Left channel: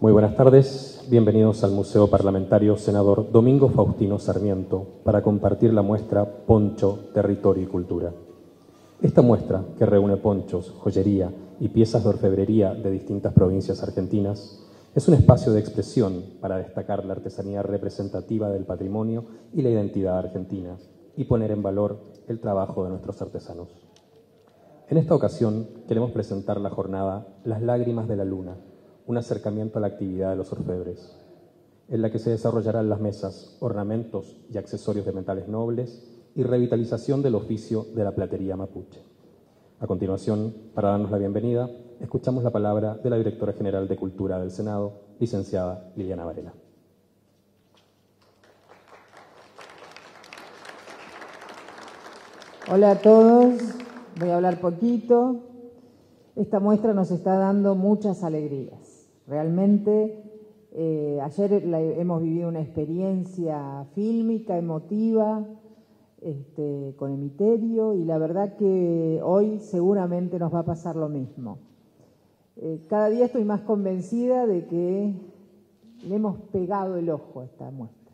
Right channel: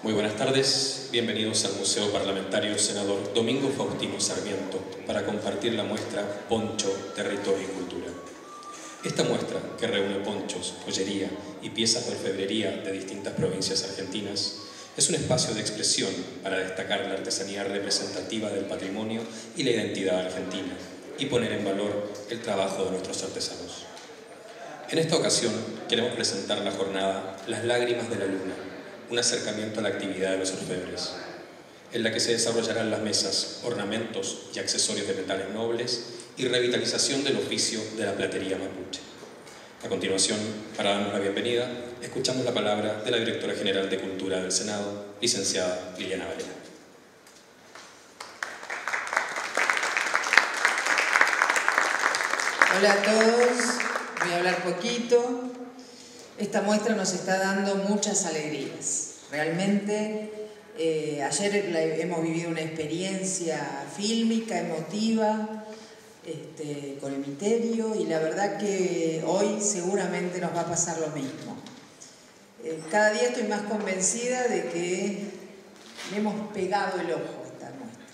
Muy buenas tardes, bienvenidos al Museo Parlamentario Senador Domingo Faustino Sarmiento para compartir la muestra Poncho, Territorio y Cultura. Esta muestra, que reúne ponchos, joyería y piezas de orfebrería de distintas provincias argentinas, es un espacio de expresión para destacar la artesanía representativa del patrimonio y la identidad argentina y poner en valor el trabajo de nuestros artesanos. En esta ocasión queremos presentar la jornada Las Lágrimas de la Luna, un acercamiento a la actividad de los orfebres, en la que se desarrollarán las mesas, ornamentos y accesorios de metales nobles y revitalización del oficio de la platería mapuche. A continuación, para darnos la bienvenida, escuchamos la palabra de la Directora General de Cultura del Senado, licenciada Liliana Varela. Hola a todos, voy a hablar poquito. Esta muestra nos está dando muchas alegrías. Realmente, ayer hemos vivido una experiencia fílmica, emotiva, con Emiterio, y la verdad que hoy seguramente nos va a pasar lo mismo. Cada día estoy más convencida de que le hemos pegado el ojo a esta muestra.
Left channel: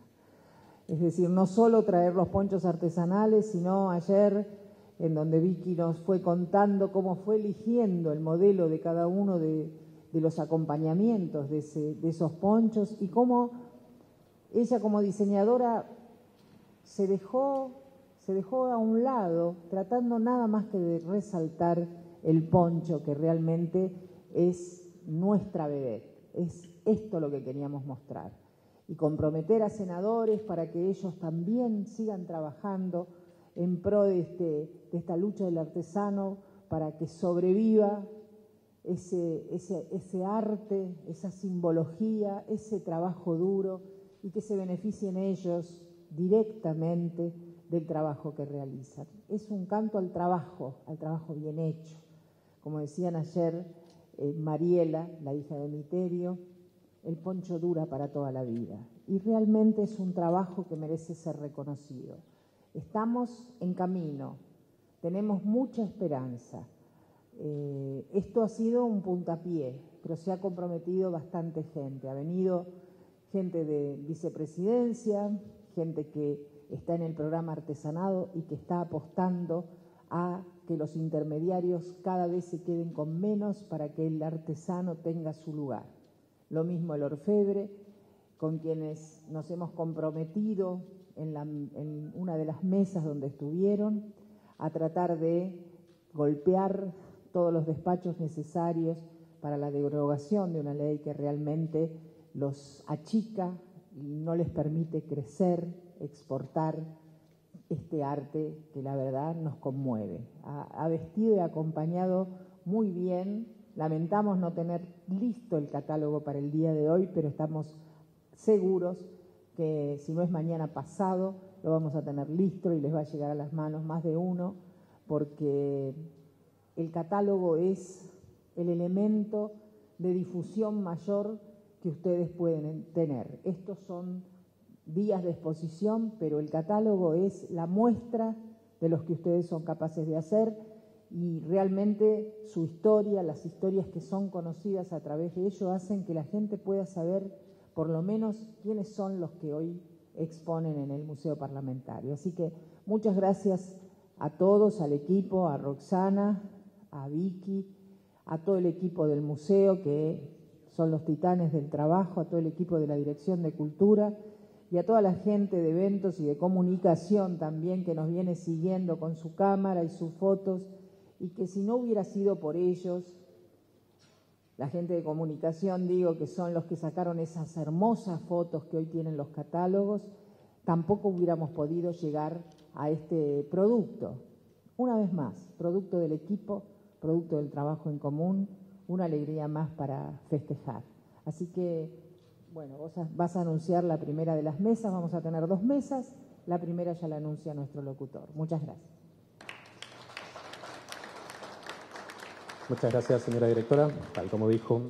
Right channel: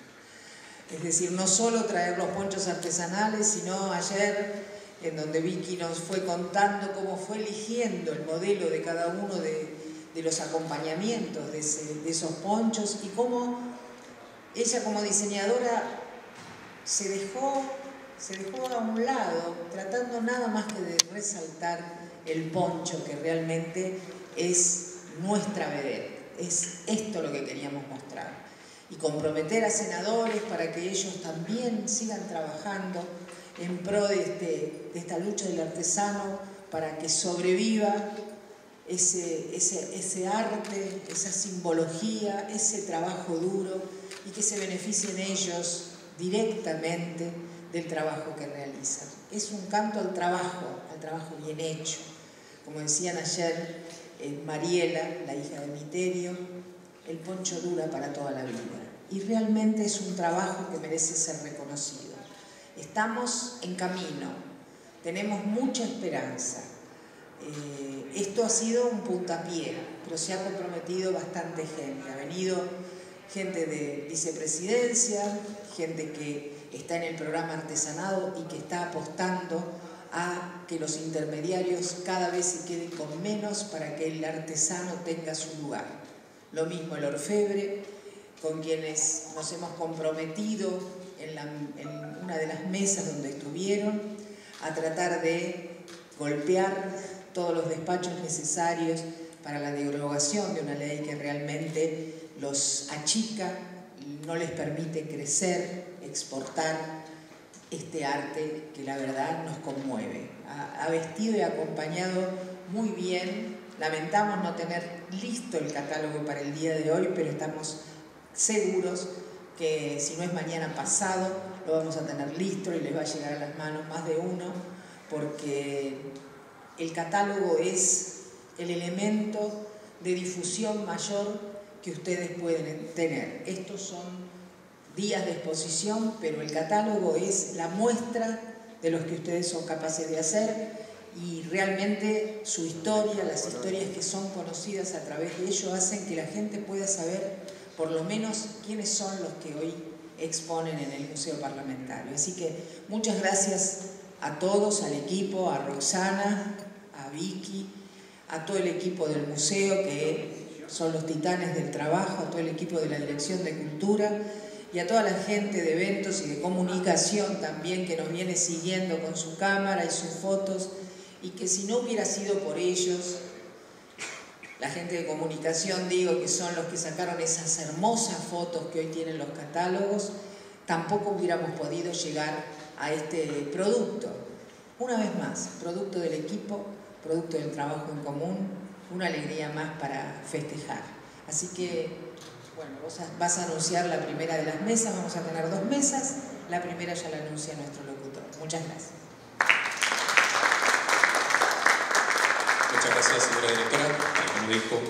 Es decir, no solo traer los ponchos artesanales, sino ayer, en donde Vicky nos fue contando cómo fue eligiendo el modelo de cada uno de los acompañamientos de esos ponchos, y cómo ella como diseñadora se dejó a un lado, tratando nada más que de resaltar el poncho, que realmente es nuestra vedette. Es esto lo que queríamos mostrar. Y comprometer a senadores para que ellos también sigan trabajando en pro de esta lucha del artesano, para que sobreviva ese arte, esa simbología, ese trabajo duro, y que se beneficien ellos directamente del trabajo que realizan. Es un canto al trabajo bien hecho. Como decían ayer Mariela, la hija de Emiterio, el poncho dura para toda la vida. Y realmente es un trabajo que merece ser reconocido. Estamos en camino, tenemos mucha esperanza. Esto ha sido un puntapié, pero se ha comprometido bastante gente. Ha venido gente de vicepresidencia, gente que está en el programa artesanado y que está apostando a que los intermediarios cada vez se queden con menos para que el artesano tenga su lugar. Lo mismo el orfebre, con quienes nos hemos comprometido en una de las mesas donde estuvieron, a tratar de golpear todos los despachos necesarios para la derogación de una ley que realmente los achica y no les permite crecer, exportar este arte que la verdad nos conmueve. Ha vestido y acompañado muy bien. Lamentamos no tener listo el catálogo para el día de hoy, pero estamos seguros que si no es mañana pasado, lo vamos a tener listo y les va a llegar a las manos más de uno, porque el catálogo es el elemento de difusión mayor que ustedes pueden tener. Estos son días de exposición, pero el catálogo es la muestra de los que ustedes son capaces de hacer, y realmente su historia, las historias que son conocidas a través de ello, hacen que la gente pueda saber por lo menos quiénes son los que hoy exponen en el Museo Parlamentario. Así que muchas gracias a todos, al equipo, a Roxana, a Vicky, a todo el equipo del museo, que son los titanes del trabajo, a todo el equipo de la Dirección de Cultura y a toda la gente de eventos y de comunicación también, que nos viene siguiendo con su cámara y sus fotos, y que si no hubiera sido por ellos, la gente de comunicación, digo, que son los que sacaron esas hermosas fotos que hoy tienen los catálogos, tampoco hubiéramos podido llegar a este producto. Una vez más, producto del equipo, producto del trabajo en común, una alegría más para festejar. Así que, bueno, vos vas a anunciar la primera de las mesas, vamos a tener 2 mesas, la primera ya la anuncia nuestro locutor. Muchas gracias. Muchas gracias, señora directora. Tal como dijo,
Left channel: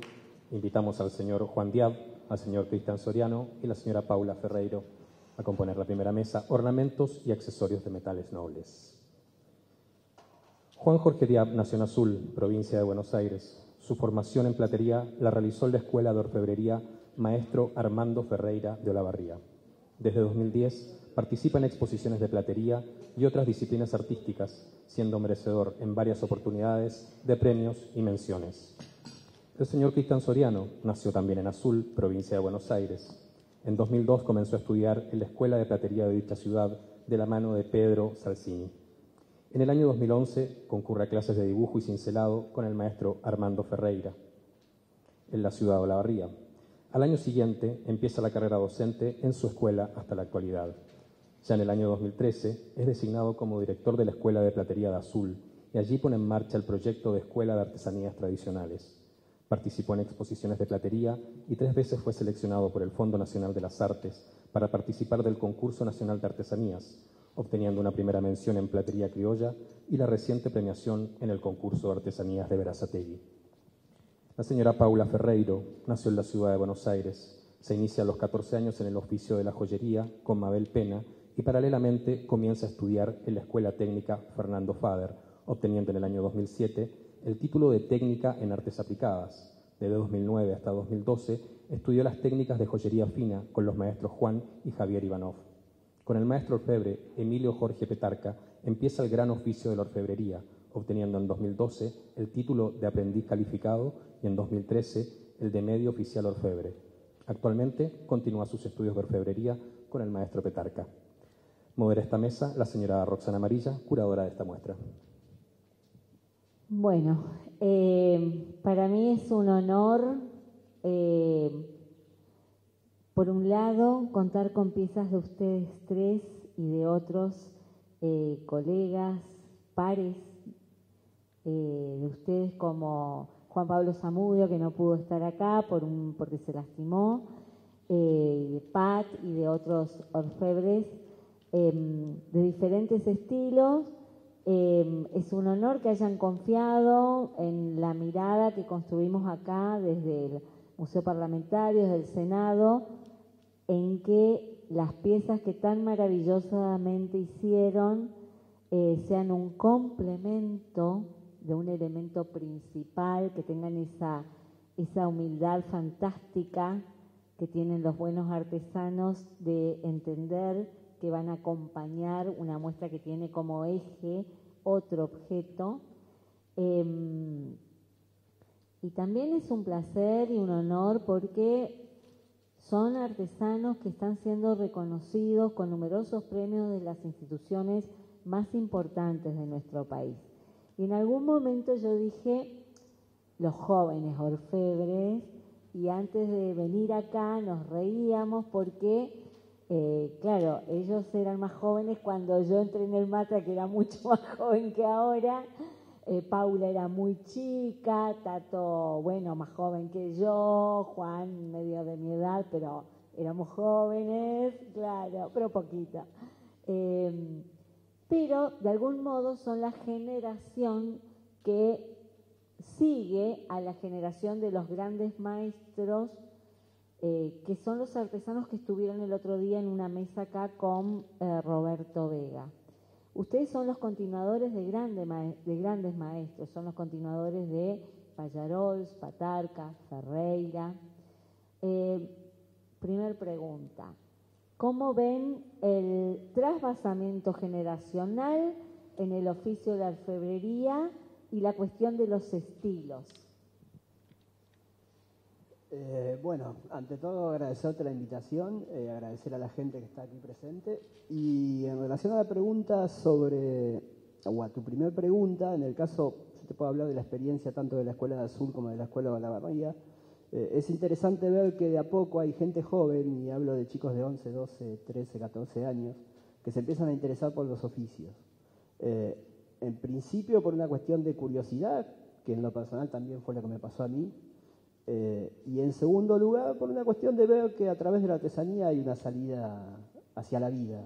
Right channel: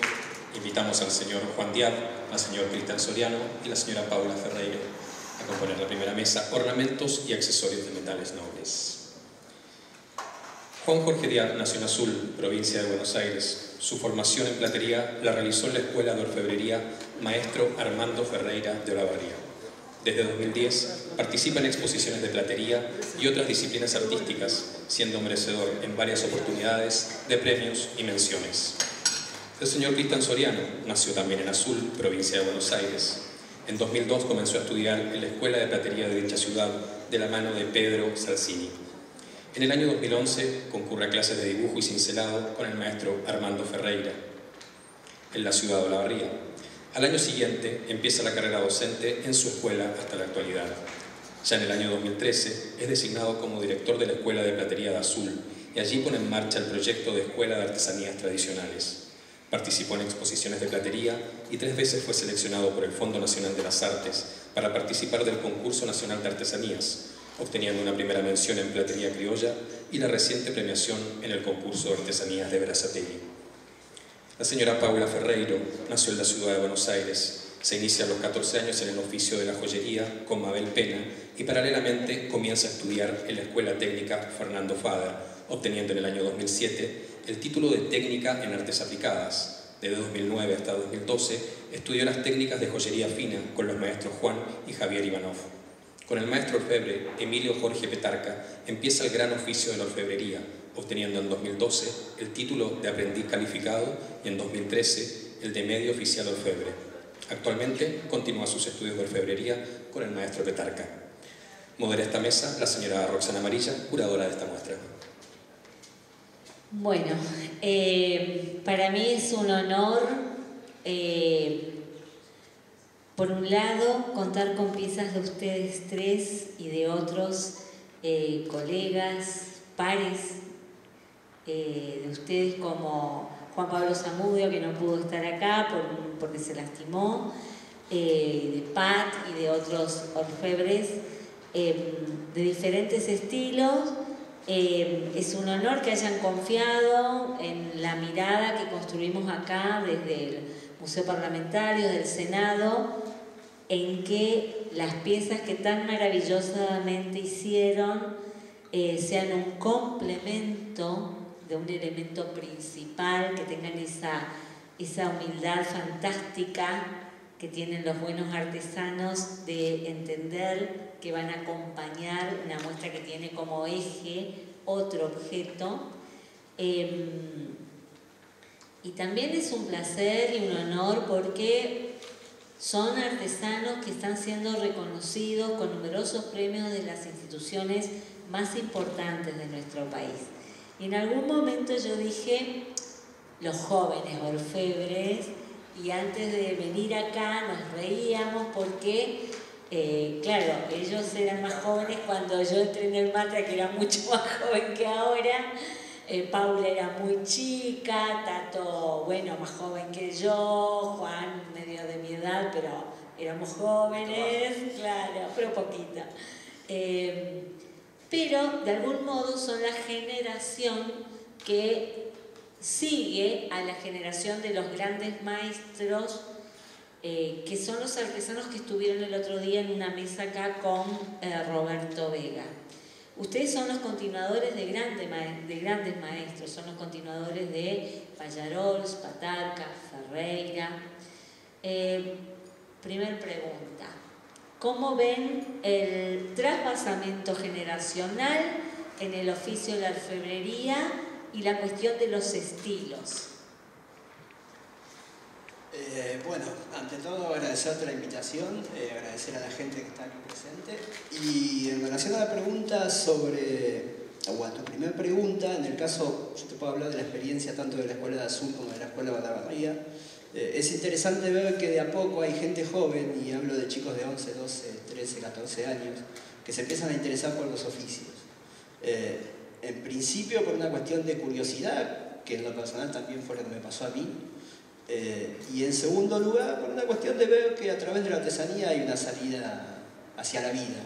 invitamos al señor Juan Diab, al señor Cristian Soriano y la señora Paula Ferreiro a componer la primera mesa, ornamentos y accesorios de metales nobles. Juan Jorge Díaz nació en Azul, provincia de Buenos Aires. Su formación en platería la realizó en la Escuela de Orfebrería Maestro Armando Ferreira de Olavarría. Desde 2010 participa en exposiciones de platería y otras disciplinas artísticas, siendo merecedor en varias oportunidades de premios y menciones. El señor Cristian Soriano nació también en Azul, provincia de Buenos Aires. En 2002 comenzó a estudiar en la Escuela de Platería de dicha ciudad de la mano de Pedro Salcini. En el año 2011 concurre a clases de dibujo y cincelado con el maestro Armando Ferreira en la ciudad de Olavarría. Al año siguiente empieza la carrera docente en su escuela hasta la actualidad. Ya en el año 2013 es designado como director de la Escuela de Platería de Azul y allí pone en marcha el proyecto de Escuela de Artesanías Tradicionales. Participó en exposiciones de platería y 3 veces fue seleccionado por el Fondo Nacional de las Artes para participar del Concurso Nacional de Artesanías, obteniendo una primera mención en platería criolla y la reciente premiación en el concurso de artesanías de Berazategui. La señora Paula Ferreiro nació en la ciudad de Buenos Aires. Se inicia a los 14 años en el oficio de la joyería con Mabel Pena y paralelamente comienza a estudiar en la Escuela Técnica Fernando Fader, obteniendo en el año 2007 el título de técnica en artes aplicadas. Desde 2009 hasta 2012 estudió las técnicas de joyería fina con los maestros Juan y Javier Ivanov. Con el maestro orfebre Emilio Jorge Petarca empieza el gran oficio de la orfebrería, obteniendo en 2012 el título de aprendiz calificado y en 2013 el de medio oficial orfebre. Actualmente continúa sus estudios de orfebrería con el maestro Petarca. Modera esta mesa la señora Roxana Amarilla, curadora de esta muestra. Bueno, para mí es un honor, por un lado, contar con piezas de ustedes tres y de otros colegas, pares de ustedes como Juan Pablo Zamudio, que no pudo estar acá porque se lastimó, de Pat y de otros orfebres de diferentes estilos. Es un honor que hayan confiado en la mirada que construimos acá desde el Museo Parlamentario, del Senado, en que las piezas que tan maravillosamente hicieron sean un complemento de un elemento principal, que tengan esa humildad fantástica que tienen los buenos artesanos de entender que van a acompañar una muestra que tiene como eje otro objeto. Y también es un placer y un honor porque son artesanos que están siendo reconocidos con numerosos premios de las instituciones más importantes de nuestro país. Y en algún momento yo dije, los jóvenes orfebres, y antes de venir acá nos reíamos porque, claro, ellos eran más jóvenes cuando yo entré en el MATRA, que era mucho más joven que ahora. Paula era muy chica, Tato, bueno, más joven que yo, Juan medio de mi edad, pero éramos jóvenes, claro, pero poquita. Pero de algún modo son la generación que sigue a la generación de los grandes maestros, que son los artesanos que estuvieron el otro día en una mesa acá con Roberto Vega. Ustedes son los continuadores de grandes maestros, son los continuadores de Pallarols, Petarca, Ferreira. Primer pregunta, ¿cómo ven el trasvasamiento generacional en el oficio de la orfebrería y la cuestión de los estilos? Bueno, ante todo agradecerte la invitación, agradecer a la gente que está aquí presente, y en relación a la pregunta o a tu primera pregunta, en el caso, yo te puedo hablar de la experiencia tanto de la Escuela de Azul como de la Escuela de Olavarría. Es interesante ver que de a poco hay gente joven, y hablo de chicos de 11, 12, 13, 14 años, que se empiezan a interesar por los oficios. En principio por una cuestión de curiosidad, que en lo personal también fue lo que me pasó a mí, y en segundo lugar por una cuestión de ver que a través de la artesanía hay una salida hacia la vida.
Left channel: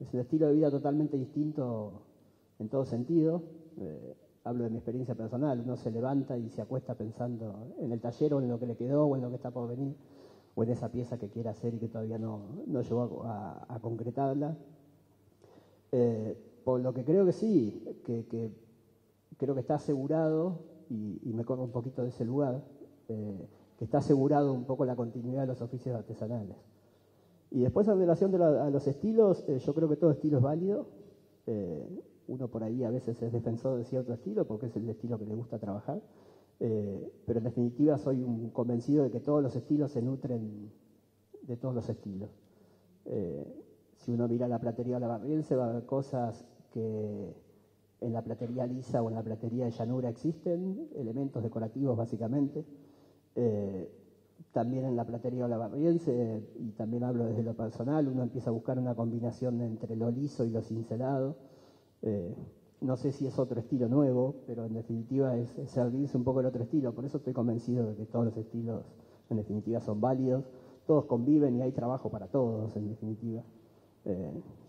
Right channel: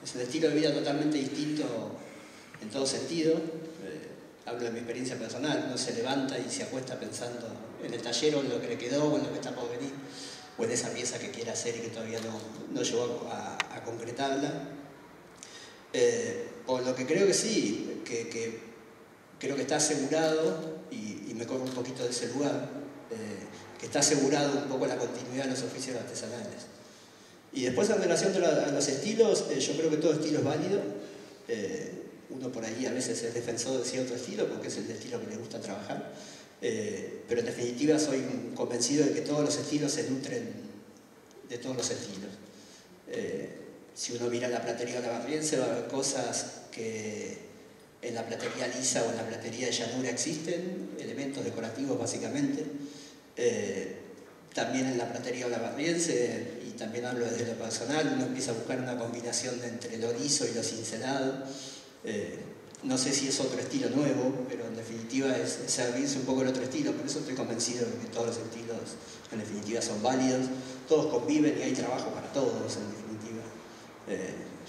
Es un estilo de vida totalmente distinto en todo sentido. Hablo de mi experiencia personal, uno se levanta y se acuesta pensando en el taller o en lo que le quedó o en lo que está por venir, o en esa pieza que quiere hacer y que todavía no llegó a concretarla. Por lo que creo que sí, que creo que está asegurado, y me corro un poquito de ese lugar, que está asegurado un poco la continuidad de los oficios artesanales. Y después en relación a los estilos, yo creo que todo estilo es válido. Uno por ahí a veces es defensor de cierto estilo porque es el estilo que le gusta trabajar, pero en definitiva soy convencido de que todos los estilos se nutren de todos los estilos. Si uno mira la platería olavarriense va a ver cosas que en la platería lisa o en la platería de llanura existen, elementos decorativos básicamente. También en la platería olavarriense, y también hablo desde lo personal, uno empieza a buscar una combinación entre lo liso y lo cincelado. No sé si es otro estilo nuevo, pero en definitiva es servirse un poco el otro estilo. Por eso estoy convencido de que todos los estilos en definitiva son válidos, todos conviven y hay trabajo para todos en definitiva.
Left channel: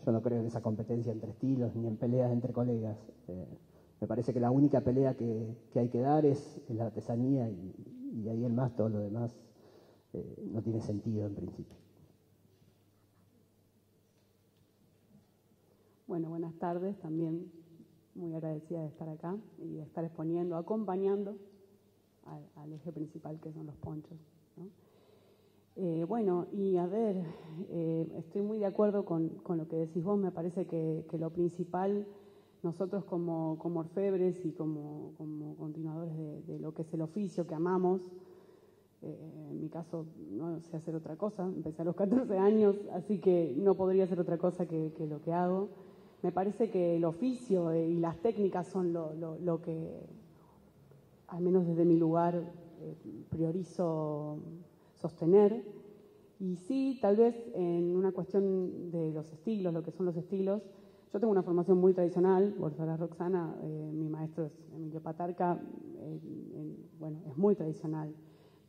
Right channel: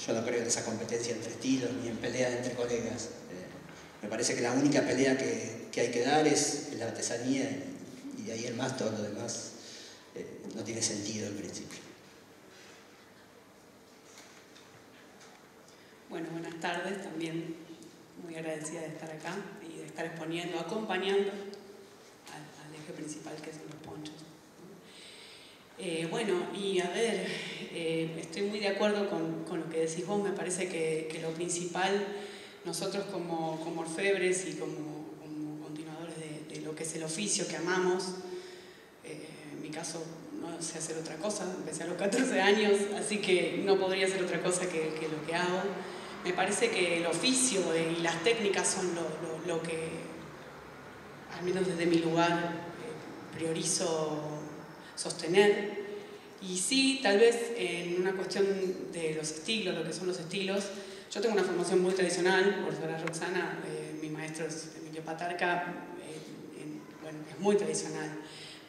Yo no creo en esa competencia entre estilos ni en pelea entre colegas. Me parece que la única pelea que hay que dar es la artesanía, y de ahí en más todo lo demás no tiene sentido en principio. Bueno, buenas tardes, también muy agradecida de estar acá y de estar exponiendo, acompañando al eje principal que son los ponchos, ¿no? Bueno, y a ver, estoy muy de acuerdo con lo que decís vos. Me parece que lo principal, nosotros como orfebres y como continuadores de lo que es el oficio que amamos, en mi caso no sé hacer otra cosa, empecé a los 14 años, así que no podría hacer otra cosa que lo que hago. Me parece que el oficio y las técnicas son lo que, al menos desde mi lugar, priorizo sostener. Y sí, tal vez en una cuestión de los estilos, lo que son los estilos, yo tengo una formación muy tradicional, por ser Roxana, mi maestro es Emilio Patarca, bueno, es muy tradicional.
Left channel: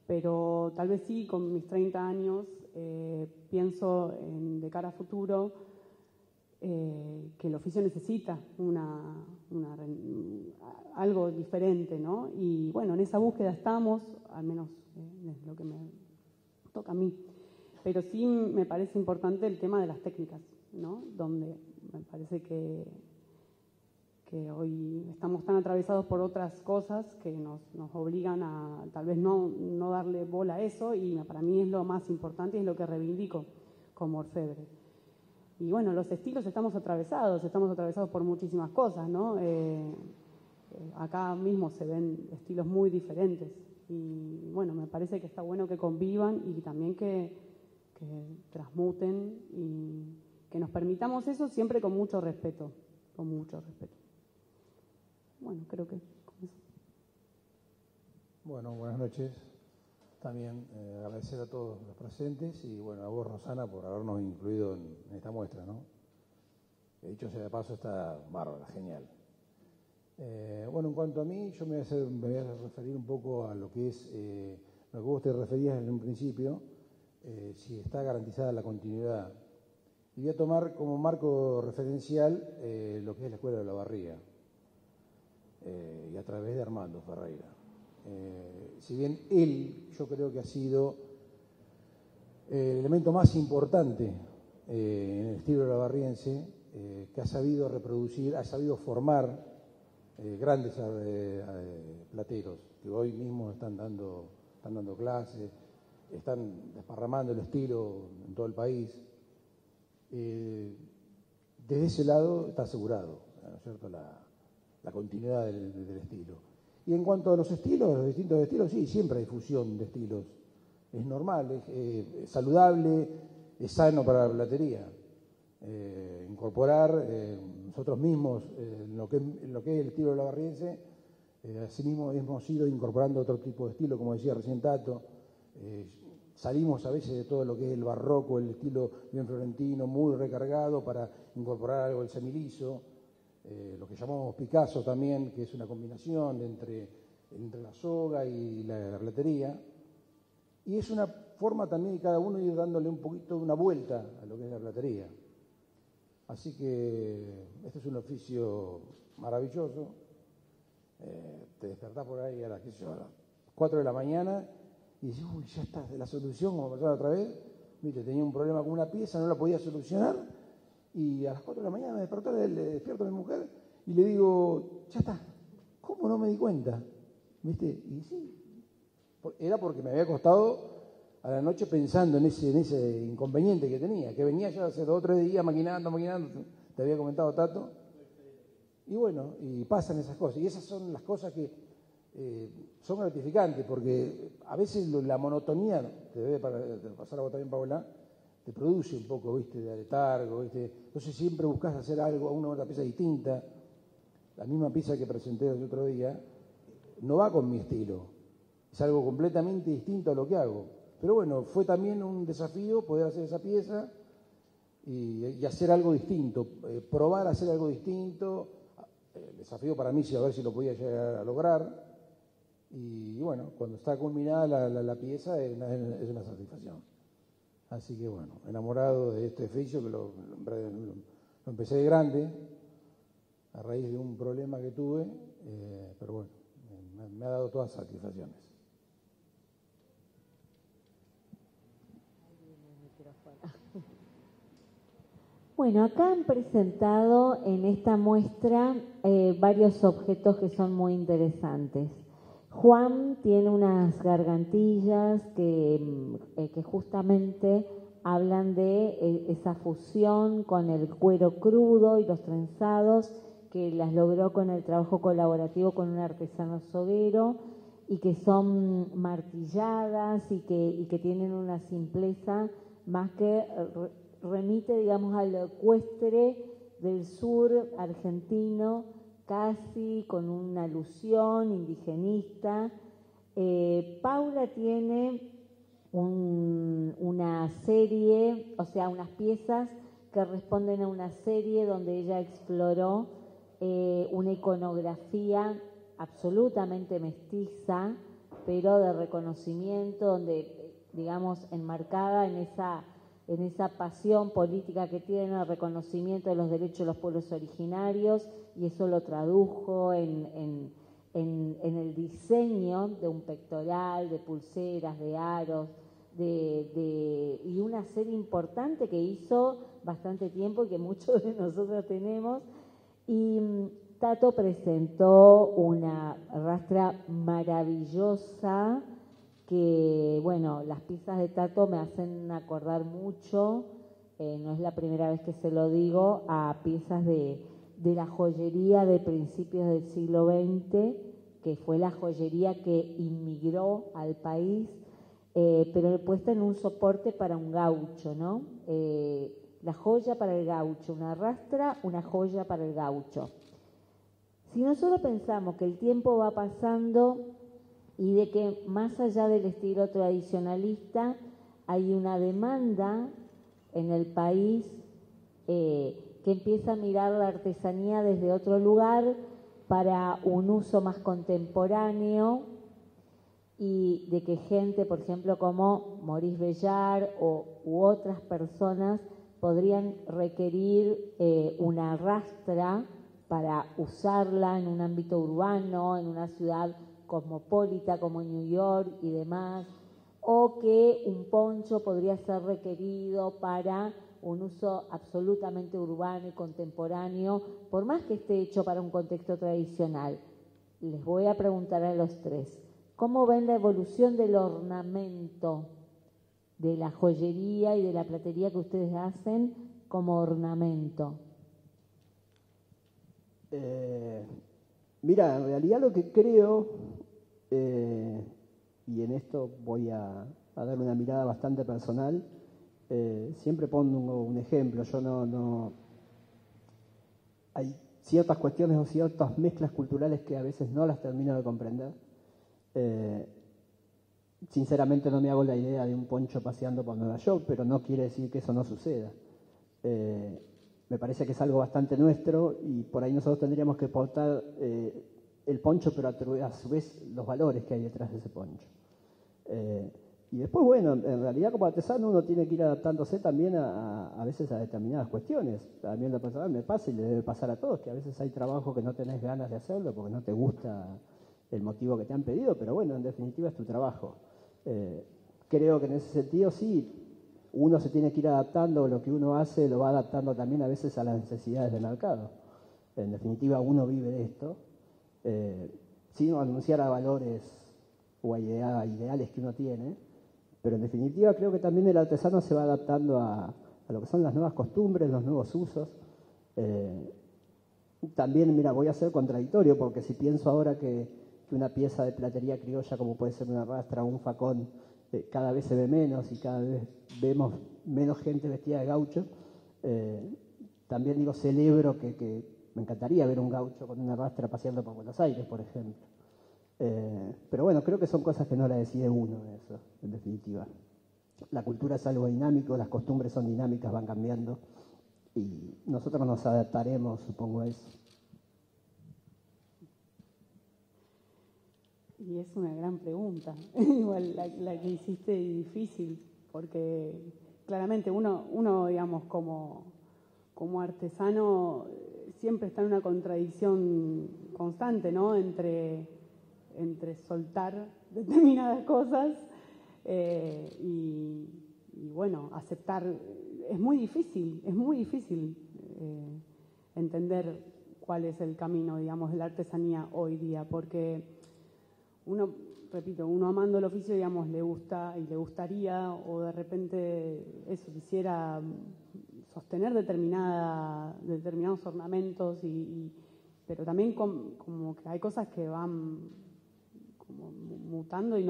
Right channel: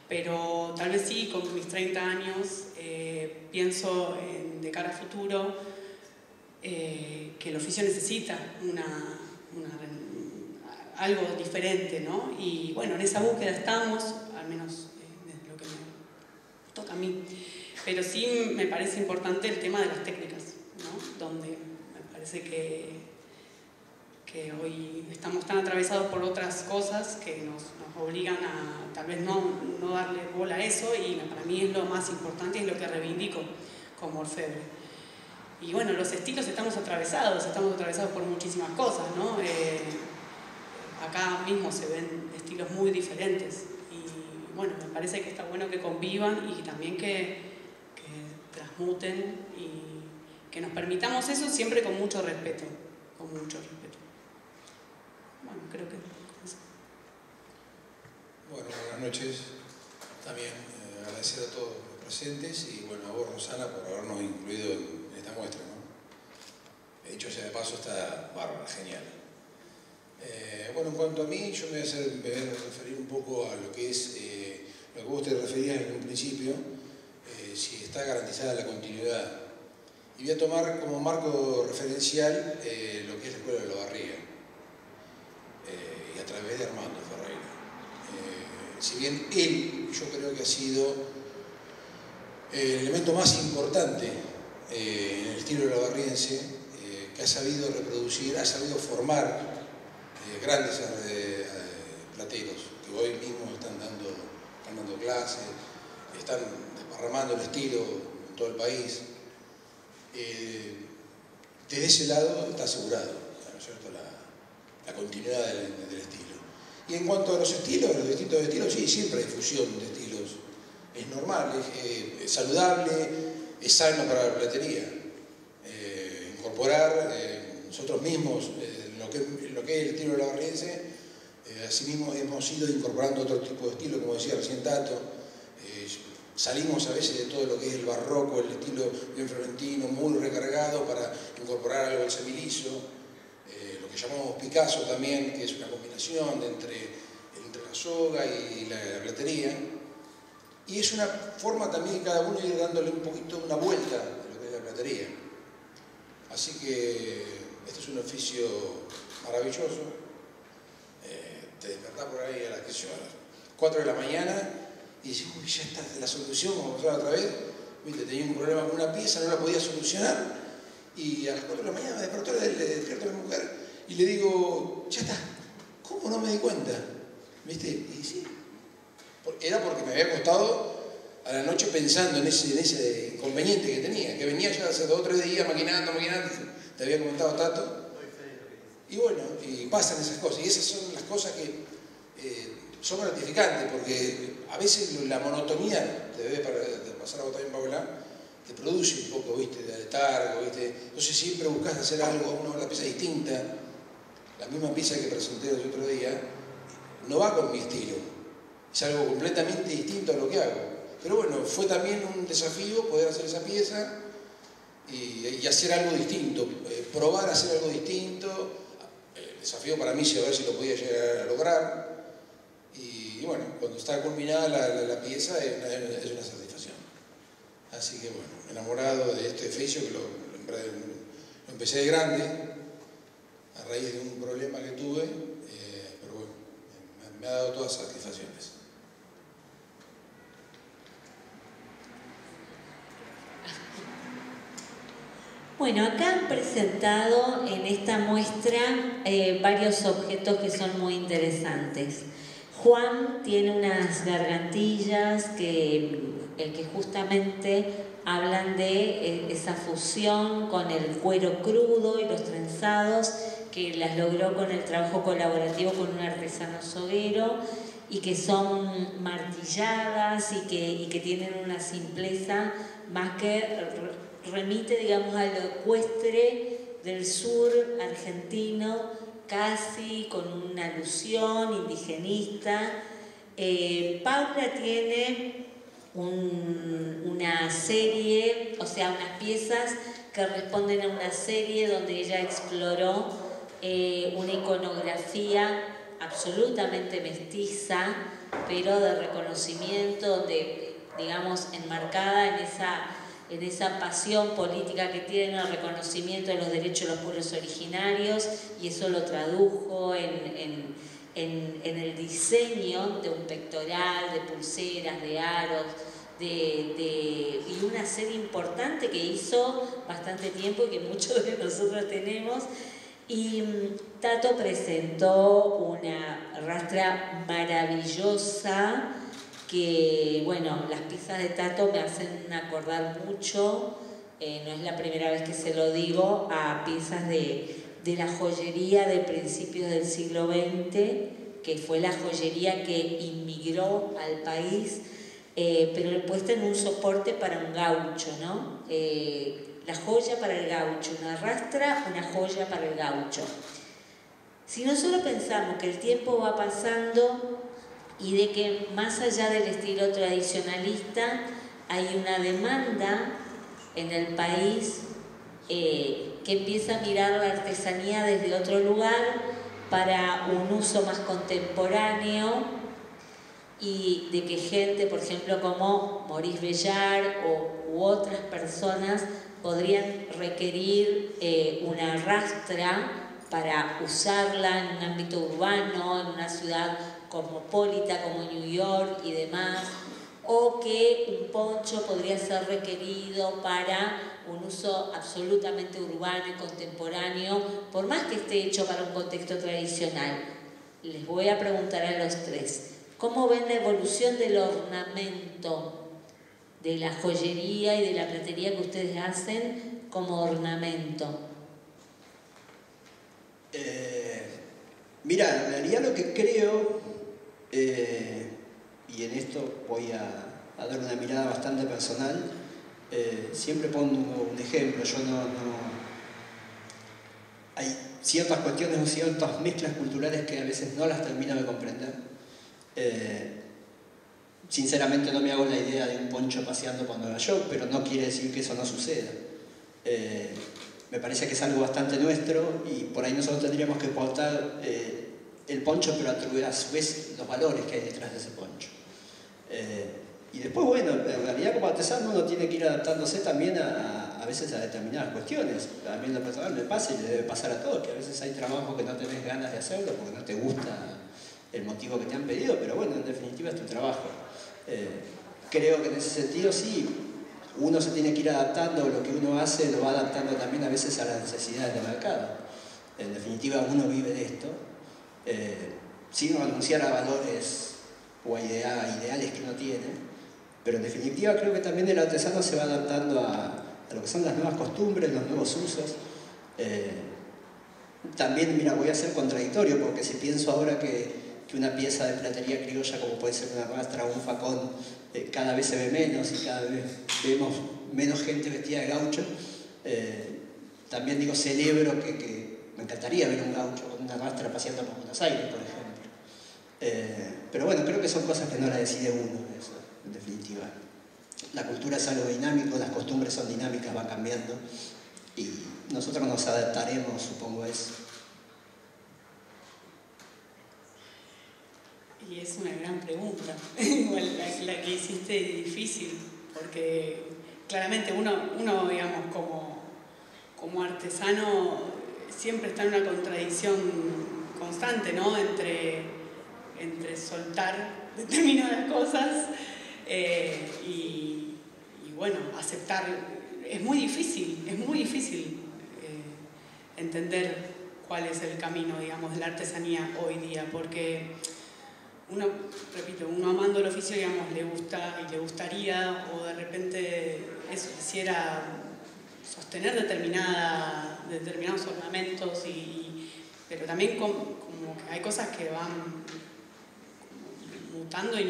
Pero tal vez sí, con mis 30 años, pienso de cara a futuro, que el oficio necesita algo diferente, ¿no? Y bueno, en esa búsqueda estamos, al menos desde lo que me toca a mí. Pero sí me parece importante el tema de las técnicas, ¿no? Donde me parece que hoy estamos tan atravesados por otras cosas que nos obligan a tal vez no darle bola a eso, y para mí es lo más importante y es lo que reivindico como orfebre. Y bueno, los estilos estamos atravesados por muchísimas cosas, ¿no? Acá mismo se ven estilos muy diferentes y bueno, me parece que está bueno que convivan y también que transmuten y que nos permitamos eso siempre con mucho respeto, Bueno, creo que eso. Bueno, buenas noches. También agradecer a todos los presentes y bueno, a vos, Rosana, por habernos incluido en esta muestra, ¿no? De hecho, ya de paso está bárbara, genial. Bueno, en cuanto a mí, yo me voy a referir un poco a lo que es lo que vos te referías en un principio, si está garantizada la continuidad. Y voy a tomar como marco referencial lo que es la Escuela de Olavarría, y a través de Armando Ferreira. Si bien él, yo creo que ha sido el elemento más importante en el estilo olavarriense, que ha sabido reproducir, ha sabido formar grandes plateros que hoy mismo están dando clases, están desparramando el estilo en todo el país. Desde ese lado está asegurado, ¿no es cierto?, la continuidad del estilo. Y en cuanto a los estilos, los distintos estilos, sí, siempre hay fusión de estilos. Es normal, es saludable, es sano para la platería. Incorporar nosotros mismos lo que es el estilo olavarriense, asimismo hemos ido incorporando otro tipo de estilo, como decía recién Tato. Salimos a veces de todo lo que es el barroco, el estilo bien florentino, muy recargado para incorporar algo al semiliso. Lo que llamamos Picasso también, que es una combinación entre la soga y la platería. Y es una forma también de cada uno ir dándole un poquito una vuelta a lo que es la platería. Así que este es un oficio maravilloso. Te despertás por ahí a las 4 de la mañana y decís, uy, ya está la solución, vamos a pasar otra vez. Viste, tenía un problema con una pieza, no la podía solucionar. Y a las 4 de la mañana me despierto mi mujer y le digo, ya está. ¿Cómo ¿cómo no me di cuenta? ¿Viste? Y sí, era porque me había acostado a la noche pensando en ese inconveniente que tenía, que venía ya hace 2 o 3 días maquinando, te había comentado Tato. Y bueno, y pasan esas cosas, y esas son las cosas que son gratificantes, porque a veces la monotonía, te debe pasar a vos también, Paola, te produce un poco, ¿viste? De letargo, ¿viste? Entonces siempre buscas hacer algo, una pieza distinta. La misma pieza que presenté el otro día no va con mi estilo, es algo completamente distinto a lo que hago. Pero bueno, fue también un desafío poder hacer esa pieza y hacer algo distinto, probar a hacer algo distinto. El desafío para mí es ver si lo podía llegar a lograr. Y bueno, cuando está culminada la pieza es una satisfacción. Así que bueno, enamorado de este oficio que lo empecé de grande, a raíz de un problema que tuve, pero bueno, me ha dado todas satisfacciones. Bueno, acá han presentado en esta muestra varios objetos que son muy interesantes. Juan tiene unas gargantillas que justamente hablan de esa fusión con el cuero crudo y los trenzados, que las logró con el trabajo colaborativo con un artesano soguero, y que son martilladas y que tienen una simpleza más que remite, digamos, a lo ecuestre del sur argentino, casi con una alusión indigenista. Paula tiene una serie, o sea, unas piezas que responden a una serie donde ella exploró una iconografía absolutamente mestiza, pero de reconocimiento, donde, digamos, enmarcada en esa pasión política que tiene, el reconocimiento de los derechos de los pueblos originarios, y eso lo tradujo en el diseño de un pectoral, de pulseras, de aros, y una serie importante que hizo bastante tiempo y que muchos de nosotros tenemos. Y Tato presentó una rastra maravillosa que, bueno, las piezas de Tato me hacen acordar mucho, no es la primera vez que se lo digo, a piezas de la joyería de principios del siglo XX, que fue la joyería que inmigró al país, pero puesta en un soporte para un gaucho, ¿no? La joya para el gaucho, una rastra, una joya para el gaucho. Si nosotros pensamos que el tiempo va pasando y de que más allá del estilo tradicionalista hay una demanda en el país que empieza a mirar la artesanía desde otro lugar para un uso más contemporáneo, y de que gente, por ejemplo, como Maurice Bellar u otras personas podrían requerir una rastra para usarla en un ámbito urbano, en una ciudad cosmopolita como New York y demás, o que un poncho podría ser requerido para un uso absolutamente urbano y contemporáneo, por más que esté hecho para un contexto tradicional. Les voy a preguntar a los tres, ¿cómo ven la evolución del ornamento, de la joyería y de la platería que ustedes hacen como ornamento? Mira, en realidad lo que creo, y en esto voy a dar una mirada bastante personal, siempre pongo un ejemplo. Yo no hay ciertas cuestiones o ciertas mezclas culturales que a veces no las termino de comprender. Sinceramente no me hago la idea de un poncho paseando por Nueva York, pero no quiere decir que eso no suceda. Me parece que es algo bastante nuestro, y por ahí nosotros tendríamos que exportar el poncho, pero a su vez los valores que hay detrás de ese poncho. Y después, bueno, en realidad como artesano uno tiene que ir adaptándose también a veces a determinadas cuestiones. A mí en lo personal me pasa, y le debe pasar a todos, que a veces hay trabajo que no tenés ganas de hacerlo porque no te gusta el motivo que te han pedido, pero bueno, en definitiva es tu trabajo. Creo que en ese sentido sí, uno se tiene que ir adaptando, lo que uno hace lo va adaptando también a veces a las necesidades del mercado. En definitiva uno vive de esto. sin renunciar a valores o a ideales que uno tiene. Pero en definitiva creo que también el artesano se va adaptando a lo que son las nuevas costumbres, los nuevos usos. También, mira, voy a ser contradictorio, porque si pienso ahora que una pieza de platería criolla, como puede ser una rastra o un facón, cada vez se ve menos y cada vez vemos menos gente vestida de gaucho, también digo, celebro que me encantaría ver un gaucho con una rastra paseando por Buenos Aires, por ejemplo. Pero bueno, creo que son cosas que no la decide uno, eso, en definitiva. La cultura es algo dinámico, las costumbres son dinámicas, van cambiando y nosotros nos adaptaremos, supongo eso. Y es una gran pregunta, igual la que hiciste difícil, porque claramente uno digamos, como artesano siempre está en una contradicción constante, ¿no? Entre soltar determinadas cosas y bueno, aceptar. Es muy difícil entender cuál es el camino, digamos, de la artesanía hoy día, porque uno amando el oficio, digamos, le gusta y le gustaría, o de repente eso, quisiera sostener determinados ornamentos, pero también como que hay cosas que van mutando y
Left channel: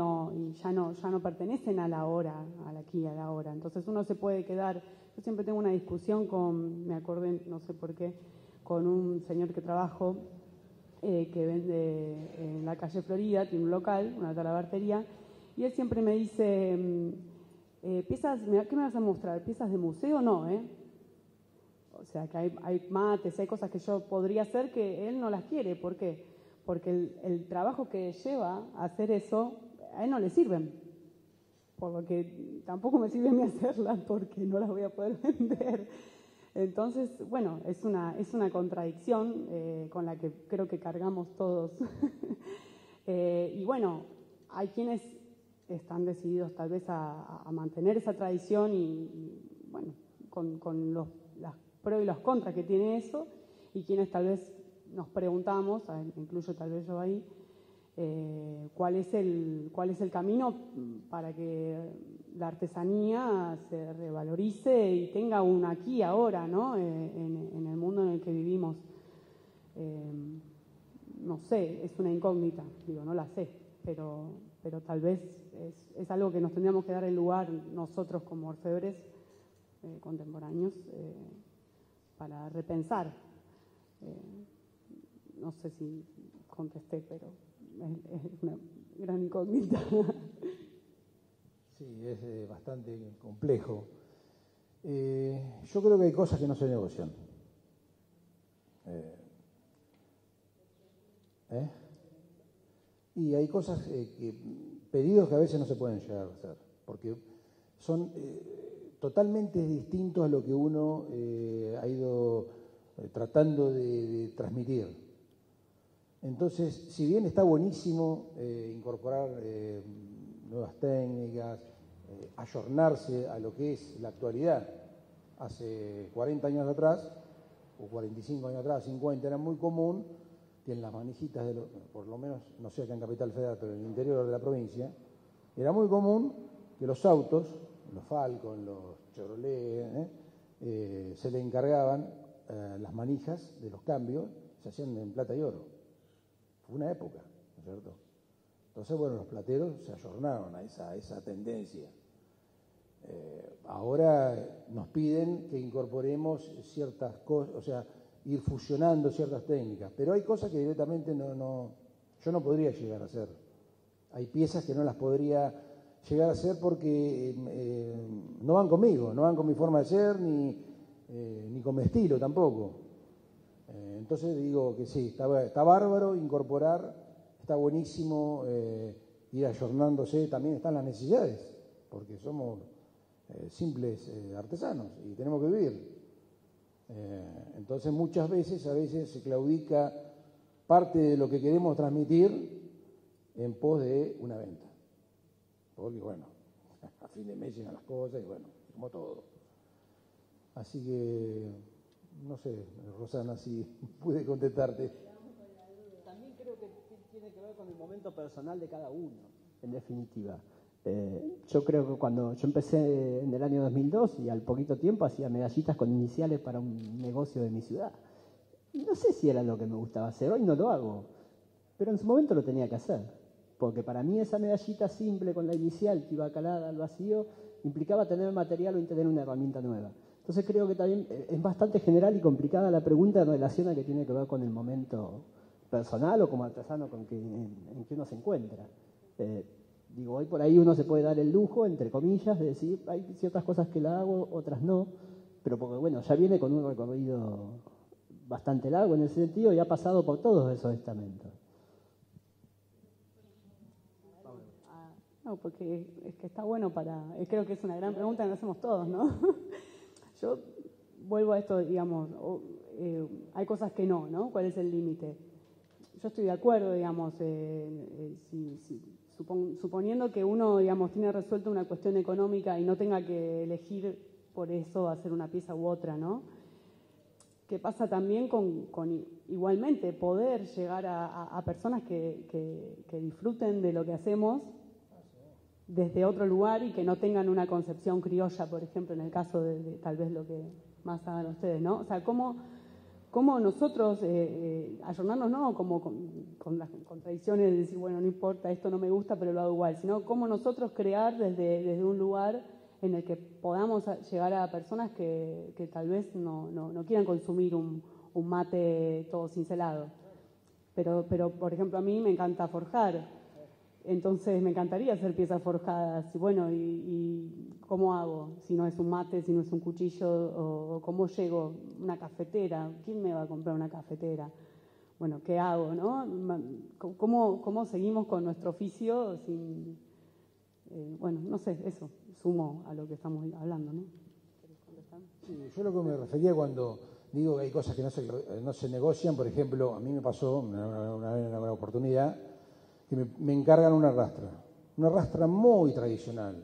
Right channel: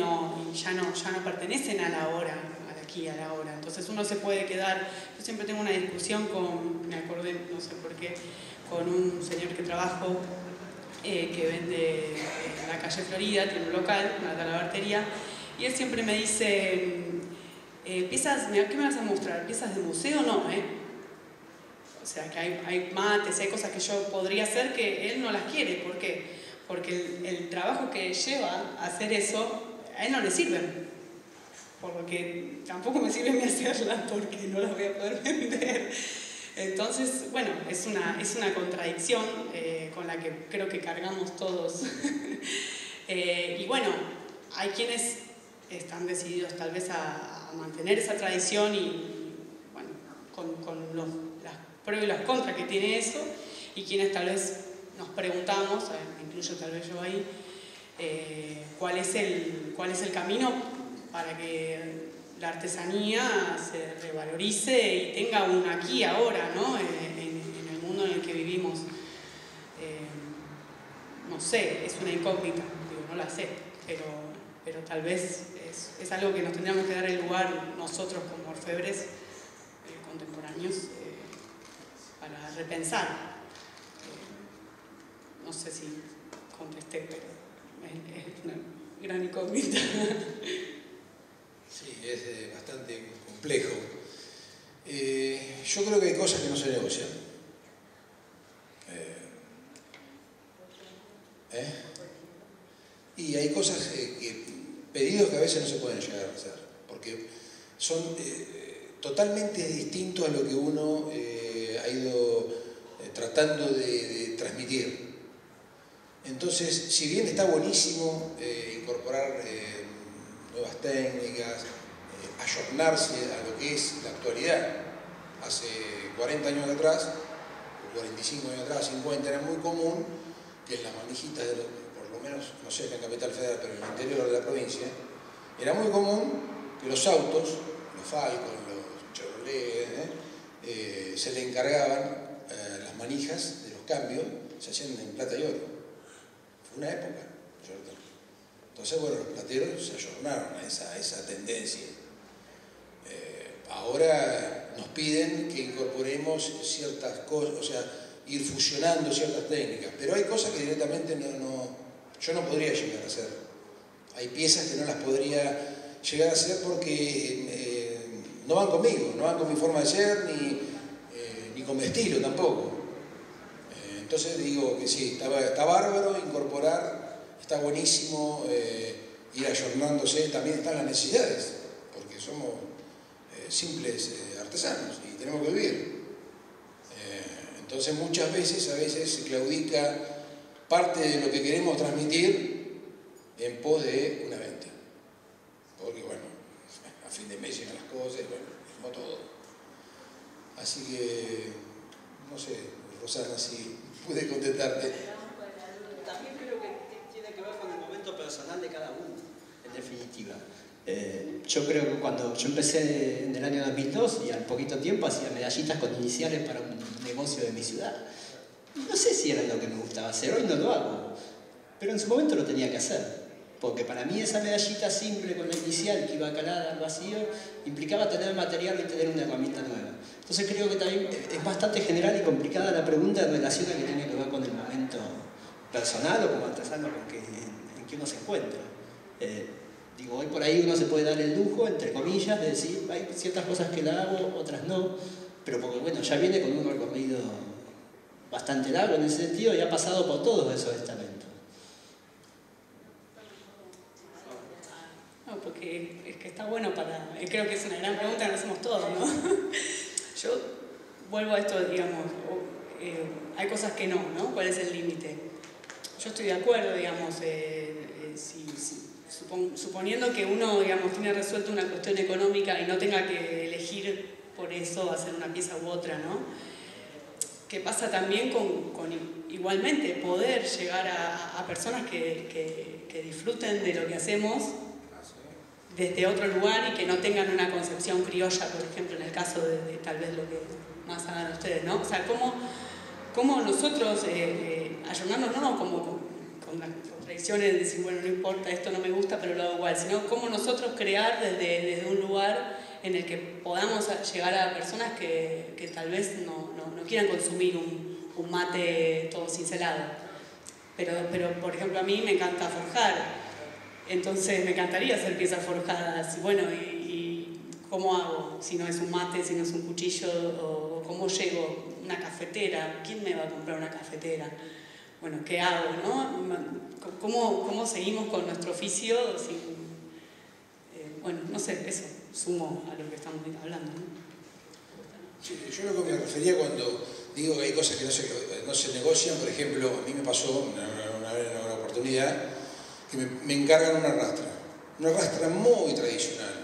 ya no pertenecen a la hora, al aquí y a la hora. Entonces uno se puede quedar. Yo siempre tengo una discusión me acordé, no sé por qué, con un señor que trabajo, que vende en la calle Florida, tiene un local, una talabartería, y él siempre me dice, piezas, ¿qué me vas a mostrar? ¿Piezas de museo? No, O sea, que hay mates, hay cosas que yo podría hacer que él no las quiere. ¿Por qué? Porque el trabajo que lleva a hacer eso, a él no le sirven. Por lo que tampoco me sirve ni hacerlas porque no las voy a poder vender. Entonces, bueno, es una contradicción con la que creo que cargamos todos. Y bueno, hay quienes están decididos tal vez a mantener esa tradición y bueno, con los pros y las contras que tiene eso, y quienes tal vez nos preguntamos, me incluyo tal vez yo ahí, cuál es el camino para que la artesanía se revalorice y tenga un aquí y ahora, ¿no? En el mundo en el que vivimos. No sé, es una incógnita, no la sé, pero tal vez es algo que nos tendríamos que dar el lugar nosotros como orfebres contemporáneos para repensar. No sé si contesté, pero es una gran incógnita. Sí, es bastante complejo. Yo creo que hay cosas que no se negocian. Y hay cosas pedidos que a veces no se pueden llegar a hacer, porque son totalmente distintos a lo que uno ha ido tratando de transmitir. Entonces, si bien está buenísimo incorporar nuevas técnicas, ayornarse a lo que es la actualidad, hace 40 años atrás, o 45 años atrás, 50, era muy común que en las manijitas, por lo menos, no sé, en Capital Federal, pero en el interior de la provincia, era muy común que los autos, los Falcon, los Chevrolet, se le encargaban las manijas de los cambios, se hacían en plata y oro. Fue una época, ¿cierto? Entonces, bueno, los plateros se ayornaron a esa tendencia. Ahora nos piden que incorporemos ciertas cosas, o sea, ir fusionando ciertas técnicas, pero hay cosas que directamente yo no podría llegar a hacer. Hay piezas que no las podría llegar a hacer porque no van conmigo, no van con mi forma de ser, ni con mi estilo tampoco. Entonces digo que sí, está bárbaro incorporar, está buenísimo ir ayornándose, también están las necesidades, porque somos simples artesanos y tenemos que vivir. Entonces muchas veces, se claudica parte de lo que queremos transmitir en pos de una venta. Porque bueno, a fin de mes llegan las cosas y bueno, como todo. Así que, no sé, Rosana, si pude contestarte. También creo que tiene que ver definitiva. Yo creo que cuando yo empecé en el año 2002 y al poquito tiempo hacía medallitas con iniciales para un negocio de mi ciudad. No sé si era lo que me gustaba hacer, hoy no lo hago, pero en su momento lo tenía que hacer. Porque para mí esa medallita simple con la inicial que iba calada al vacío implicaba tener material y tener una herramienta nueva. Entonces creo que también es bastante general y complicada la pregunta en relación a que tiene que ver con el momento personal o como artesano en que uno se encuentra. Digo, hoy por ahí uno se puede dar el lujo, entre comillas, de decir, hay ciertas cosas que la hago, otras no, pero porque bueno, ya viene con un recorrido bastante largo en ese sentido y ha pasado por todos esos estamentos. No, porque es que está bueno para... creo que es una gran pregunta que nos hacemos todos, ¿no? Yo vuelvo a esto, digamos, hay cosas que no, ¿no? ¿Cuál es el límite? Yo estoy de acuerdo, digamos, suponiendo que uno, digamos, tiene resuelta una cuestión económica y no tenga que elegir por eso hacer una pieza u otra, ¿no? ¿Qué pasa también con igualmente poder llegar a personas que disfruten de lo que hacemos desde otro lugar y que no tengan una concepción criolla, por ejemplo, en el caso de tal vez lo que más hagan ustedes, ¿no? O sea, cómo nosotros ayornarnos, no como con las contradicciones de decir, bueno, no importa, esto no me gusta, pero lo hago igual, sino cómo nosotros crear desde un lugar en el que podamos llegar a personas que tal vez no quieran consumir un mate todo cincelado. Pero, por ejemplo, a mí me encanta forjar. Entonces me encantaría hacer piezas forjadas. Bueno, ¿y cómo hago? Si no es un mate, si no es un cuchillo, o cómo llego, una cafetera. ¿Quién me va a comprar una cafetera? Bueno, ¿qué hago, no? ¿Cómo seguimos con nuestro oficio sin... bueno, no sé, eso, sumo a lo que estamos hablando, ¿no? Sí, yo lo que me refería cuando digo que hay cosas que no se negocian, por ejemplo, a mí me pasó una oportunidad que me encargan una rastra muy tradicional,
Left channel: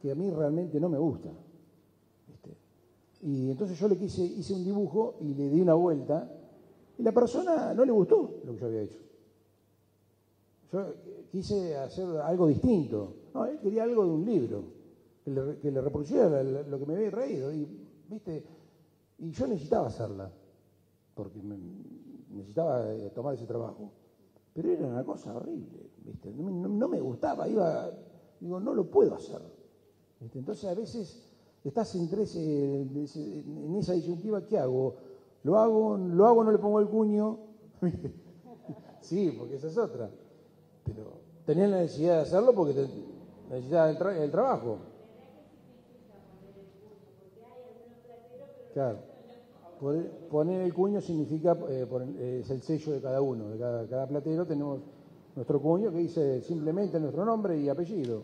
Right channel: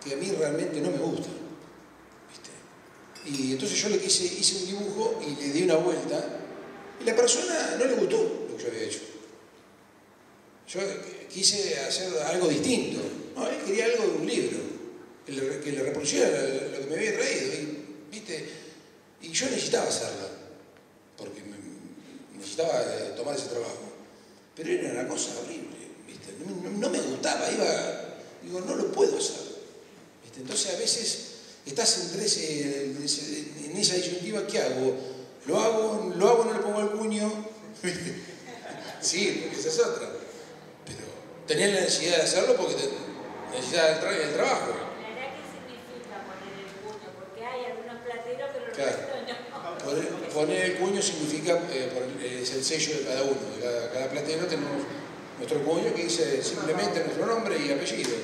que a mí realmente no me gusta, ¿viste? Y entonces yo hice un dibujo y le di una vuelta y la persona no le gustó lo que yo había hecho. Yo quise hacer algo distinto, no, él quería algo de un libro, que le reproduciera lo que me había traído, ¿viste? Y yo necesitaba hacerlo, porque necesitaba tomar ese trabajo. Pero era una cosa horrible, ¿viste? No me gustaba, digo, no lo puedo hacer, ¿viste? Entonces a veces estás en esa disyuntiva, ¿qué hago? ¿Lo hago, no le pongo el cuño? ¿Viste? Sí, porque esa es otra. Pero tenés la necesidad de hacerlo porque necesitas el trabajo. ¿Qué significa poner el cuño? Porque hay algunos plateros, pero el claro. resto no. Poner el cuño significa, es el sello de cada uno, de cada platero tenemos nuestro cuño que dice simplemente nuestro nombre y apellido.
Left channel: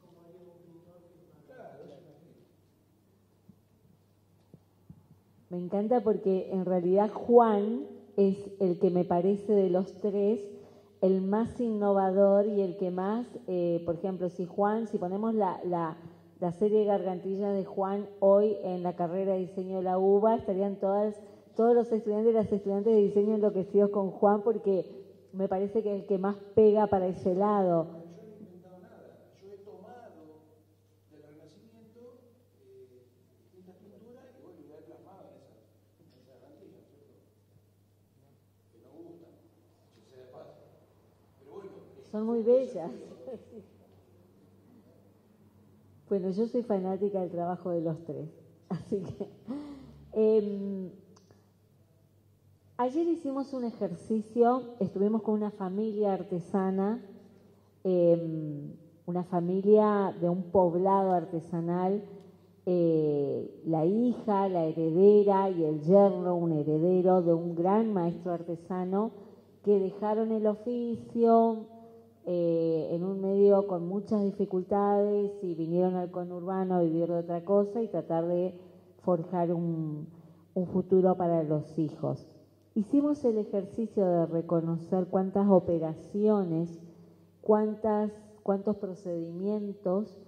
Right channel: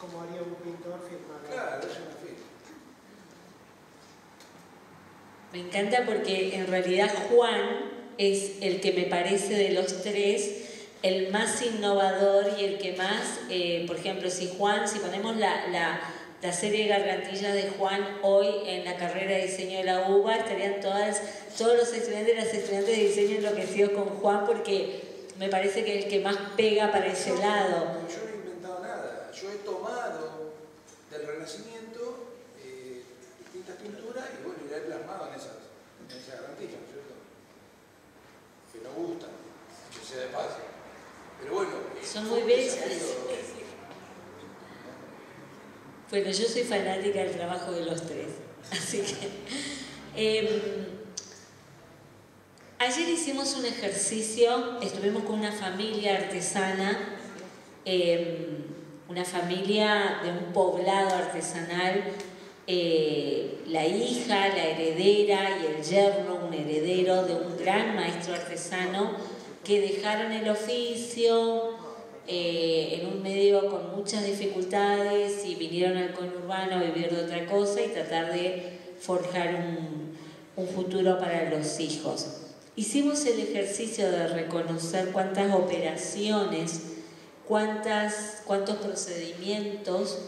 Como haría un pintor firmar. Claro, es una firma. Me encanta porque en realidad Juan es el que me parece de los tres el más innovador y el que más, por ejemplo, si ponemos la serie de gargantillas de Juan hoy en la carrera de diseño de la UBA, estarían todos los estudiantes y las estudiantes de diseño enloquecidos con Juan porque me parece que es el que más pega para ese lado. Yo no he inventado nada, yo he tomado del Renacimiento distintas pinturas y bueno, y la he plasmado en esas gargantillas, ¿no es cierto? Que no gustan, que sea de paso. Pero bueno, son muy bellas. Bueno, yo soy fanática del trabajo de los tres, así que... ayer hicimos un ejercicio, estuvimos con una familia artesana, una familia de un poblado artesanal, la hija, la heredera y el yerno, un heredero de un gran maestro artesano, que dejaron el oficio en un medio con muchas dificultades y vinieron al conurbano a vivir de otra cosa y tratar de forjar un futuro para los hijos. Hicimos el ejercicio de reconocer cuántas operaciones, cuántos procedimientos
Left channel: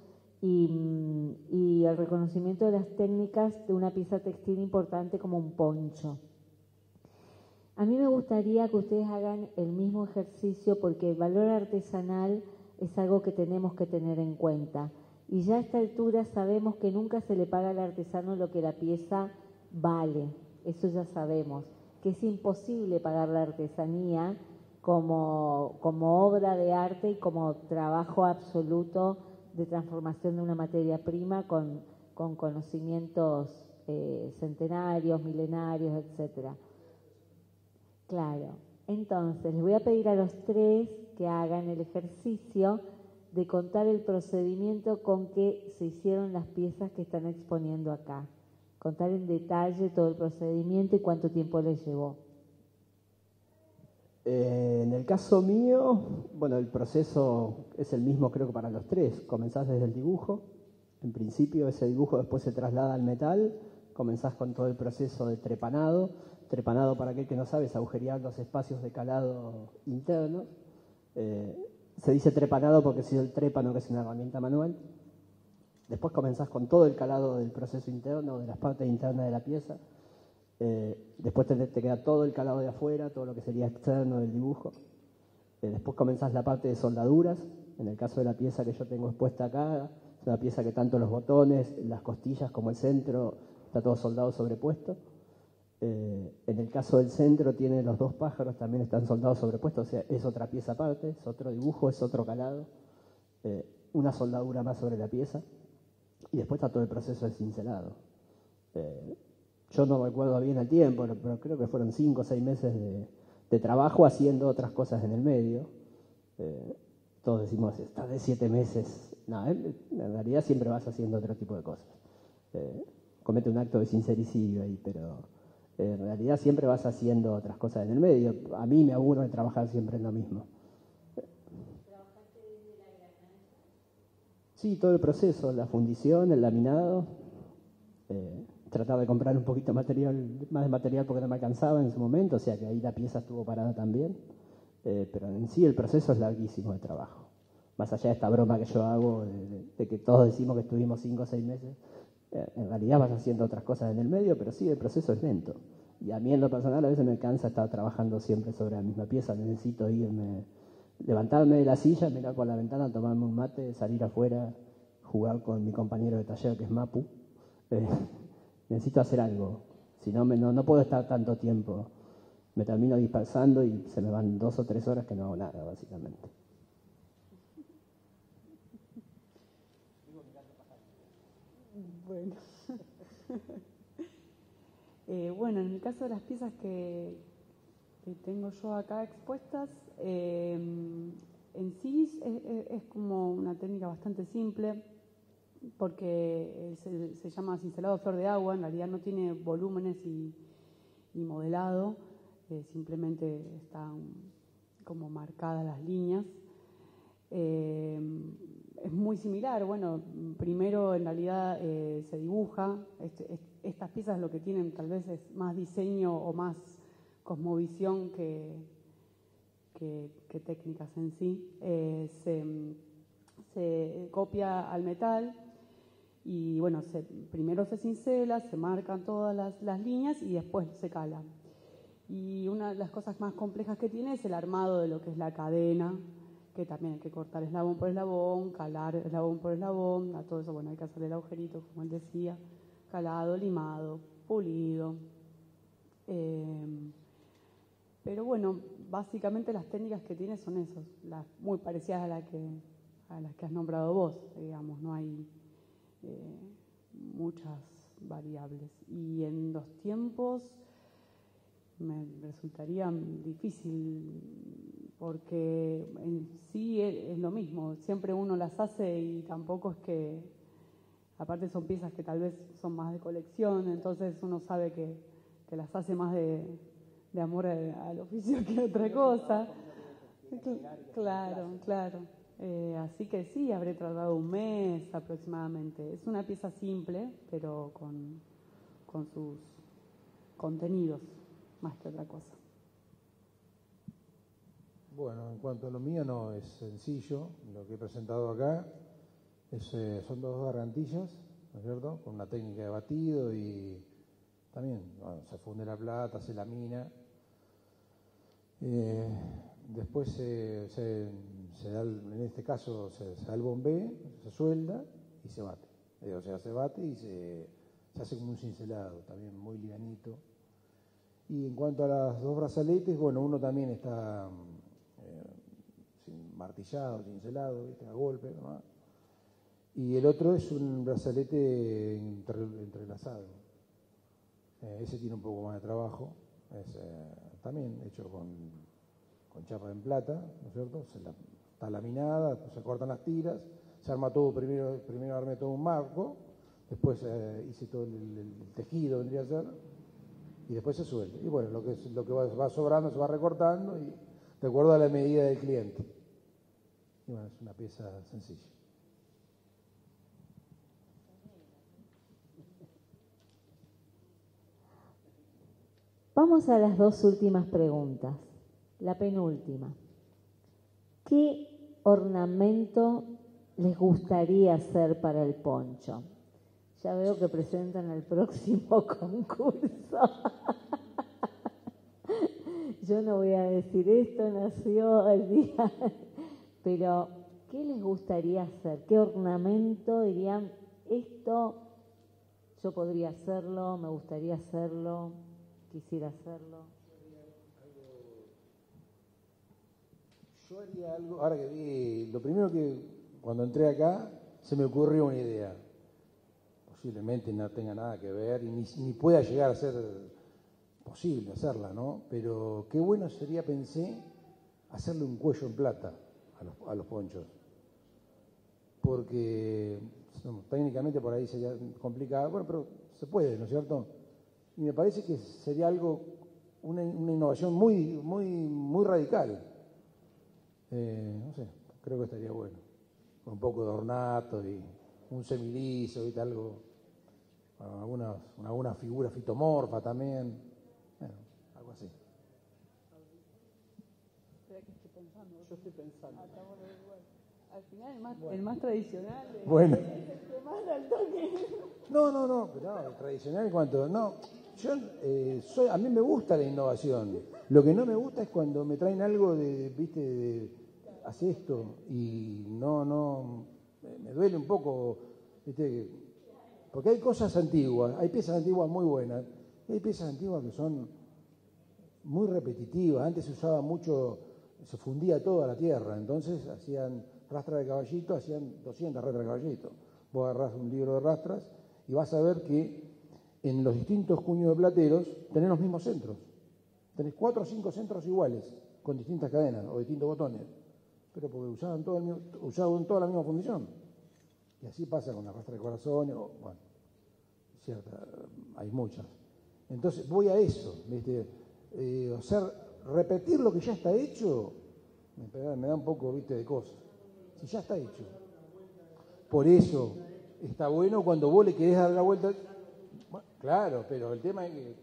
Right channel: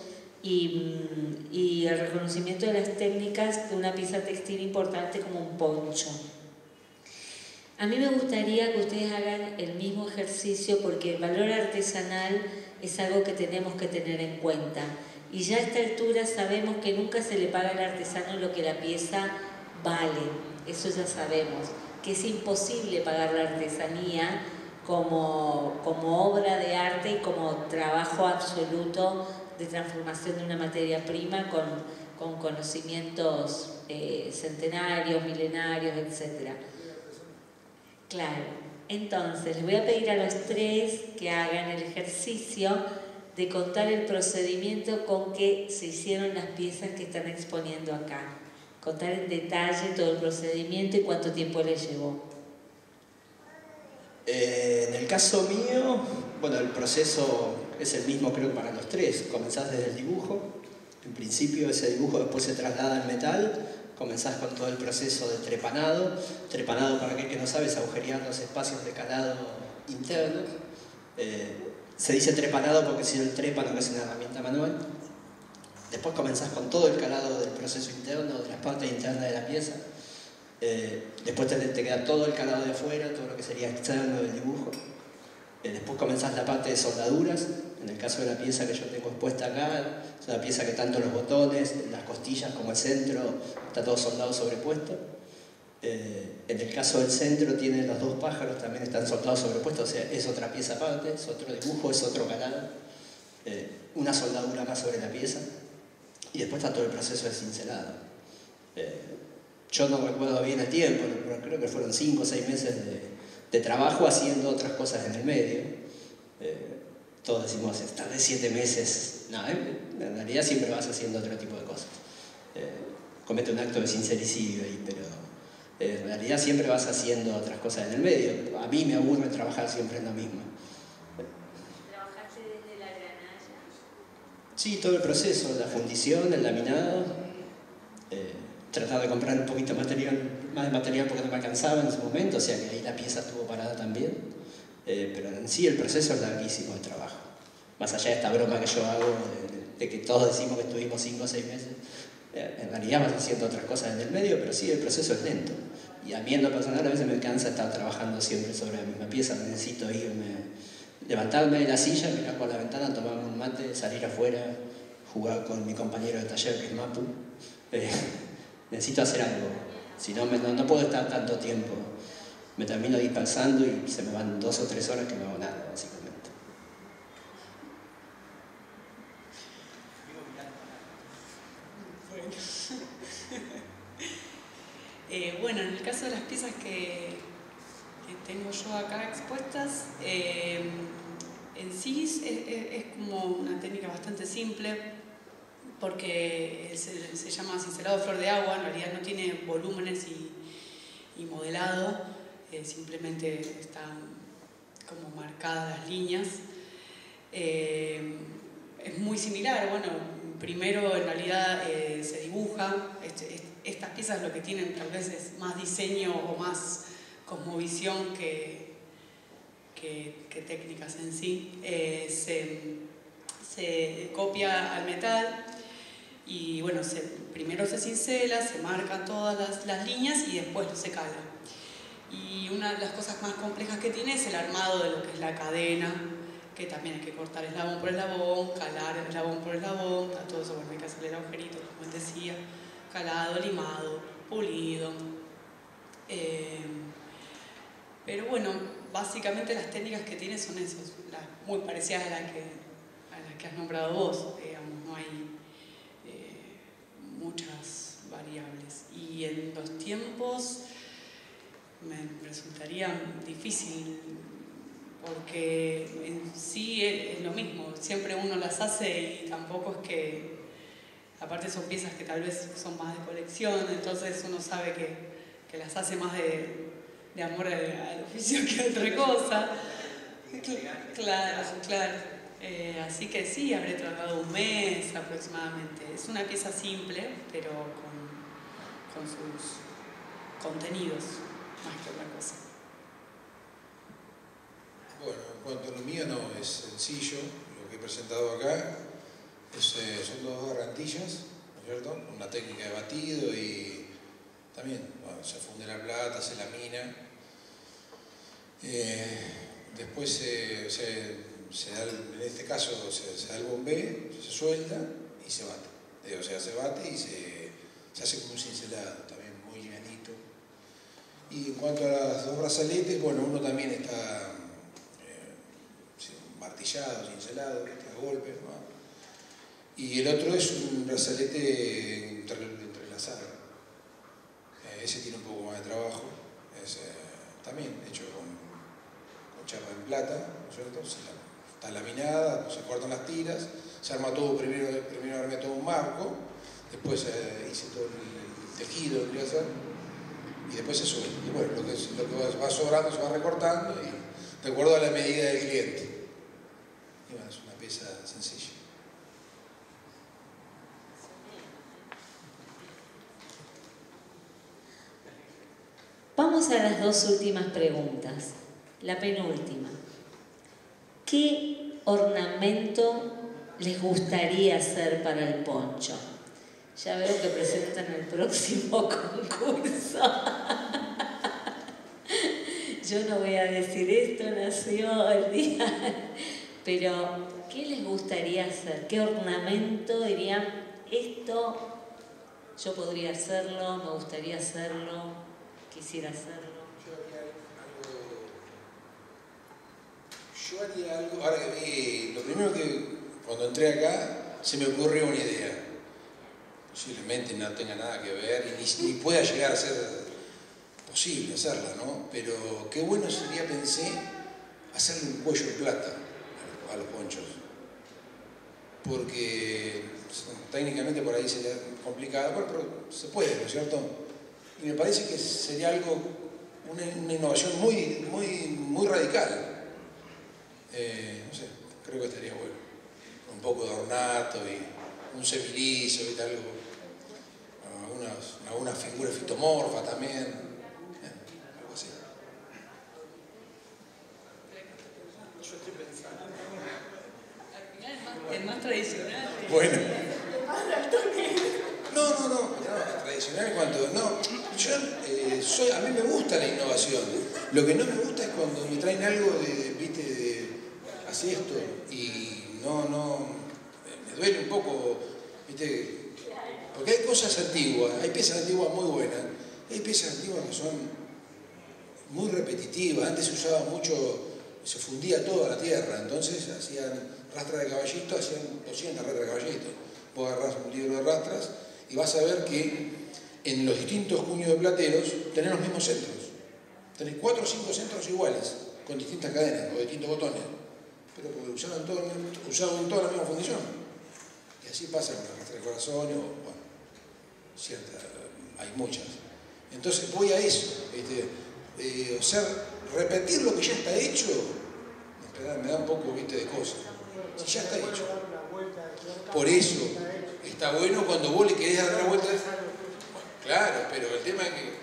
y el reconocimiento de las técnicas de una pieza textil importante como un poncho. A mí me gustaría que ustedes hagan el mismo ejercicio porque el valor artesanal es algo que tenemos que tener en cuenta. Y ya a esta altura sabemos que nunca se le paga al artesano lo que la pieza vale, eso ya sabemos, que es imposible pagar la artesanía como obra de arte y como trabajo absoluto de transformación de una materia prima con conocimientos centenarios, milenarios, etc. Claro, entonces les voy a pedir a los tres que hagan el ejercicio de contar el procedimiento con que se hicieron las piezas que están exponiendo acá. Contar en detalle todo el procedimiento y cuánto tiempo les llevó. En el caso mío, bueno, el proceso es el mismo creo que para los tres. Comenzás desde el dibujo. En principio ese dibujo después se traslada al metal. Comenzás con todo el proceso de trepanado. Trepanado, para aquel que no sabe, es agujerear los espacios de calado internos. Se dice trepanado porque si el trépano, que es una herramienta manual. Después comenzás con todo el calado del proceso interno, de las partes internas de la pieza. Después te queda todo el calado de afuera, todo lo que sería externo del dibujo. Después comenzás la parte de soldaduras. En el caso de la pieza que yo tengo expuesta acá, es una pieza que tanto los botones, las costillas como el centro, está todo soldado sobrepuesto. En el caso del centro tiene los dos pájaros, también están soldados sobrepuestos, o sea, es otra pieza aparte, es otro dibujo, es otro calado. Una soldadura más sobre la pieza. Y después está todo el proceso de cincelado. Yo no recuerdo bien el tiempo, pero creo que fueron 5 o 6 meses de trabajo haciendo otras cosas en el medio. Todos decimos, estar de 7 meses. No, en realidad siempre vas haciendo otro tipo de cosas. Comete un acto de sincericidio ahí, pero en realidad siempre vas haciendo otras cosas en el medio. A mí me aburre trabajar siempre en lo mismo. ¿Trabajaste desde la granalla? Sí, todo el proceso, la fundición, el laminado. Tratar de comprar un poquito más de material porque no me alcanzaba en su momento, o sea que ahí la pieza estuvo parada también. Pero en sí el proceso es larguísimo de trabajo. Más allá de esta broma que yo hago, de que todos decimos que estuvimos 5 o 6 meses, en realidad vas haciendo otras cosas en el medio, pero sí, el proceso es lento. Y a mí en lo personal a veces me cansa estar trabajando siempre sobre la misma pieza, necesito irme, levantarme de la silla, mirar por la ventana, tomarme un mate, salir afuera, jugar con mi compañero de taller que es Mapu. Necesito hacer algo, si no, no puedo estar tanto tiempo. Me termino dispersando y se me van 2 o 3 horas que no hago nada, básicamente. Bueno, en el caso de las piezas que tengo yo acá expuestas, en sí es como una técnica bastante simple, porque se llama cincelado flor de agua, en realidad no tiene volúmenes y modelado, simplemente están como marcadas las líneas. Es muy similar, bueno, primero en realidad se dibuja, estas piezas lo que tienen tal vez es más diseño o más cosmovisión que técnicas en sí. Se copia al metal. Y bueno, primero se cincela, se marcan todas las líneas y después se cala. Y una de las cosas más complejas que tiene es el armado de lo que es la cadena, que también hay que cortar eslabón por eslabón, calar eslabón por eslabón, todo eso, bueno, hay que hacerle el agujerito, como él decía, calado, limado, pulido. Pero bueno, básicamente las técnicas que tiene son esas, muy parecidas a las que has nombrado vos, digamos, no hay muchas variables. Y en los tiempos me resultaría difícil porque en sí es lo mismo, siempre uno las hace y tampoco es que, aparte son piezas que tal vez son más de colección, entonces uno sabe que las hace más de amor al oficio que otra cosa. Claro. Así que sí, habré trabajado 1 mes aproximadamente. Es una pieza simple, pero con sus contenidos, más que otra cosa. Bueno, en cuanto a lo mío, no es sencillo. Lo que he presentado acá son todas gargantillas, ¿no es cierto? Con una técnica de batido y también, bueno, se funde la plata, se lamina. Después se da, en este caso se da el bombé, se suelda y se bate. O sea, se bate y se hace como un cincelado, también muy livianito. Y en cuanto a las dos brazaletes, bueno, uno también está martillado, cincelado, a golpe, ¿no? Y el otro es un brazalete entrelazado. Ese tiene un poco más de trabajo, es también hecho con chapa en plata, ¿no es cierto? Está laminada, se cortan las tiras, se arma todo, primero armé todo un marco, después hice todo el tejido, vendría a ser, y después se suelta. Y bueno, lo que va sobrando se va recortando y de acuerdo a la medida del cliente. Y bueno, es una pieza sencilla. Vamos a las dos últimas preguntas. La penúltima. ¿Qué ornamento les gustaría hacer para el poncho? Ya veo que presentan el próximo concurso. Yo no voy a decir esto, nació el día. Pero, ¿qué les gustaría hacer? ¿Qué ornamento dirían, esto yo podría hacerlo, me gustaría hacerlo, quisiera hacerlo? Yo haría algo, ahora que vi, lo primero que cuando entré acá se me ocurrió una idea. Posiblemente no tenga nada que ver y ni pueda llegar a ser posible hacerla, ¿no? Pero qué bueno sería, pensé, hacerle un cuello en plata a los ponchos. Porque técnicamente por ahí sería complicado, pero se puede, ¿no es cierto? Y me parece que sería algo, una innovación muy radical. No sé, creo que estaría bueno. Con un poco de ornato y un semiliso y algo, alguna figura fitomorfa también, algo así. Yo estoy pensando. Al final el más tradicional. Bueno. No, tradicional en cuanto. No, yo a mí me gusta la innovación. Lo que no me gusta es cuando me traen algo así esto, y me duele un poco, ¿viste? Porque hay cosas antiguas, hay piezas antiguas muy buenas, hay piezas antiguas que son muy repetitivas. Antes se usaba mucho, se fundía toda la tierra, entonces hacían rastras de caballito, hacían 200 rastras de caballito. Vos agarrás un libro de rastras y vas a ver que en los distintos cuños de plateros tenés los mismos centros. Tenés 4 o 5 centros iguales, con distintas cadenas o distintos botones. Pero porque usaban toda la misma fundición. Y así pasa con la rastra de corazones, hay muchas. Entonces voy a eso, ¿viste? O sea, repetir lo que ya está hecho, me da un poco, ¿viste?, de cosa. Si ya está hecho. Por eso está bueno cuando vos le querés dar la vuelta. Claro, pero el tema es que,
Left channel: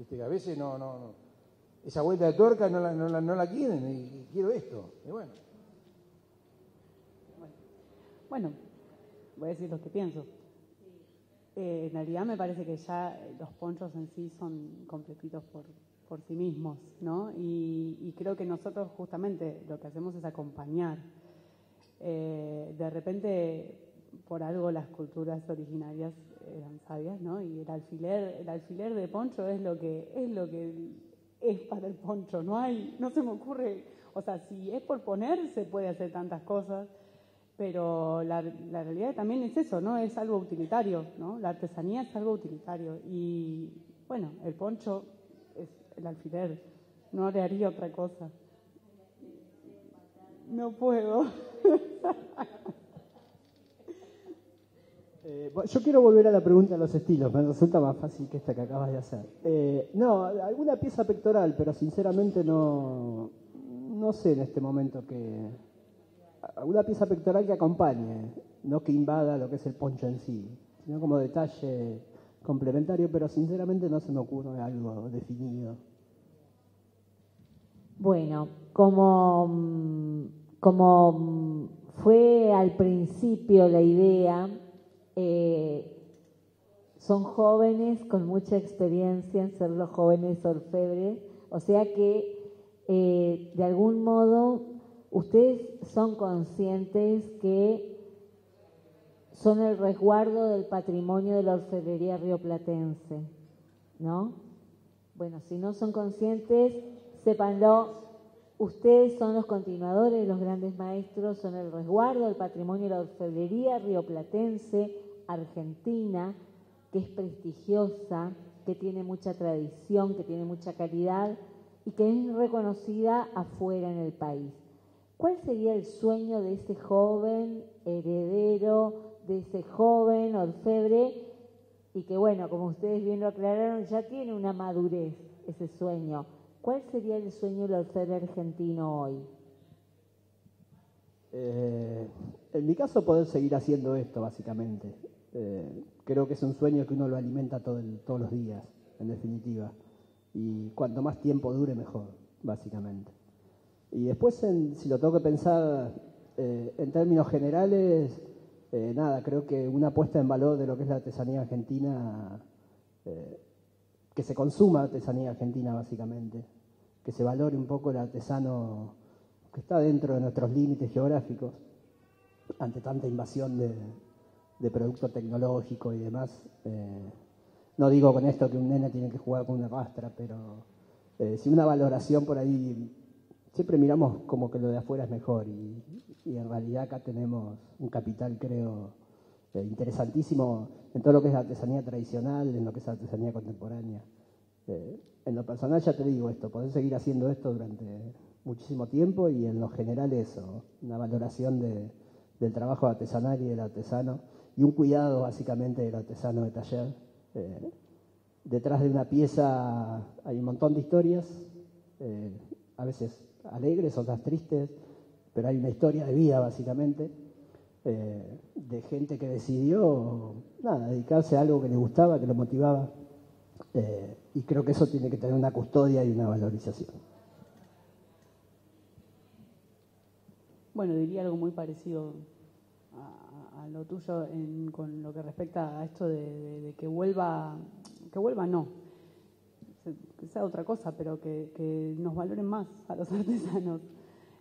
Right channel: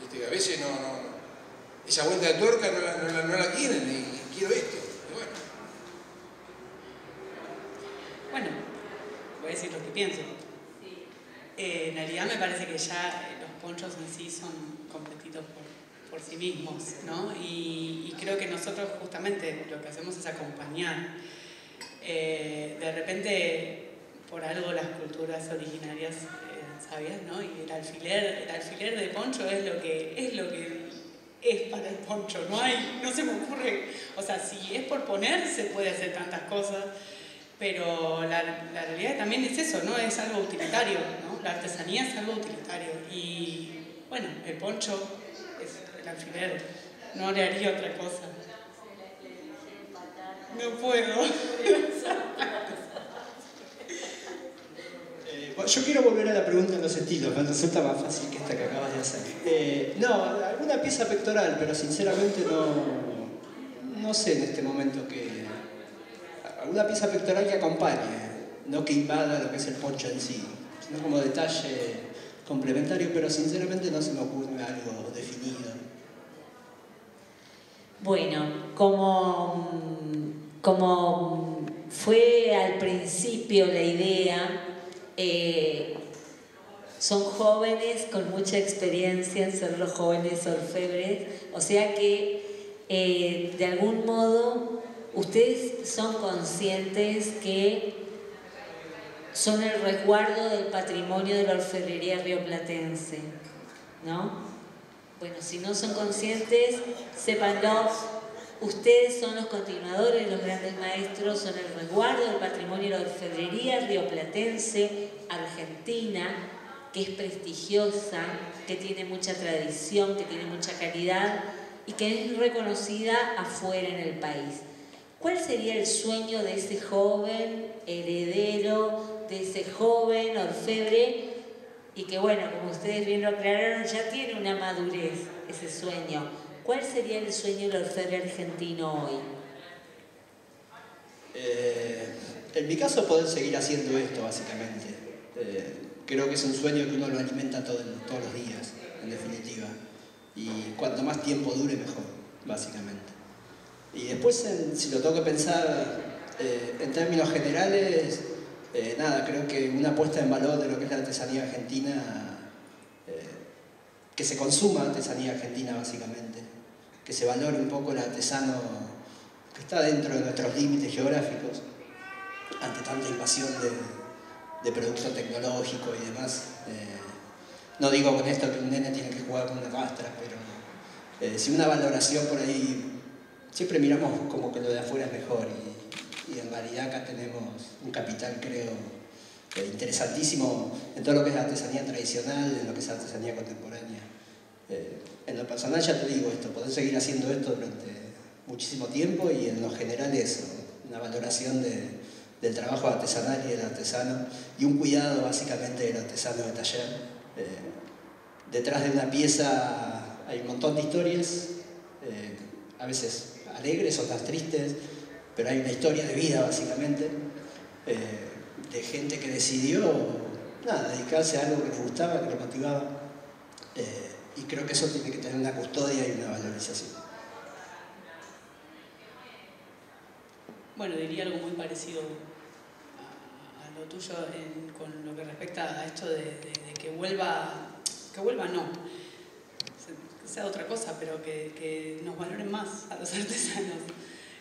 ¿viste?, que a veces esa vuelta de tuerca no la quieren y quiero esto. Y Bueno, voy a decir lo que pienso. En realidad me parece que ya los ponchos en sí son completitos por sí mismos, ¿no? Y creo que nosotros justamente lo que hacemos es acompañar. De repente, por algo las culturas originarias sabias, ¿no? Y el alfiler de poncho es lo que es para el poncho. No se me ocurre, o sea, si es por poner se puede hacer tantas cosas. Pero la realidad también es eso, ¿no? Es algo utilitario, ¿no? La artesanía es algo utilitario. Y bueno, el poncho es el alfiler. No le haría otra cosa. No puedo. Bueno, yo quiero volver a la pregunta de los estilos, me resulta más fácil que esta que acabas de hacer. No, alguna pieza pectoral, pero sinceramente no sé en este momento que... Alguna pieza pectoral que acompañe, no que invada lo que es el poncho en sí, sino como detalle complementario, pero sinceramente no se me ocurre algo definido. Bueno, como fue al principio la idea, son jóvenes con mucha experiencia en ser los jóvenes orfebres, o sea que de algún modo, ustedes son conscientes que son el resguardo del patrimonio de la orfebrería rioplatense, ¿no? Bueno, si no son conscientes, sépanlo. Ustedes son los continuadores, los grandes maestros, son el resguardo del patrimonio de la orfebrería rioplatense, argentina, que es prestigiosa, que tiene mucha tradición, que tiene mucha calidad y que es reconocida afuera en el país. ¿Cuál sería el sueño de ese joven heredero, de ese joven orfebre? Y que bueno, como ustedes bien lo aclararon, ya tiene una madurez ese sueño. ¿Cuál sería el sueño del orfebre argentino hoy? En mi caso, poder seguir haciendo esto, básicamente. Creo que es un sueño que uno lo alimenta todos los días, en definitiva. Y cuanto más tiempo dure, mejor, básicamente. Y después, si lo tengo que pensar en términos generales, nada, creo que una puesta en valor de lo que es la artesanía argentina, que se consuma artesanía argentina, básicamente. Que se valore un poco el artesano que está dentro de nuestros límites geográficos, ante tanta invasión de productos tecnológicos y demás. No digo con esto que un nene tiene que jugar con una rastra, pero si una valoración por ahí, siempre miramos como que lo de afuera es mejor y en realidad acá tenemos un capital, creo, interesantísimo en todo lo que es artesanía tradicional, en lo que es artesanía contemporánea. En lo personal ya te digo esto, poder seguir haciendo esto durante muchísimo tiempo y en lo general eso, una valoración del trabajo artesanal y del artesano y un cuidado básicamente del artesano de taller. Detrás de una pieza hay un montón de historias, a veces alegres, otras tristes, pero hay una historia de vida básicamente, de gente que decidió dedicarse a algo que le gustaba, que le motivaba, y creo que eso tiene que tener una custodia y una valorización. Bueno, diría algo muy parecido a lo tuyo con lo que respecta a esto de que vuelva no, que sea otra cosa, pero que nos valoren más a los artesanos.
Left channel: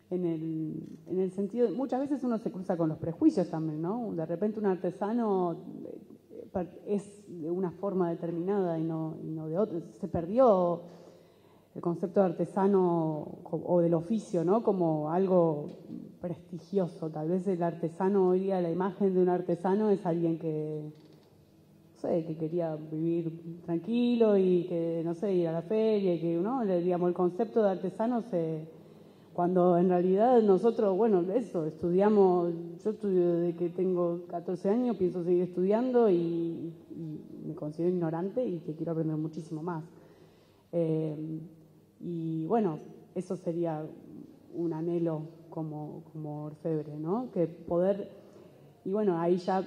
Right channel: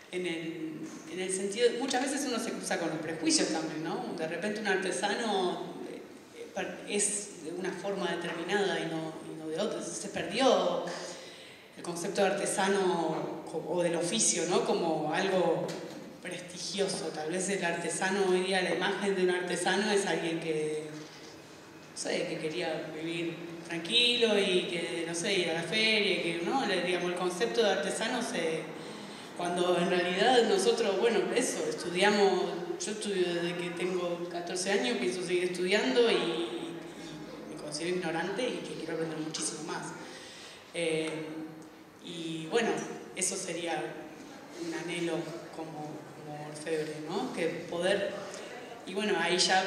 En el sentido, muchas veces uno se cruza con los prejuicios también, ¿no? De repente un artesano es de una forma determinada y no de otra. Se perdió el concepto de artesano o del oficio, ¿no? Como algo prestigioso. Tal vez el artesano hoy día, la imagen de un artesano es alguien que, no sé, que quería vivir tranquilo y que, no sé, ir a la feria, que, ¿no? Digamos, el concepto de artesano cuando en realidad nosotros, bueno, eso, estudiamos, yo estudio desde que tengo 14 años, pienso seguir estudiando y me considero ignorante y que quiero aprender muchísimo más. Y bueno, eso sería un anhelo como orfebre, ¿no? Que poder, y bueno, ahí ya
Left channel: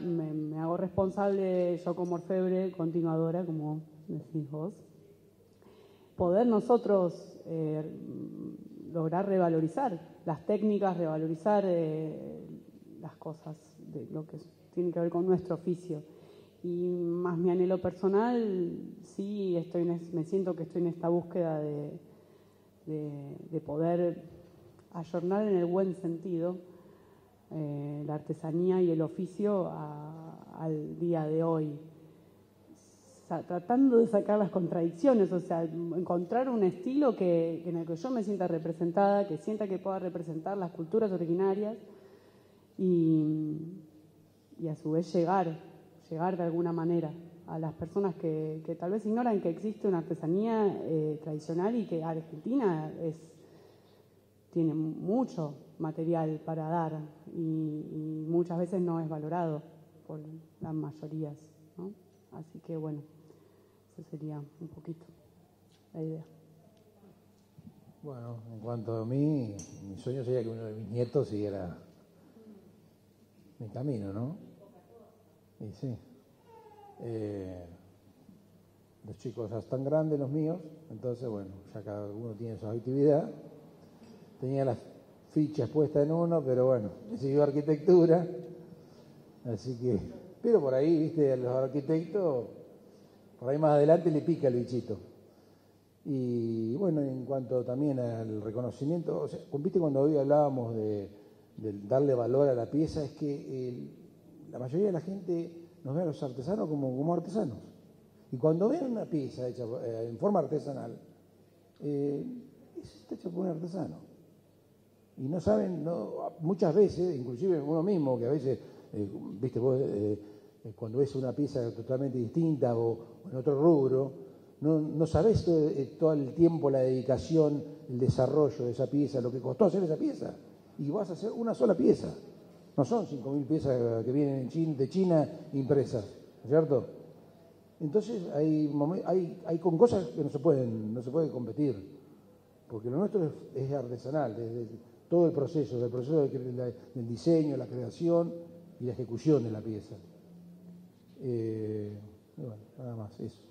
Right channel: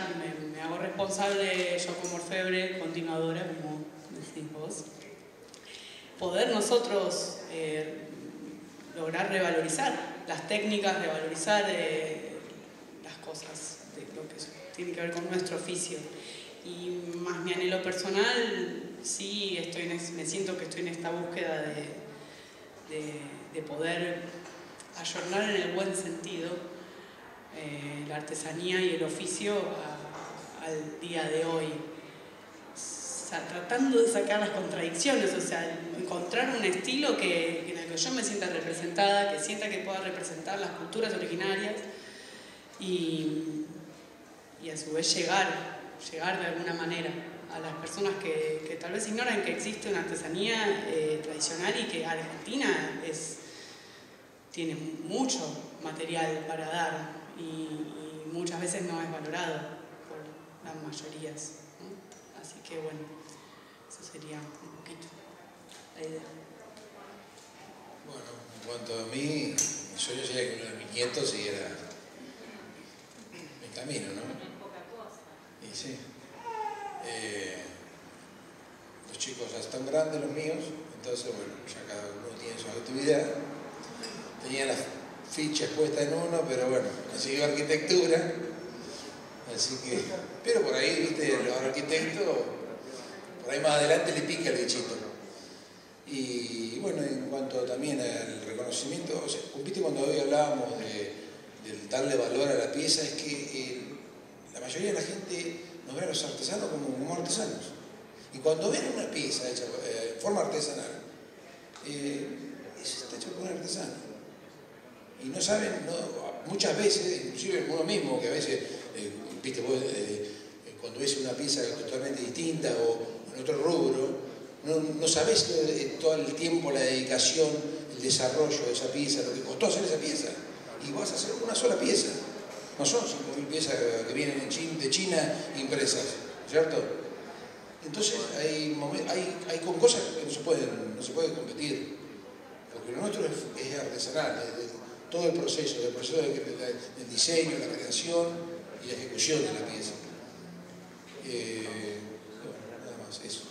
me hago responsable yo como orfebre, continuadora, como decís vos, poder nosotros lograr revalorizar las técnicas, revalorizar las cosas, de lo que tiene que ver con nuestro oficio. Y más mi anhelo personal, sí, me siento que estoy en esta búsqueda de poder ayornar en el buen sentido la artesanía y el oficio al día de hoy. Tratando de sacar las contradicciones, o sea, encontrar un estilo en el que yo me sienta representada, que sienta que pueda representar las culturas originarias y a su vez llegar de alguna manera a las personas que tal vez ignoran que existe una artesanía tradicional y que Argentina tiene mucho material para dar y muchas veces no es valorado por las mayorías, ¿no? Así que bueno, eso sería un poquito la idea. Bueno, en cuanto a mí, mi sueño sería que uno de mis nietos siguiera mi camino, ¿no? Y sí. Los chicos ya están grandes, los míos, entonces bueno, ya cada uno tiene su actividad. Tenía las fichas puestas en uno, pero bueno, siguió arquitectura, así que, pero por ahí, viste, los arquitectos, por ahí más adelante le pica el bichito. Y bueno, en cuanto también al reconocimiento, o sea, viste cuando hoy hablábamos de darle valor a la pieza, es que la mayoría de la gente nos ve a los artesanos como artesanos. Y cuando ven una pieza hecha en forma artesanal, eso está hecho por un artesano. Y no saben, muchas veces, inclusive uno mismo, que a veces, viste vos, cuando ves una pieza totalmente distinta o en otro rubro, no sabés todo el tiempo, la dedicación, el desarrollo de esa pieza, lo que costó hacer esa pieza. Y vas a hacer una sola pieza. No son 5.000 piezas que vienen de China impresas, ¿cierto? Entonces hay con cosas que no se puede competir. Porque lo nuestro es artesanal, desde todo el proceso, del diseño, la creación y la ejecución de la pieza. Bueno, nada más, eso.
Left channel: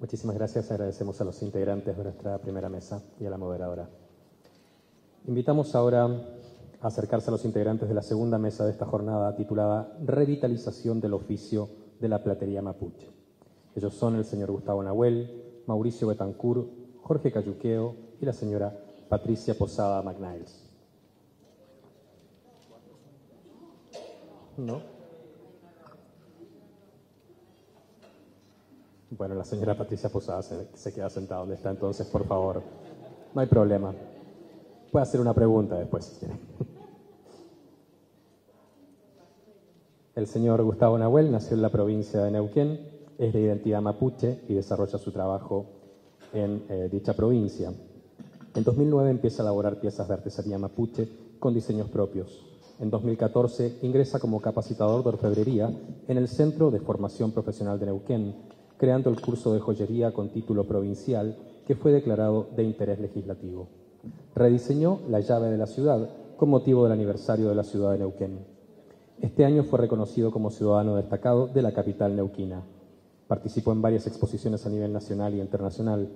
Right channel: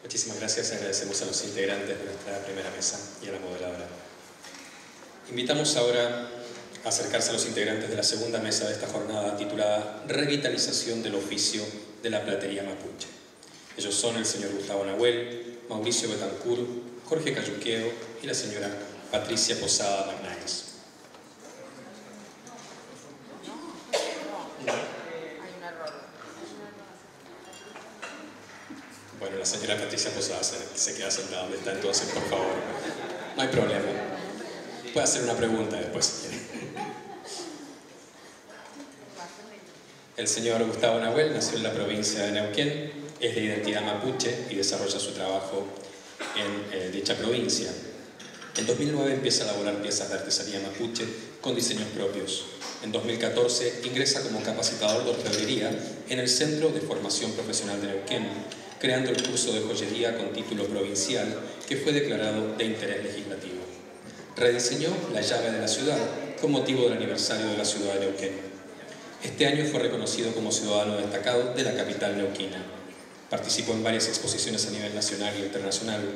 Muchísimas gracias. Agradecemos a los integrantes de nuestra primera mesa y a la moderadora. Invitamos ahora a acercarse a los integrantes de la segunda mesa de esta jornada titulada Revitalización del oficio de la platería mapuche. Ellos son el señor Gustavo Nahuel, Mauricio Betancourt, Jorge Cayuqueo y la señora Patricia Posada Magnaes. Bueno, la señora Patricia Posada se queda sentada donde está, entonces, por favor. No hay problema. Puede hacer una pregunta después, si quiere. El señor Gustavo Nahuel nació en la provincia de Neuquén, es de identidad mapuche y desarrolla su trabajo en dicha provincia. En 2009 empieza a elaborar piezas de artesanía mapuche con diseños propios. En 2014 ingresa como capacitador de orfebrería en el Centro de Formación Profesional de Neuquén, creando el curso de joyería con título provincial que fue declarado de interés legislativo. Rediseñó la llave de la ciudad con motivo del aniversario de la ciudad de Neuquén. Este año fue reconocido como ciudadano destacado de la capital neuquina. Participó en varias exposiciones a nivel nacional y internacional.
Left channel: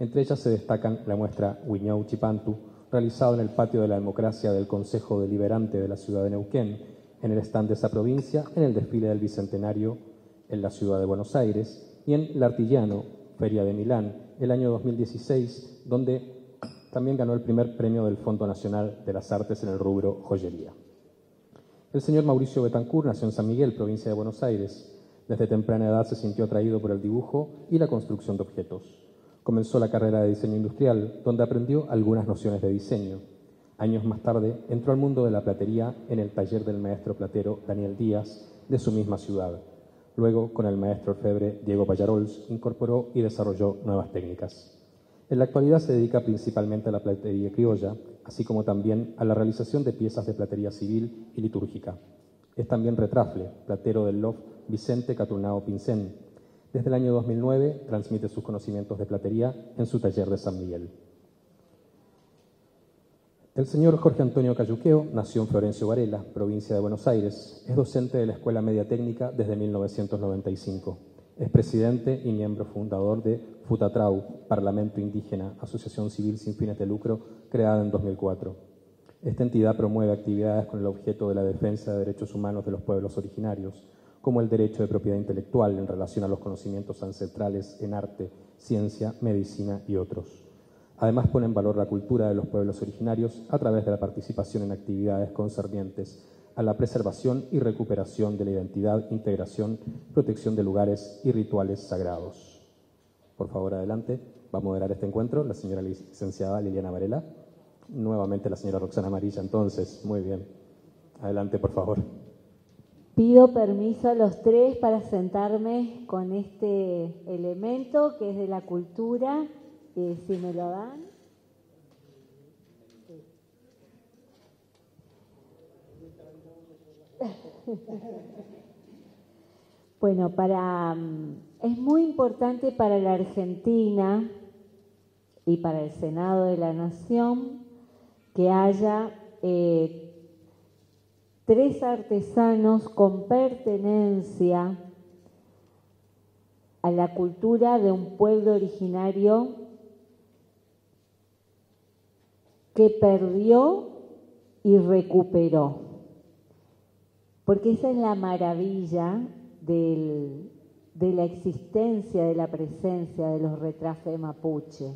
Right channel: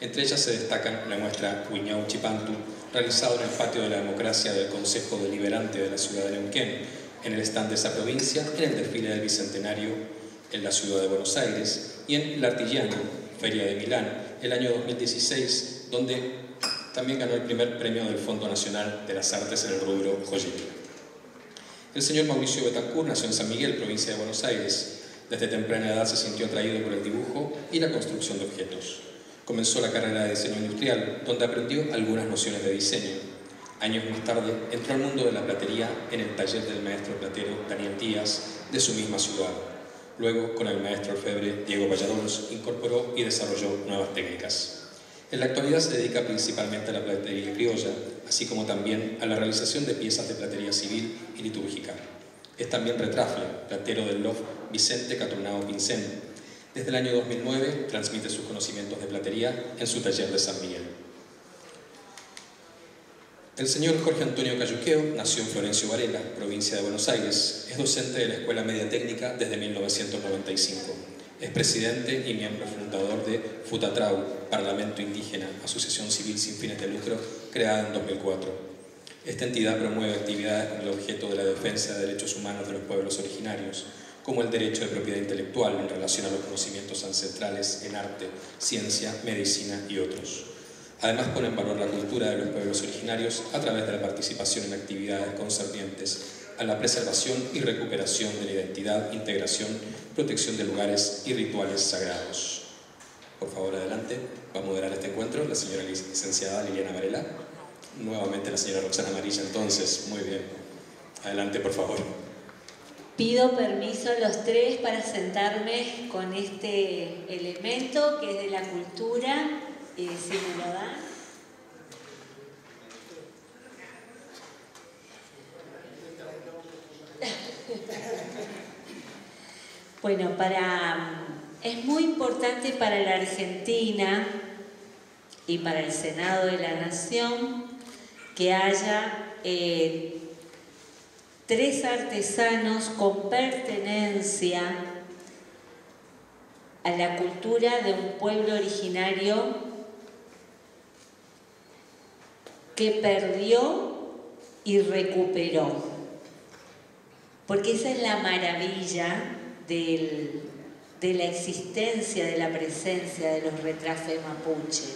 Entre ellas se destacan la muestra Huiñau Chipantu, realizado en el Patio de la Democracia del Consejo Deliberante de la ciudad de Neuquén, en el stand de esa provincia, en el desfile del Bicentenario en la ciudad de Buenos Aires y en L'Artigiano, Feria de Milán, el año 2016, donde también ganó el primer premio del Fondo Nacional de las Artes en el rubro joyería. El señor Mauricio Betancourt nació en San Miguel, provincia de Buenos Aires. Desde temprana edad se sintió atraído por el dibujo y la construcción de objetos. Comenzó la carrera de diseño industrial, donde aprendió algunas nociones de diseño. Años más tarde entró al mundo de la platería en el taller del maestro platero Daniel Díaz, de su misma ciudad. Luego, con el maestro orfebre Diego Vallarols, incorporó y desarrolló nuevas técnicas. En la actualidad se dedica principalmente a la platería criolla, así como también a la realización de piezas de platería civil y litúrgica. Es también retrafle, platero del LOF Vicente Caturnao Pincén. Desde el año 2009 transmite sus conocimientos de platería en su taller de San Miguel. El señor Jorge Antonio Cayuqueo nació en Florencio Varela, provincia de Buenos Aires. Es docente de la Escuela Media Técnica desde 1995. Es presidente y miembro fundador de Futatrau, Parlamento Indígena, asociación civil sin fines de lucro, creada en 2004. Esta entidad promueve actividades con el objeto de la defensa de derechos humanos de los pueblos originarios, como el derecho de propiedad intelectual en relación a los conocimientos ancestrales en arte, ciencia, medicina y otros. Además, pone en valor la cultura de los pueblos originarios a través de la participación en actividades concernientes a la preservación y recuperación de la identidad, integración, protección de lugares y rituales sagrados. Por favor, adelante. Va a moderar este encuentro la señora licenciada Liliana Varela. Nuevamente la señora Roxana Amarilla, entonces. Muy bien. Adelante, por favor. Pido permiso a los tres para sentarme con este elemento que es de la cultura. Si me lo dan. Bueno, es muy importante para la Argentina y para el Senado de la Nación que haya 3 artesanos con pertenencia a la cultura de un pueblo originario que perdió y recuperó. Porque esa es la maravilla de la existencia, de la presencia de los retrafes mapuche.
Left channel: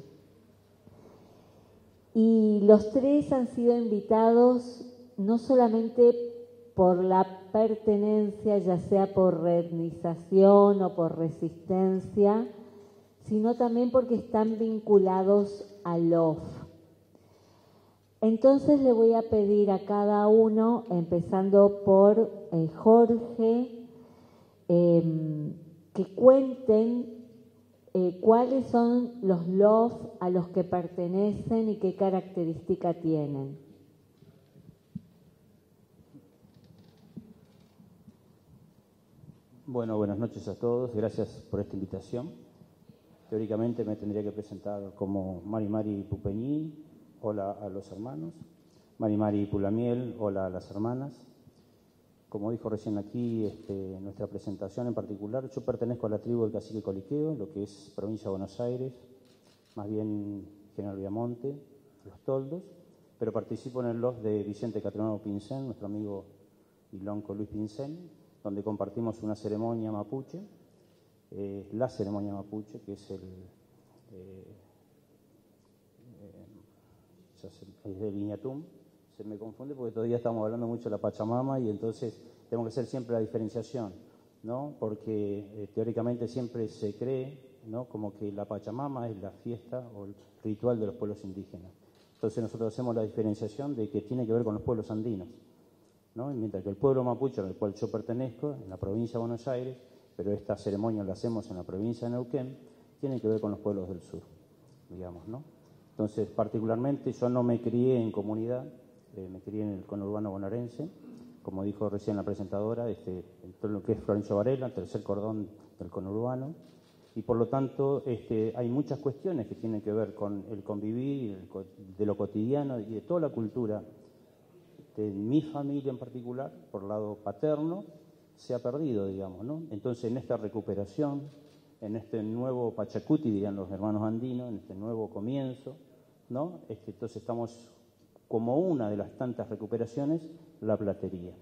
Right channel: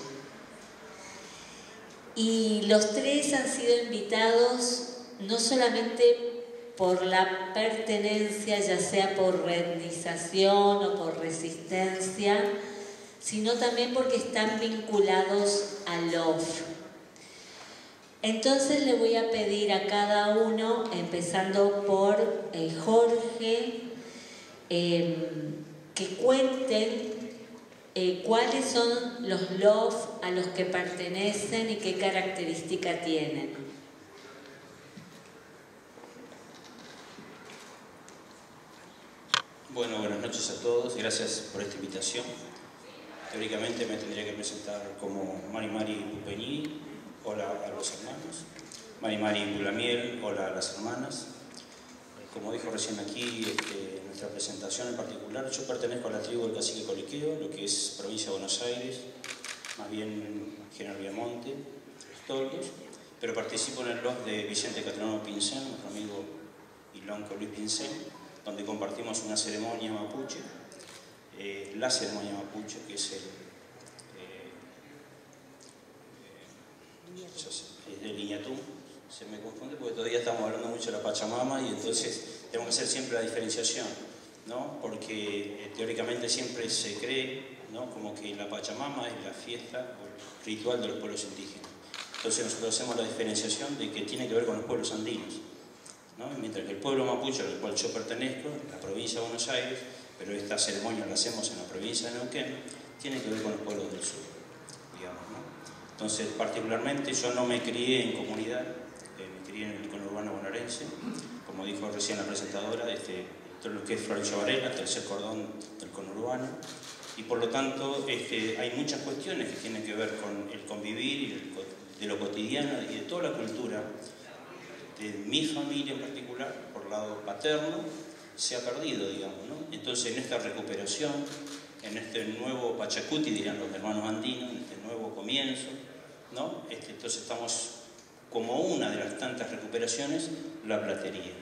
Y los 3 han sido invitados no solamente por la pertenencia, ya sea por rendización o por resistencia, sino también porque están vinculados al LOF. Entonces le voy a pedir a cada uno, empezando por Jorge, que cuenten cuáles son los LOF a los que pertenecen y qué característica tienen. Bueno, buenas noches a todos, gracias por esta invitación. Teóricamente me tendría que presentar como Mari Mari Pupeñí, hola a los hermanos. Mari Mari Pulamiel, hola a las hermanas. Como dijo recién aquí, nuestra presentación en particular, yo pertenezco a la tribu del Cacique Coliqueo, lo que es provincia de Buenos Aires, más bien General Viamonte, Los Toldos, pero participo en el LOF de Vicente Catlano Pincén, nuestro amigo y lonco Luis Pincén, donde compartimos una ceremonia mapuche, la ceremonia mapuche, que es el Iñatum. Se me confunde porque todavía estamos hablando mucho de la Pachamama y entonces tenemos que hacer siempre la diferenciación, ¿no? Porque teóricamente siempre se cree, ¿no?, como que la Pachamama es la fiesta o el ritual de los pueblos indígenas. Entonces nosotros hacemos la diferenciación de que tiene que ver con los pueblos andinos, ¿no? Mientras que el pueblo mapuche al cual yo pertenezco, en la provincia de Buenos Aires, pero esta ceremonia la hacemos en la provincia de Neuquén, tiene que ver con los pueblos del sur, digamos, ¿no? Entonces, particularmente, yo no me crié en comunidad, me crié en el conurbano bonaerense, como dijo recién la presentadora, todo lo que es Florencio Varela, tercer cordón del conurbano, y por lo tanto hay muchas cuestiones que tienen que ver con el convivir y de lo cotidiano y de toda la cultura de mi familia en particular, por lado paterno, se ha perdido, digamos, ¿no? Entonces, en esta recuperación, en este nuevo Pachacuti, dirían los hermanos andinos, en este nuevo comienzo, ¿no? Entonces estamos como una de las tantas recuperaciones, la platería.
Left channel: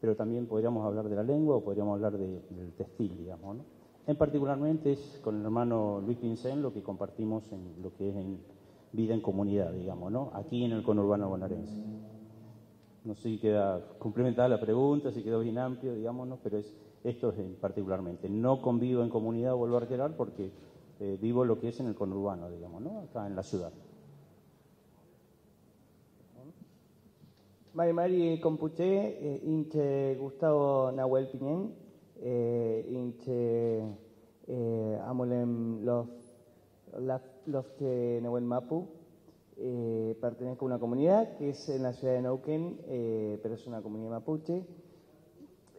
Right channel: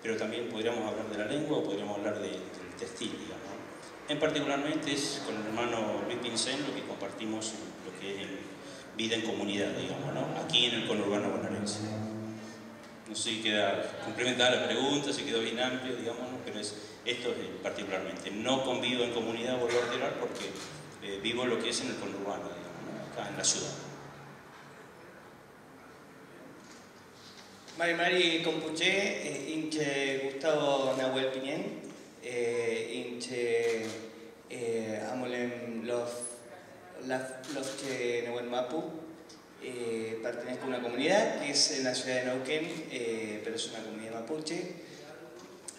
Pero también podríamos hablar de la lengua o podríamos hablar del textil, digamos, ¿no? En particularmente es con el hermano Luis Pincén lo que compartimos en lo que es en vida en comunidad, digamos, ¿no? Aquí en el conurbano bonaerense. No sé si queda complementada la pregunta, si quedó bien amplio, digamos, ¿no? Pero esto es particularmente. No convivo en comunidad, vuelvo a reiterar, porque vivo lo que es en el conurbano, digamos, ¿no? Acá en la ciudad. Mari Mari Compuché, inche Gustavo Nahuel Piñén, inche Amolem los que Nahuel Mapu, pertenezco a una comunidad que es en la ciudad de Neuquén, pero es una comunidad mapuche.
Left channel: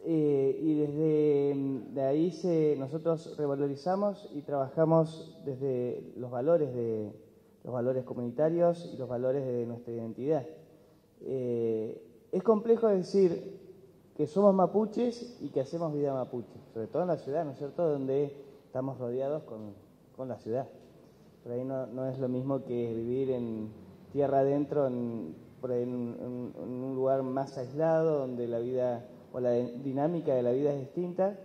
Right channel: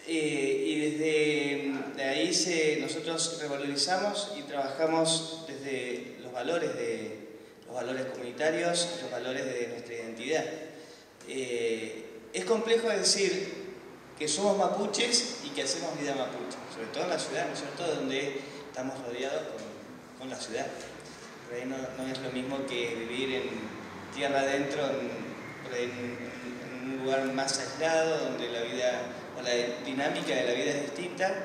Y desde ahí nosotros revalorizamos y trabajamos desde los valores comunitarios y los valores de nuestra identidad. Es complejo decir que somos mapuches y que hacemos vida mapuche, sobre todo en la ciudad, ¿no es cierto?, donde estamos rodeados con la ciudad. Por ahí no es lo mismo que vivir en tierra adentro, en un lugar más aislado, donde la vida o la dinámica de la vida es distinta,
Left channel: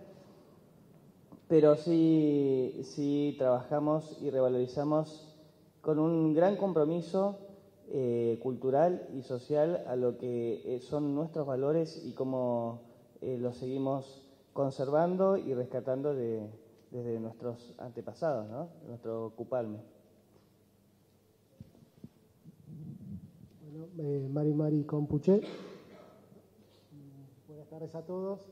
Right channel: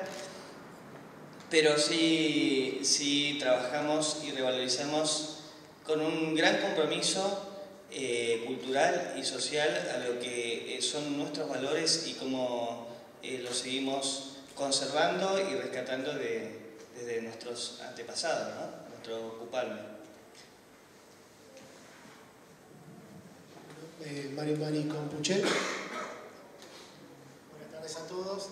pero sí trabajamos y revalorizamos con un gran compromiso cultural y social a lo que son nuestros valores y cómo los seguimos conservando y rescatando desde nuestros antepasados, ¿no? Nuestro ocuparme. Mari Mari Compuché. Buenas tardes a todos.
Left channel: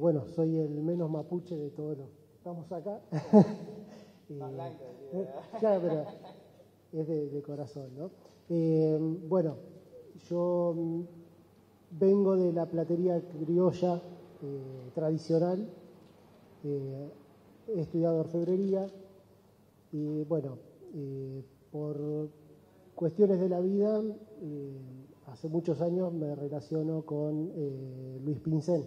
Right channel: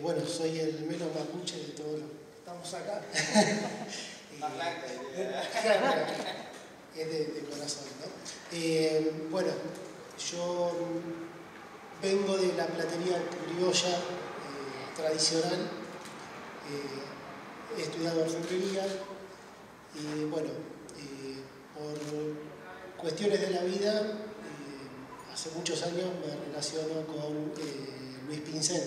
Bueno, soy el menos mapuche de todos los que estamos acá. Claro, es de corazón, ¿no? Bueno, yo vengo de la platería criolla tradicional, he estudiado orfebrería y bueno, por cuestiones de la vida, hace muchos años me relaciono con Luis Pincén.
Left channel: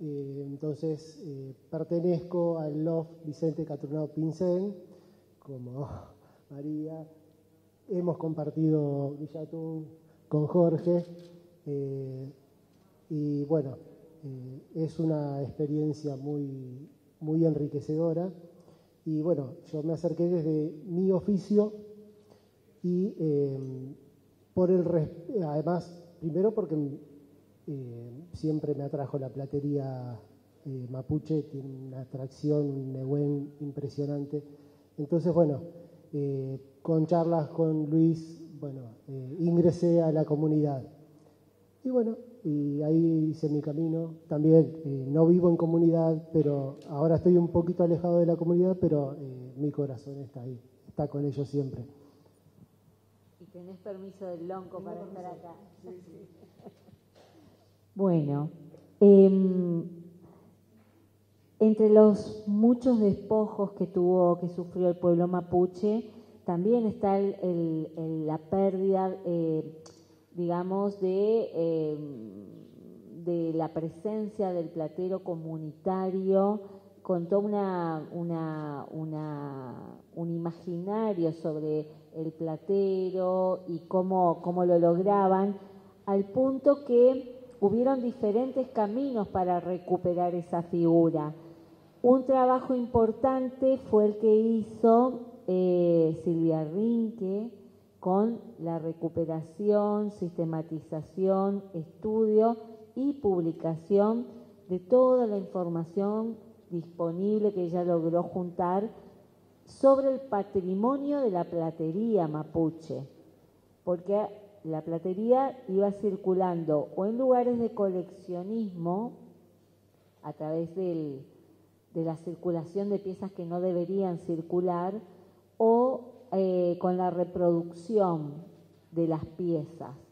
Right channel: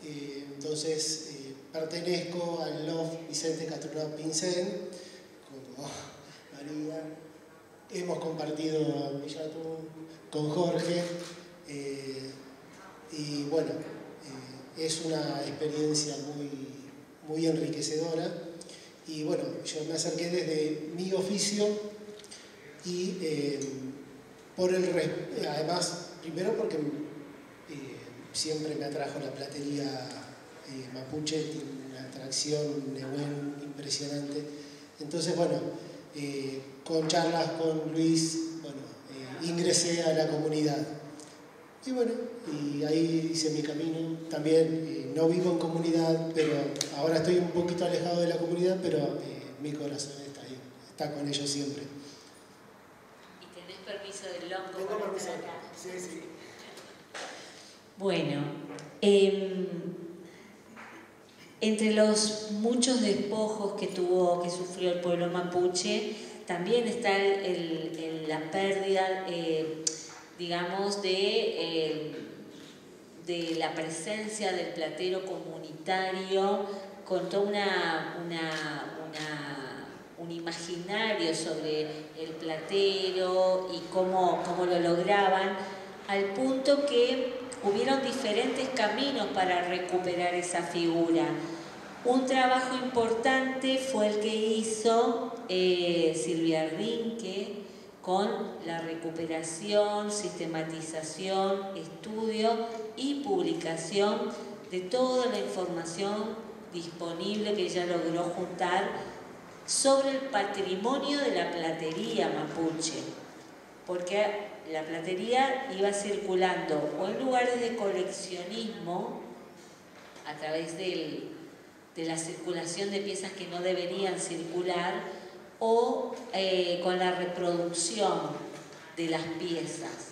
Entonces pertenezco al LOF Vicente Catronado Pincén, como María. Hemos compartido Villa Atún con Jorge y bueno, es una experiencia muy enriquecedora. Y bueno, yo me acerqué desde mi oficio y además, primero porque siempre me atrajo la platería mapuche, tiene una atracción nehuen impresionante. Entonces, bueno, con charlas con Luis, ingresé a la comunidad. Y bueno, y ahí hice mi camino. También no vivo en comunidad, pero ahora estoy un poquito alejado de la comunidad, pero mi corazón está ahí, está con ellos siempre. ¿Y tenés permiso del lonco para estar acá? Sí, sí. Bueno, entre los muchos despojos que sufrió el pueblo mapuche, también está la pérdida, digamos, de la presencia del platero comunitario, con todo un imaginario sobre el platero y cómo lo lograban, al punto que hubieron diferentes caminos para recuperar esa figura. Un trabajo importante fue el que hizo Silvia Rinque con la recuperación, sistematización, estudio y publicación de toda la información disponible que ella logró juntar sobre el patrimonio de la platería mapuche, porque la platería iba circulando o en lugares de coleccionismo a través de la circulación de piezas que no deberían circular o con la reproducción de las piezas,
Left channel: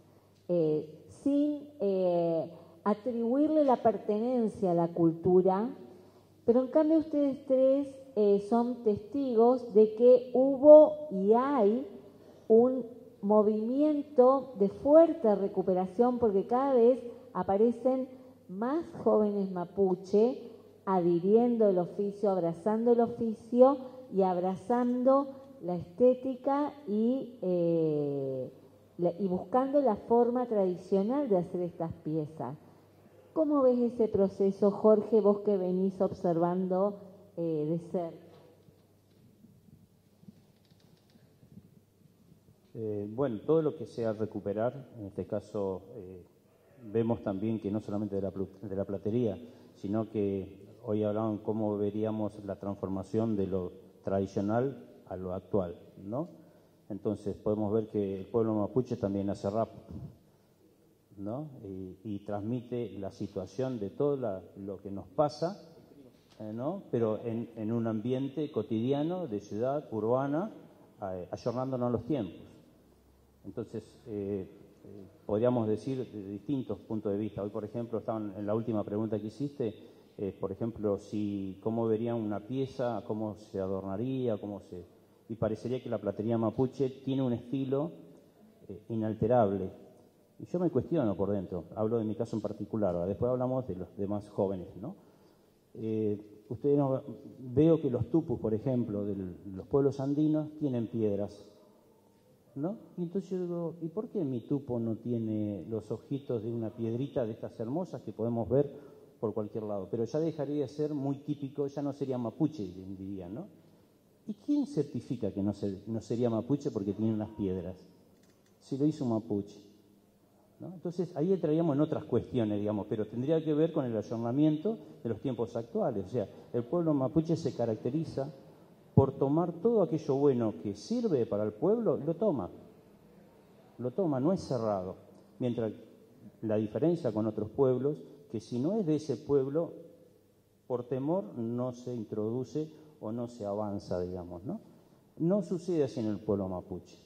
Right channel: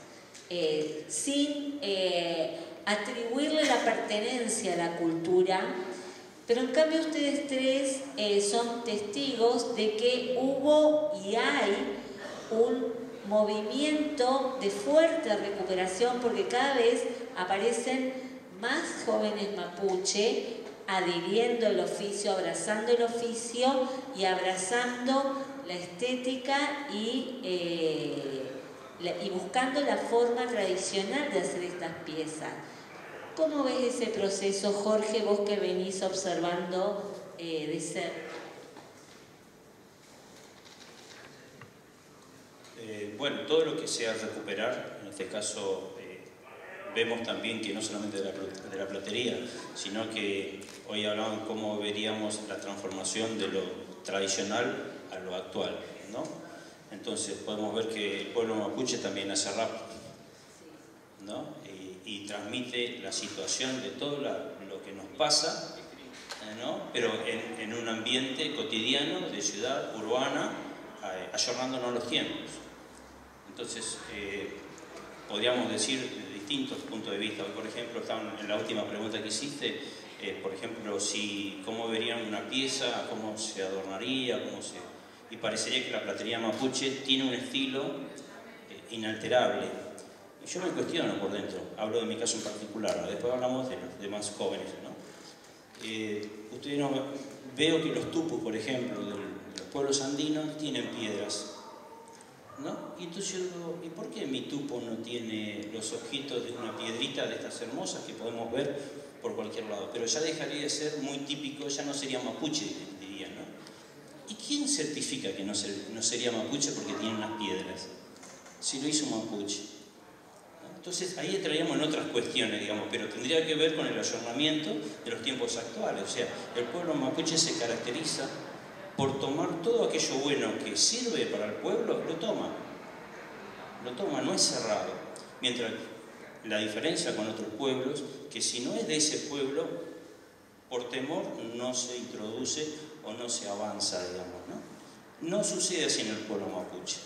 sin atribuirle la pertenencia a la cultura. Pero en cambio ustedes tres son testigos de que hubo y hay un movimiento de fuerte recuperación, porque cada vez aparecen más jóvenes mapuche adhiriendo el oficio, abrazando el oficio y abrazando la estética y buscando la forma tradicional de hacer estas piezas. ¿Cómo ves ese proceso, Jorge, vos que venís observando de cerca? Bueno, todo lo que sea recuperar, en este caso vemos también que no solamente de la platería, sino que hoy hablamos de cómo veríamos la transformación de lo tradicional a lo actual, ¿no? Entonces podemos ver que el pueblo mapuche también hace rap, ¿no? Y transmite la situación de todo lo que nos pasa, ¿no? Pero en un ambiente cotidiano de ciudad urbana, ayornándonos los tiempos. Entonces, podríamos decir de distintos puntos de vista. Hoy, por ejemplo, en la última pregunta que hiciste, por ejemplo, cómo verían una pieza, cómo se adornaría, y parecería que la platería mapuche tiene un estilo inalterable. Y yo me cuestiono por dentro, hablo de mi caso en particular, después hablamos de los demás jóvenes, ¿no? Veo que los tupos, por ejemplo, de los pueblos andinos tienen piedras, ¿no? Y entonces yo digo, ¿y por qué mi tupo no tiene los ojitos de una piedrita de estas hermosas que podemos ver por cualquier lado? Pero ya dejaría de ser muy típico, ya no sería mapuche, dirían, ¿no? ¿Y quién certifica que no sería mapuche porque tiene unas piedras? Si lo hizo un mapuche, ¿no? Entonces ahí entraríamos en otras cuestiones, digamos, pero tendría que ver con el ayornamiento de los tiempos actuales. O sea, el pueblo mapuche se caracteriza por tomar todo aquello bueno que sirve para el pueblo, lo toma, no es cerrado. Mientras la diferencia con otros pueblos, que si no es de ese pueblo, por temor no se introduce o no se avanza, digamos, ¿no? No sucede así en el pueblo mapuche,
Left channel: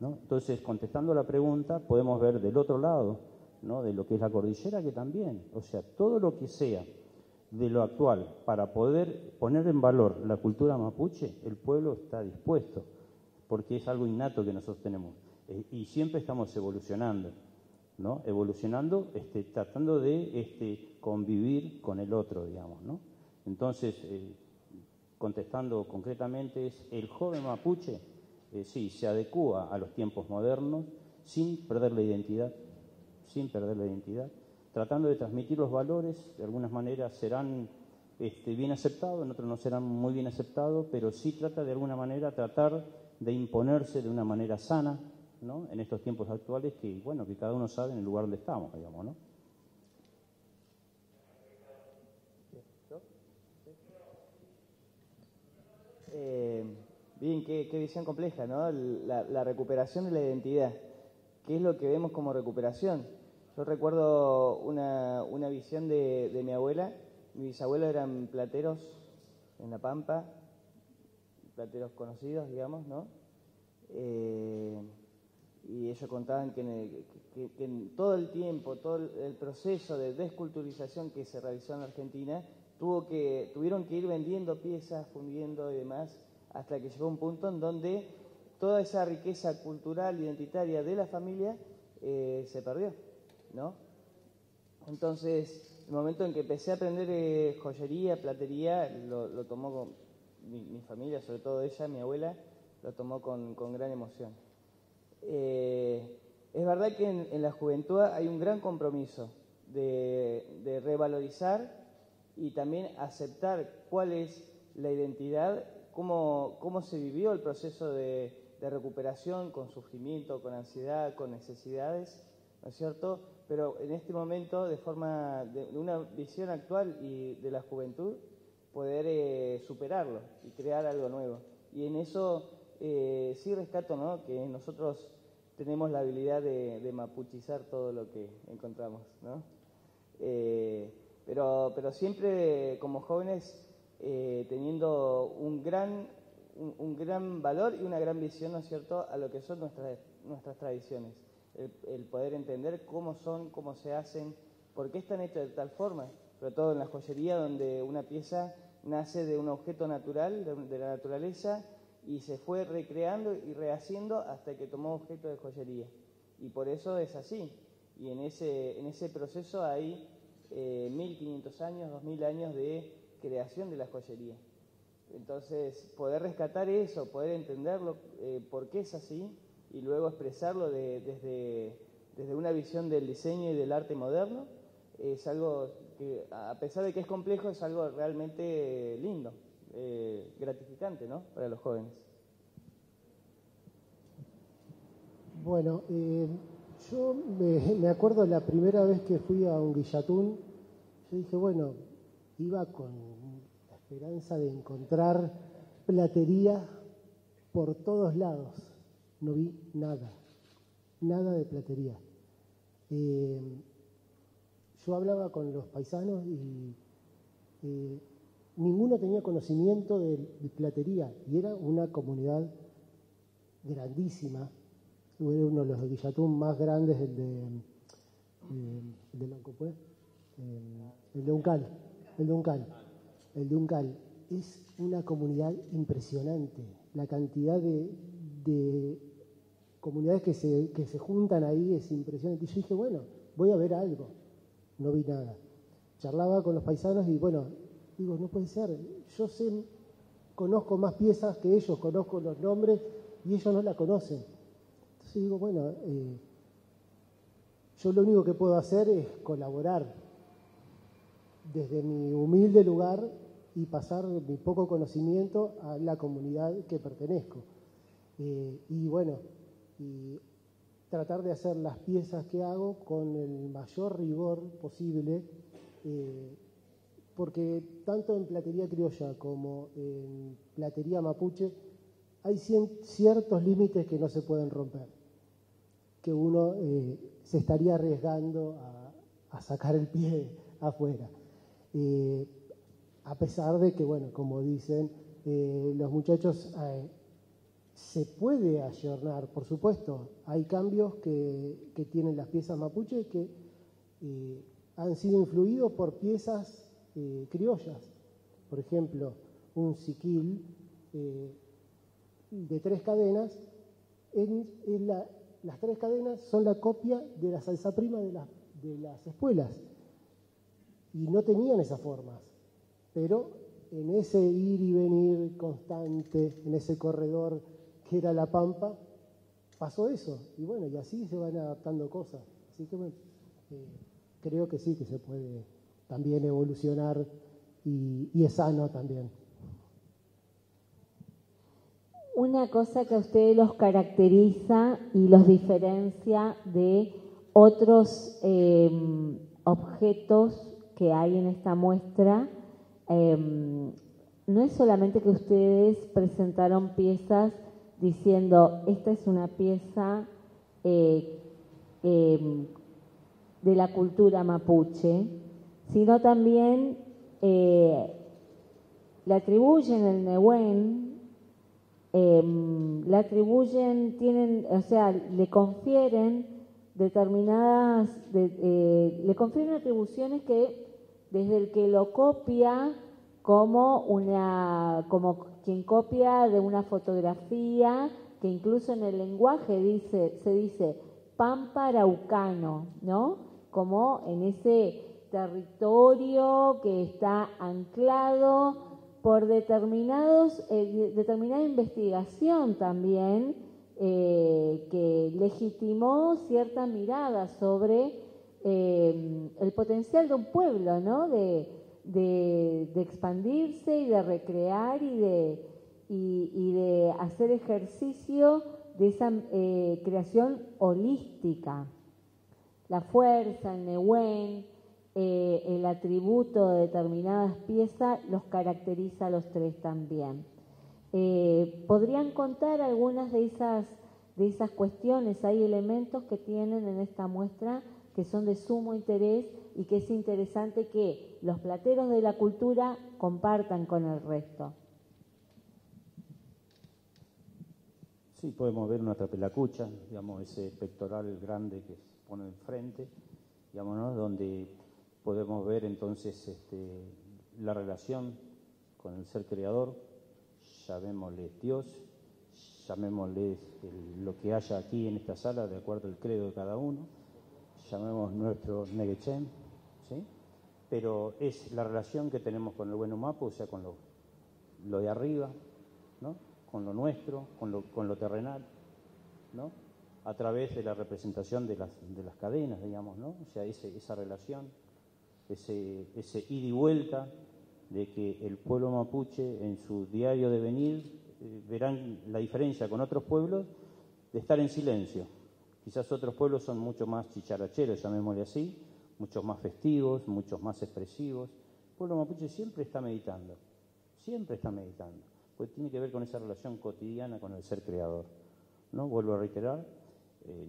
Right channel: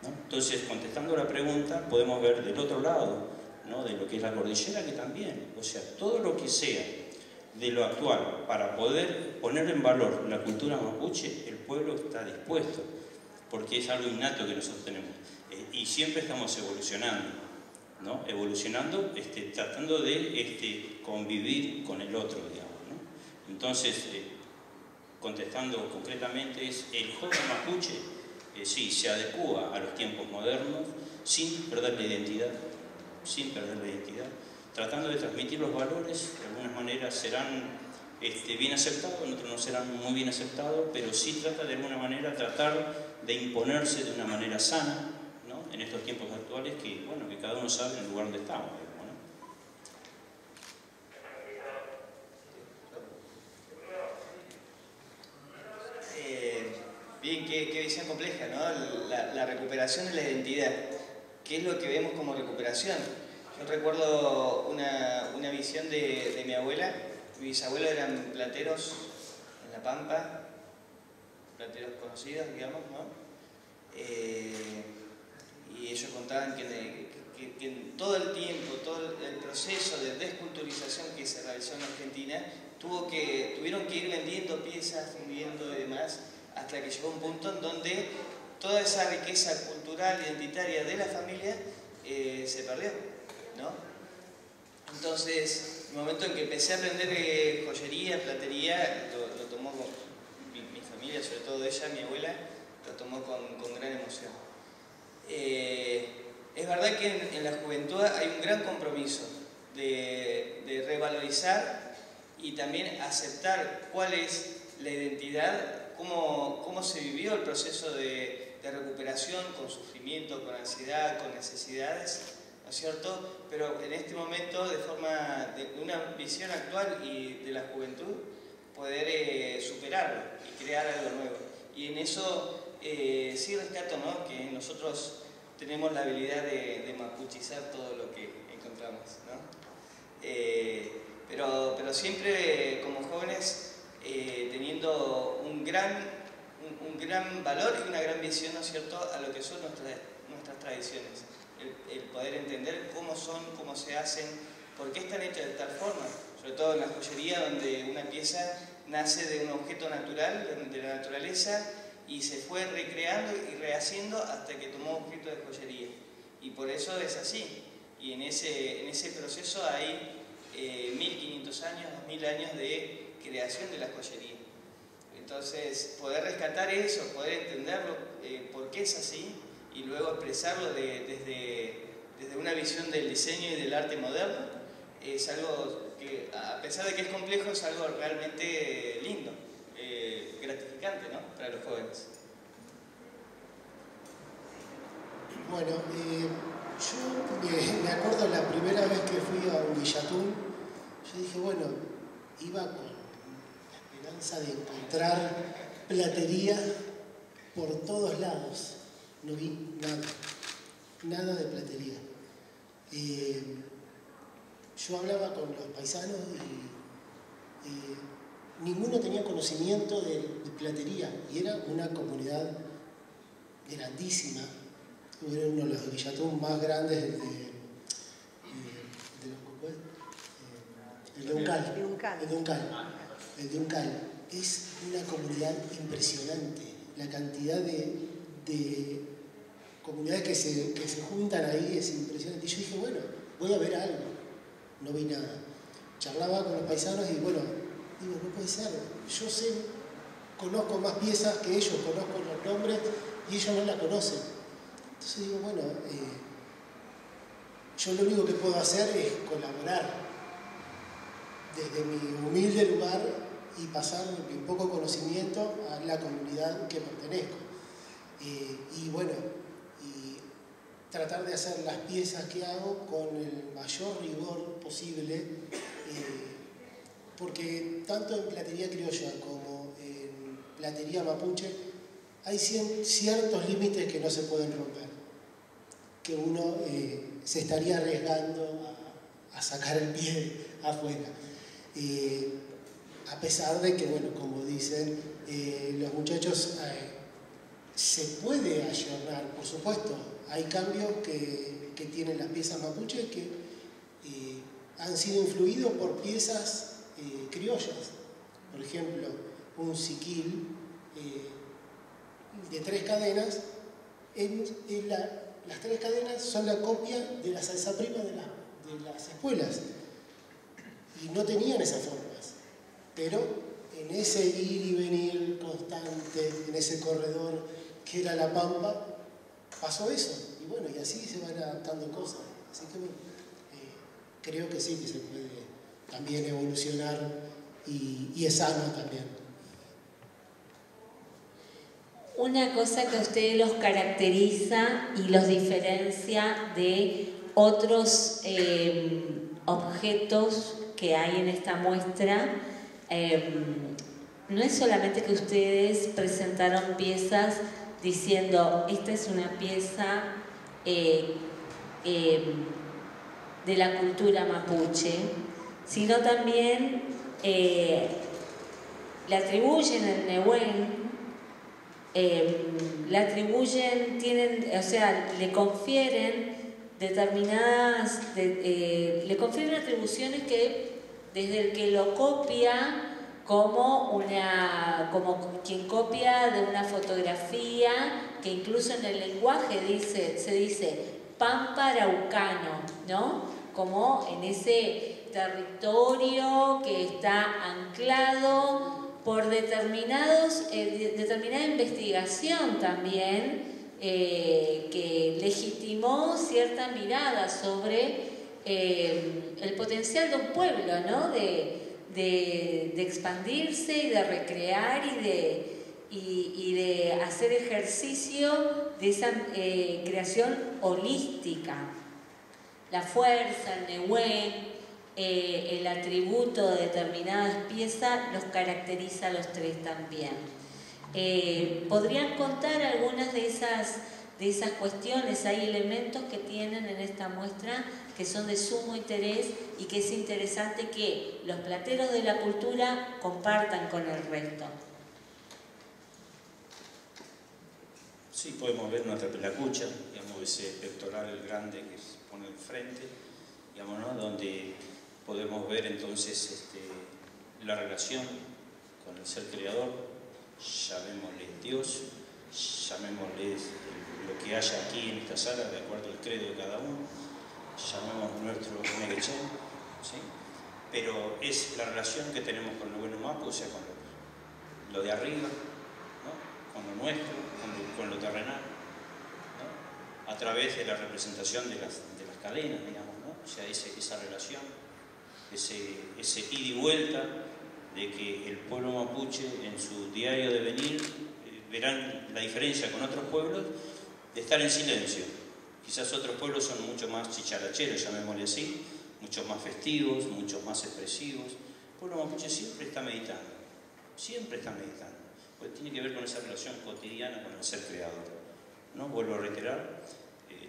¿no? Entonces, contestando la pregunta, podemos ver del otro lado, ¿no? De lo que es la cordillera, que también, o sea, todo lo que sea de lo actual para poder poner en valor la cultura mapuche, el pueblo está dispuesto, porque es algo innato que nosotros tenemos. Y siempre estamos evolucionando, ¿no? Evolucionando, tratando de convivir con el otro, digamos, ¿no? Entonces, contestando concretamente, es el joven mapuche, sí, se adecúa a los tiempos modernos sin perder la identidad, tratando de transmitir los valores. De algunas maneras serán bien aceptados, en otros no serán muy bien aceptados, pero sí trata de alguna manera tratar de imponerse de una manera sana, ¿no? En estos tiempos actuales que, bueno, que cada uno sabe en el lugar donde estamos, digamos, ¿no? Bien, qué visión compleja, ¿no? La recuperación de la identidad. ¿Qué es lo que vemos como recuperación? Yo recuerdo una visión de mi abuela. Mis bisabuelos eran plateros en La Pampa, plateros conocidos, digamos, ¿no? Y ellos contaban que en todo el tiempo, todo el proceso de desculturización que se realizó en Argentina, tuvieron que ir vendiendo piezas, fundiendo y demás, hasta que llegó un punto en donde toda esa riqueza cultural, identitaria de la familia se perdió, ¿no? Entonces, el momento en que empecé a aprender joyería, platería, lo tomó mi familia, sobre todo ella, mi abuela, lo tomó con gran emoción. Es verdad que en la juventud hay un gran compromiso de revalorizar y también aceptar cuál es la identidad, cómo se vivió el proceso de recuperación, con sufrimiento, con ansiedad, con necesidades, ¿no es cierto? Pero en este momento, de una visión actual y de la juventud, poder superarlo y crear algo nuevo. Y en eso sí rescato, ¿no?, que nosotros tenemos la habilidad de mapuchizar todo lo que encontramos, ¿no? Pero siempre como jóvenes teniendo un gran valor y una gran visión, ¿no es cierto?, a lo que son nuestras tradiciones. El poder entender cómo son, cómo se hacen, por qué están hechas de tal forma, sobre todo en la joyería, donde una pieza nace de un objeto natural, de la naturaleza, y se fue recreando y rehaciendo hasta que tomó objeto de joyería. Y por eso es así. Y en ese proceso hay 1500 años, 2000 años de creación de la joyería. Entonces, poder rescatar eso, poder entenderlo, por qué es así, y luego expresarlo desde una visión del diseño y del arte moderno, es algo que, a pesar de que es complejo, es algo realmente lindo, gratificante, ¿no?, para los jóvenes. Bueno, yo me acuerdo la primera vez que fui a un Villatún, yo dije, bueno, iba con la esperanza de encontrar platería por todos lados. No vi nada de platería. Yo hablaba con los paisanos y ninguno tenía conocimiento de platería, y era una comunidad grandísima. Era uno de los Villatún más grandes, el de Uncal. Es una comunidad impresionante. La cantidad de comunidades que se juntan ahí es impresionante. Y yo dije, bueno, voy a ver algo. No vi nada. Charlaba con los paisanos y bueno, digo, no puede ser. Yo conozco más piezas que ellos, conozco los nombres y ellos no la conocen. Entonces digo, bueno, yo lo único que puedo hacer es colaborar desde mi humilde lugar y pasar mi poco conocimiento a la comunidad que pertenezco. Y bueno, y tratar de hacer las piezas que hago con el mayor rigor posible, porque tanto en platería criolla como en platería mapuche hay ciertos límites que no se pueden romper, que uno se estaría arriesgando a sacar el pie afuera. A pesar de que, bueno, como dicen los muchachos, se puede ayornar, por supuesto. Hay cambios que tienen las piezas mapuche que han sido influidos por piezas criollas. Por ejemplo, un siquil de 3 cadenas, las 3 cadenas son la copia de la salsa prima de las espuelas. Y no tenían esas formas. Pero en ese ir y venir constante, en ese corredor que era la pampa, pasó eso. Y bueno, y así se van adaptando cosas. Así que bueno, creo que sí, que se puede también evolucionar y es sano también. Una cosa que a ustedes los caracteriza y los diferencia de otros objetos que hay en esta muestra, no es solamente que ustedes presentaron piezas diciendo esta es una pieza de la cultura mapuche, sino también le atribuyen el Nehuen, le atribuyen, le confieren determinadas, le confieren atribuciones que desde el que lo copia como quien copia de una fotografía, que incluso en el lenguaje se dice pampa araucano, ¿no? Como en ese territorio que está anclado por determinada investigación también que legitimó cierta mirada sobre el potencial de un pueblo, ¿no? De expandirse y de recrear y de hacer ejercicio de esa creación holística. La fuerza, el Nehuen, el atributo de determinadas piezas los caracteriza a los tres también. ¿Podrían contar algunas de esas cuestiones? Hay elementos que tienen en esta muestra que son de sumo interés y que es interesante que los plateros de la cultura compartan con el resto. Sí, podemos ver una trapelacucha, digamos, ese pectoral grande que se pone enfrente, digamos, ¿no? Donde podemos ver entonces la relación con el ser creador, llamémosle Dios, llamémosle lo que haya aquí en esta sala, de acuerdo al credo de cada uno, llamemos nuestro Neguechen, ¿sí? Pero es la relación que tenemos con lo bueno mapo, o sea, con lo de arriba, ¿no? Con lo nuestro, con lo terrenal, ¿no? A través de la representación de las cadenas, digamos, ¿no? O sea, esa relación, ese ida y vuelta de que el pueblo mapuche en su diario de venir verán la diferencia con otros pueblos de estar en silencio. Quizás otros pueblos son mucho más chicharacheros, llamémosle así, muchos más festivos, muchos más expresivos. El pueblo mapuche siempre está meditando, porque tiene que ver con esa relación cotidiana con el ser creador, ¿no? Vuelvo a reiterar,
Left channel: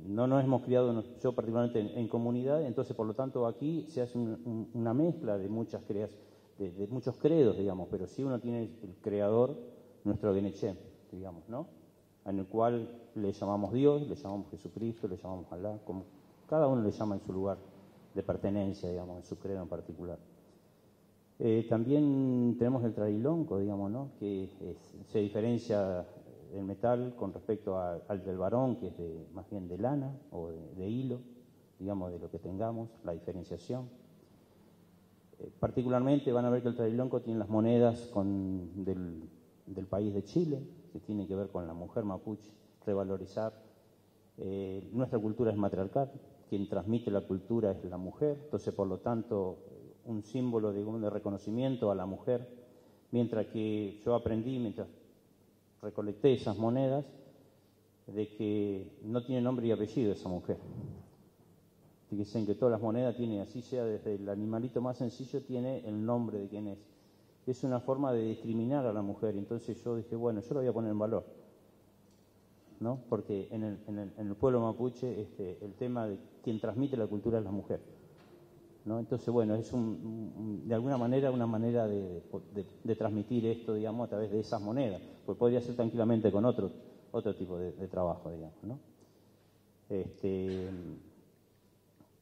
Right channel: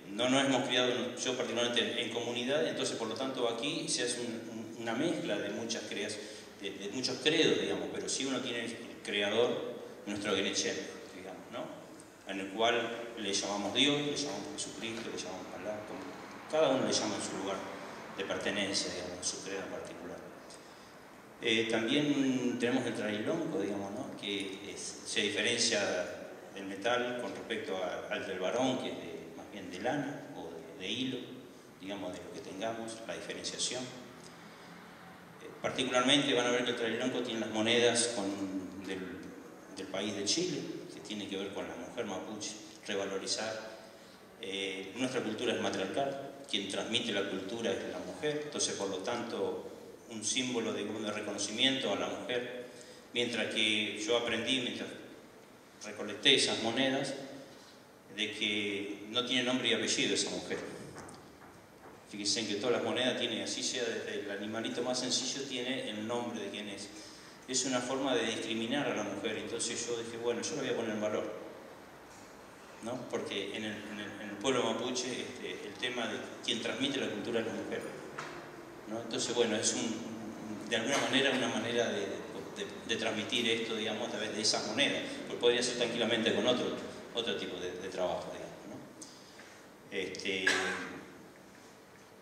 no nos hemos criado, yo particularmente en comunidad, entonces por lo tanto aquí se hace una mezcla de muchos credos, digamos, pero sí uno tiene el creador, nuestro Gueneché, digamos, ¿no? En el cual le llamamos Dios, le llamamos Jesucristo, le llamamos Alá, como cada uno le llama en su lugar de pertenencia, digamos, en su credo en particular. También tenemos el trailonco, digamos, ¿no? Que se diferencia del metal con respecto al del varón, que es más bien de lana o de hilo, digamos, de lo que tengamos, la diferenciación. Particularmente van a ver que el trailonco tiene las monedas del país de Chile, que tiene que ver con la mujer mapuche, revalorizar. Nuestra cultura es matriarcal, quien transmite la cultura es la mujer, entonces por lo tanto un símbolo de reconocimiento a la mujer, mientras que yo aprendí, mientras recolecté esas monedas, de que no tiene nombre y apellido esa mujer. Fíjense en que todas las monedas tienen, así sea desde el animalito más sencillo, tiene el nombre de quién es. Es una forma de discriminar a la mujer, entonces yo dije, bueno, yo la voy a poner en valor, ¿no? Porque en el pueblo mapuche el tema de quien transmite la cultura es la mujer, ¿no? Entonces, bueno, es de alguna manera una manera de transmitir esto, digamos, a través de esas monedas, pues podría ser tranquilamente con otro tipo de trabajo, digamos, ¿no?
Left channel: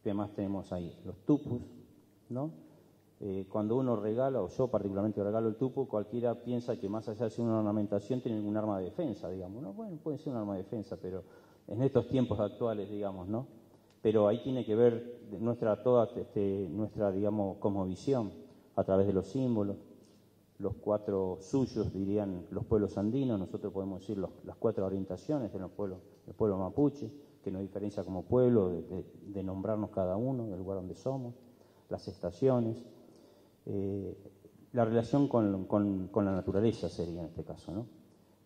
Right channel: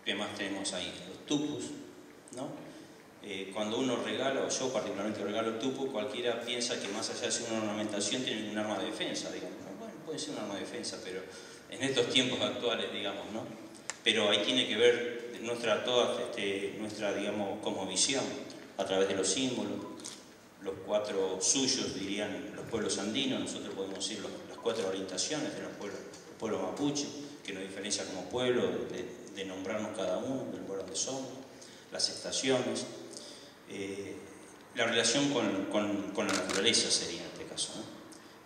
¿Qué más tenemos ahí? Los tupus, ¿no? Cuando uno regala, o yo particularmente regalo el tupu, cualquiera piensa que más allá de ser una ornamentación tiene un arma de defensa, digamos, ¿no? Bueno, puede ser un arma de defensa, pero en estos tiempos actuales, digamos, ¿no? Pero ahí tiene que ver nuestra, digamos, cosmovisión a través de los símbolos, los 4 suyos, dirían los pueblos andinos. Nosotros podemos decir las 4 orientaciones de los pueblos mapuche, que nos diferencia como pueblo, de nombrarnos cada uno, del lugar donde somos, las estaciones, la relación con la naturaleza sería en este caso, ¿no?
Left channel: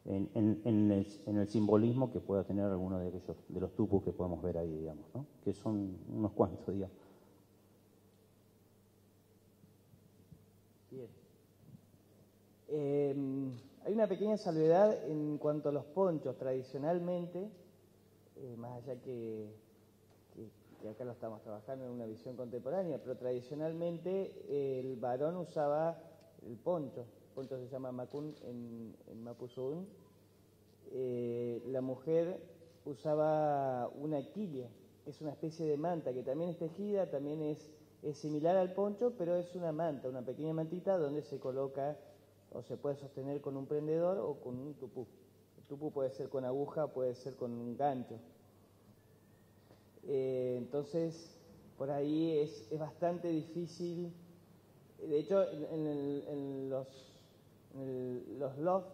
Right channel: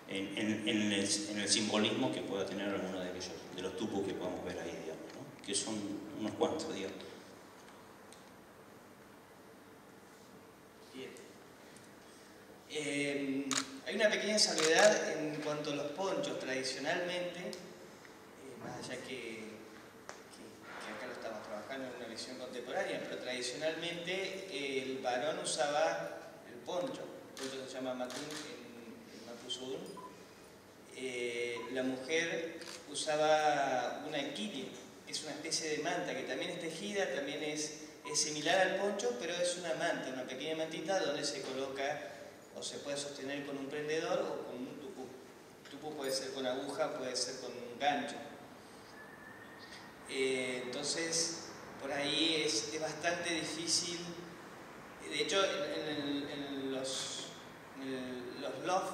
En el simbolismo que pueda tener alguno de aquellos, de los tupus que podamos ver ahí, digamos, ¿no? Que son unos cuantos, digamos. Bien. Hay una pequeña salvedad en cuanto a los ponchos. Tradicionalmente, más allá que acá lo estamos trabajando en una visión contemporánea, pero tradicionalmente el varón usaba el poncho se llama matún en Mapuzungún. La mujer usaba una equilia, es una especie de manta que también es tejida, también es similar al poncho, pero es una manta, una pequeña mantita donde se coloca o se puede sostener con un prendedor o con un tupú. El tupú puede ser con aguja, puede ser con un gancho. Entonces, por ahí es bastante difícil. De hecho, en los loft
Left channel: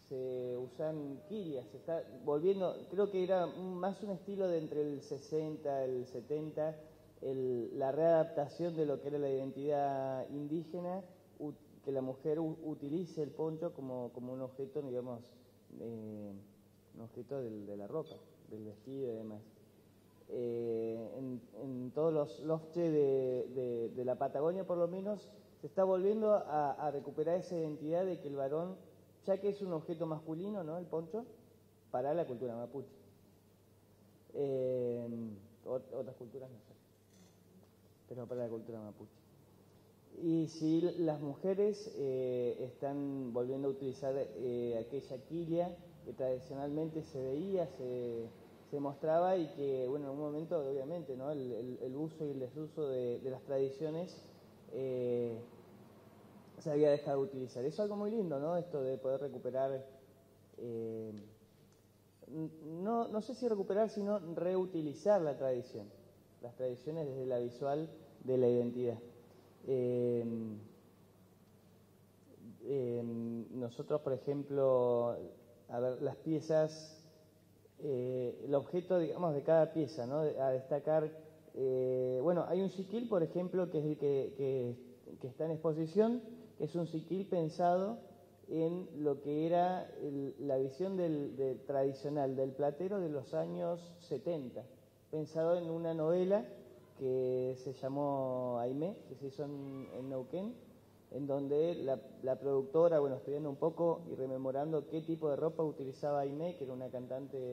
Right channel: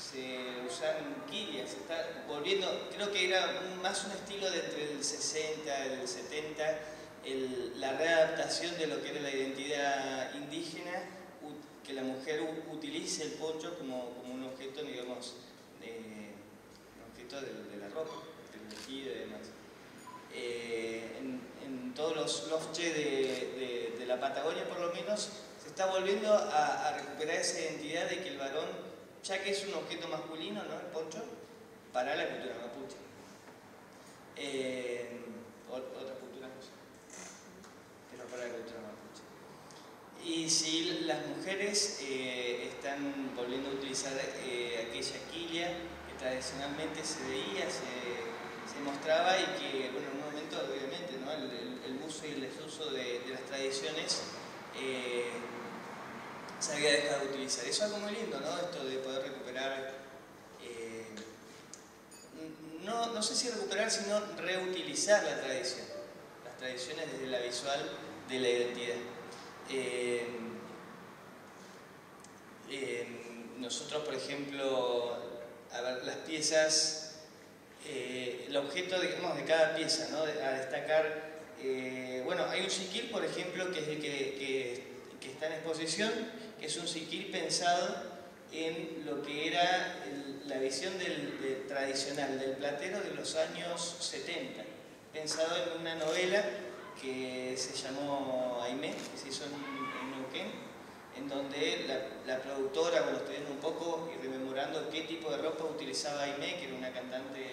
se usan quilias, se está volviendo, creo que era más un estilo de entre el 60 y el 70, la readaptación de lo que era la identidad indígena, que la mujer utilice el poncho como un objeto, digamos, un objeto de la ropa, del vestido y demás. En todos los lofches de la Patagonia, por lo menos, se está volviendo a recuperar esa identidad de que el varón, ya que es un objeto masculino, ¿no? El poncho, para la cultura mapuche. Otras culturas no sé, pero para la cultura mapuche. Y sí, las mujeres están volviendo a utilizar aquella quilla que tradicionalmente se veía, se mostraba y que, bueno, en un momento, obviamente, ¿no? el uso y el desuso de las tradiciones se había dejado de utilizar. Eso es algo muy lindo, ¿no? Esto de poder recuperar, no sé si recuperar, sino reutilizar la tradición, las tradiciones desde la visual de la identidad. Nosotros, por ejemplo, a ver, las piezas, el objeto, digamos, de cada pieza, ¿no? A destacar, bueno, hay un siquil, por ejemplo, que es el que está en exposición, que es un siquil pensado en lo que era la visión tradicional del platero de los años 70, pensado en una novela que se llamó Aimé, que se hizo en Neuquén, en donde la productora, bueno, estoy viendo un poco y rememorando qué tipo de ropa utilizaba Aimé, que era una cantante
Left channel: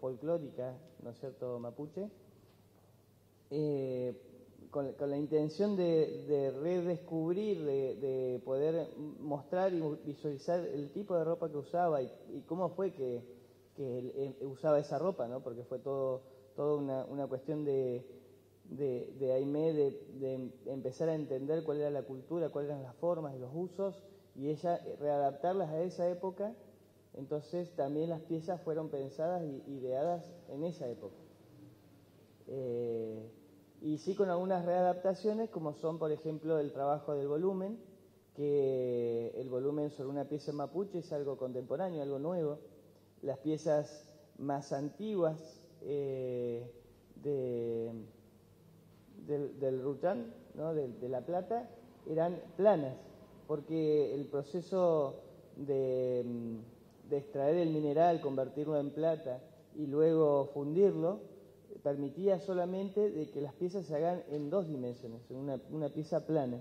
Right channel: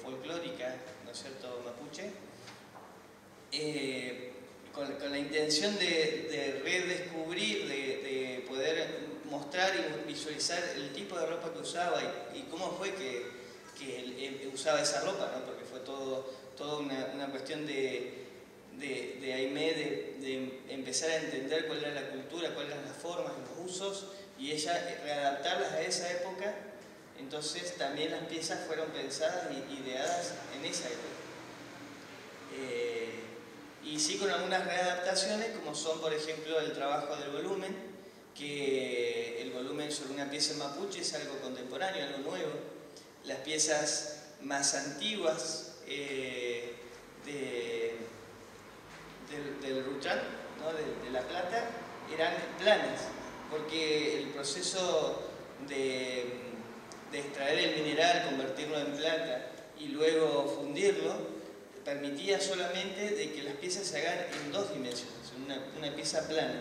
folclórica, ¿no es cierto?, mapuche, con la intención de redescubrir, de poder mostrar y visualizar el tipo de ropa que usaba y cómo fue que él usaba esa ropa, ¿no? Porque fue toda una cuestión de Aimé, de empezar a entender cuál era la cultura, cuáles eran las formas, los usos, y ella readaptarlas a esa época. Entonces también las piezas fueron pensadas y ideadas en esa época. Y sí, con algunas readaptaciones, como son, por ejemplo, el trabajo del volumen, que el volumen sobre una pieza mapuche es algo contemporáneo, algo nuevo. Las piezas más antiguas del Ruchán, ¿no? de La Plata, eran planas, porque el proceso de extraer el mineral, convertirlo en plata y luego fundirlo, permitía solamente de que las piezas se hagan en 2 dimensiones, en una pieza plana.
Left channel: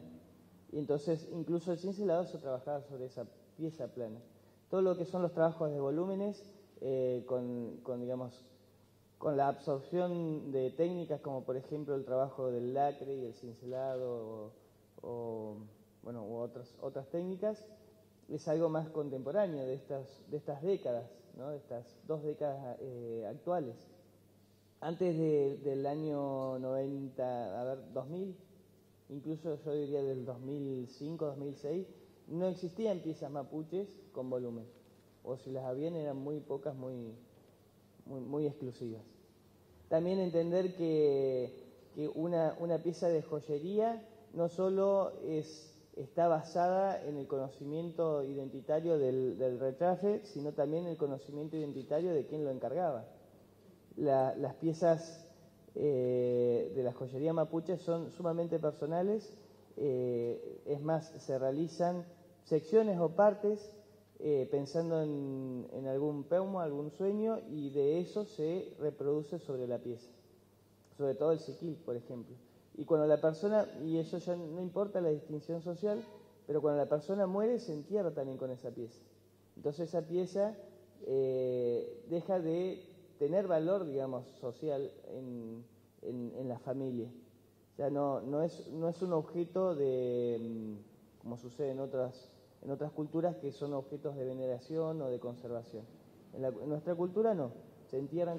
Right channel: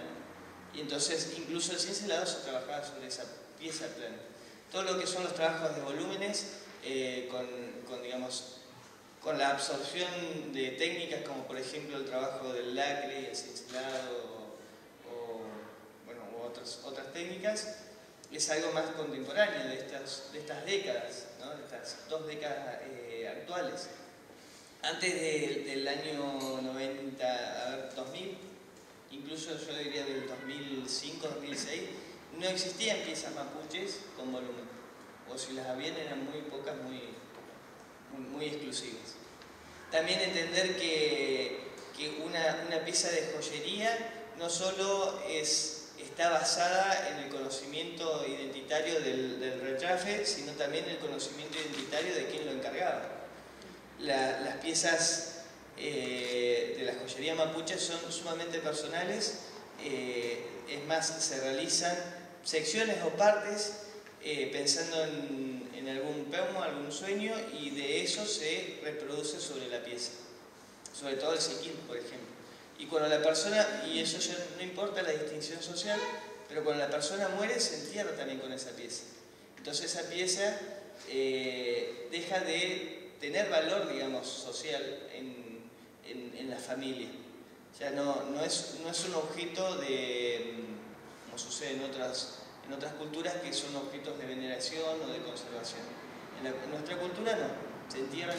Y entonces incluso el cincelado se trabajaba sobre esa pieza plana. Todo lo que son los trabajos de volúmenes, con la absorción de técnicas como por ejemplo el trabajo del lacre y el cincelado u otras técnicas, es algo más contemporáneo de estas décadas, ¿no? De estas 2 décadas actuales. Antes del año 2000, incluso yo diría del 2005-2006, no existían piezas mapuches con volumen, o si las habían eran muy pocas, muy exclusivas. También entender que una pieza de joyería no solo está basada en el conocimiento identitario del retrafe, sino también en el conocimiento identitario de quien lo encargaba. Las piezas de la joyería mapuche son sumamente personales, es más, se realizan secciones o partes pensando en algún peumo, algún sueño, y de eso se reproduce sobre la pieza, sobre todo el siquín, por ejemplo. Y cuando la persona, y eso ya no importa la distinción social, pero cuando la persona muere se entierra también con esa pieza. Entonces esa pieza deja de tener valor, digamos, social en la familia. Ya no es un objeto como sucede en otras culturas, que son objetos de veneración o de conservación. En nuestra cultura no, se entierran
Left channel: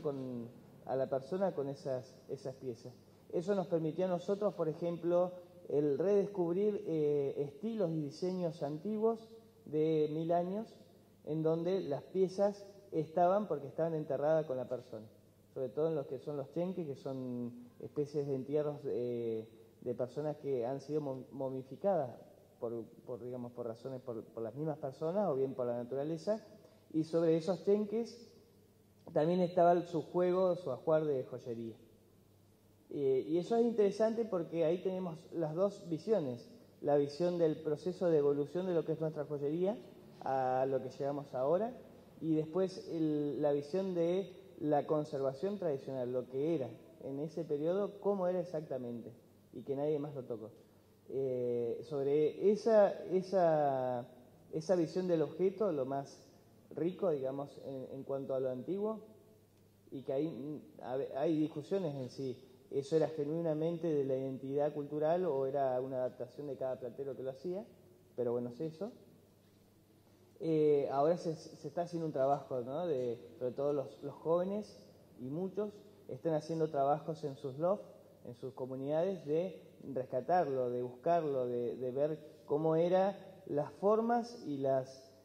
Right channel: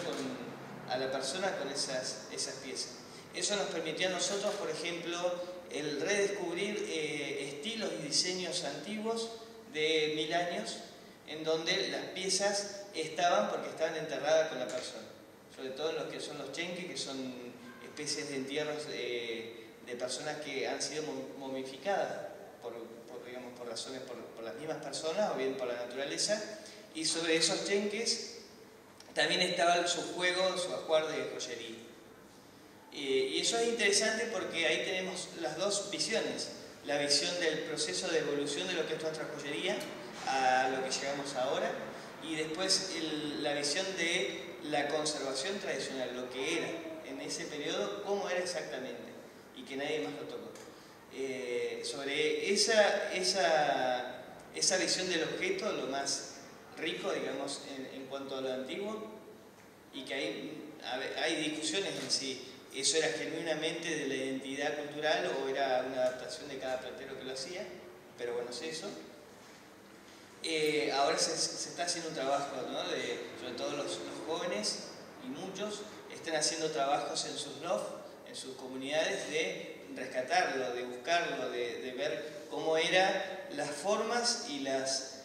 a la persona con esas piezas. Eso nos permitió a nosotros, por ejemplo, el redescubrir estilos y diseños antiguos de 1000 años, en donde las piezas estaban porque estaban enterradas con la persona. Sobre todo en los que son los chenques, que son especies de entierros de personas que han sido momificadas por razones, por las mismas personas o bien por la naturaleza. Y sobre esos chenques también estaba su juego, su ajuar de joyería. Y eso es interesante porque ahí tenemos las dos visiones. La visión del proceso de evolución de lo que es nuestra joyería a lo que llegamos ahora, y después la visión de la conservación tradicional, lo que era en ese periodo, cómo era exactamente, y que nadie más lo tocó. Sobre esa visión del objeto, lo más rico, digamos, en cuanto a lo antiguo, y que hay discusiones en si eso era genuinamente de la identidad cultural o era una adaptación de cada platero que lo hacía, pero bueno, es eso. Ahora se está haciendo un trabajo, ¿no? Sobre todo los jóvenes, y muchos están haciendo trabajos en sus lofts, en sus comunidades, de rescatarlo, de buscarlo, de ver cómo eran las formas y las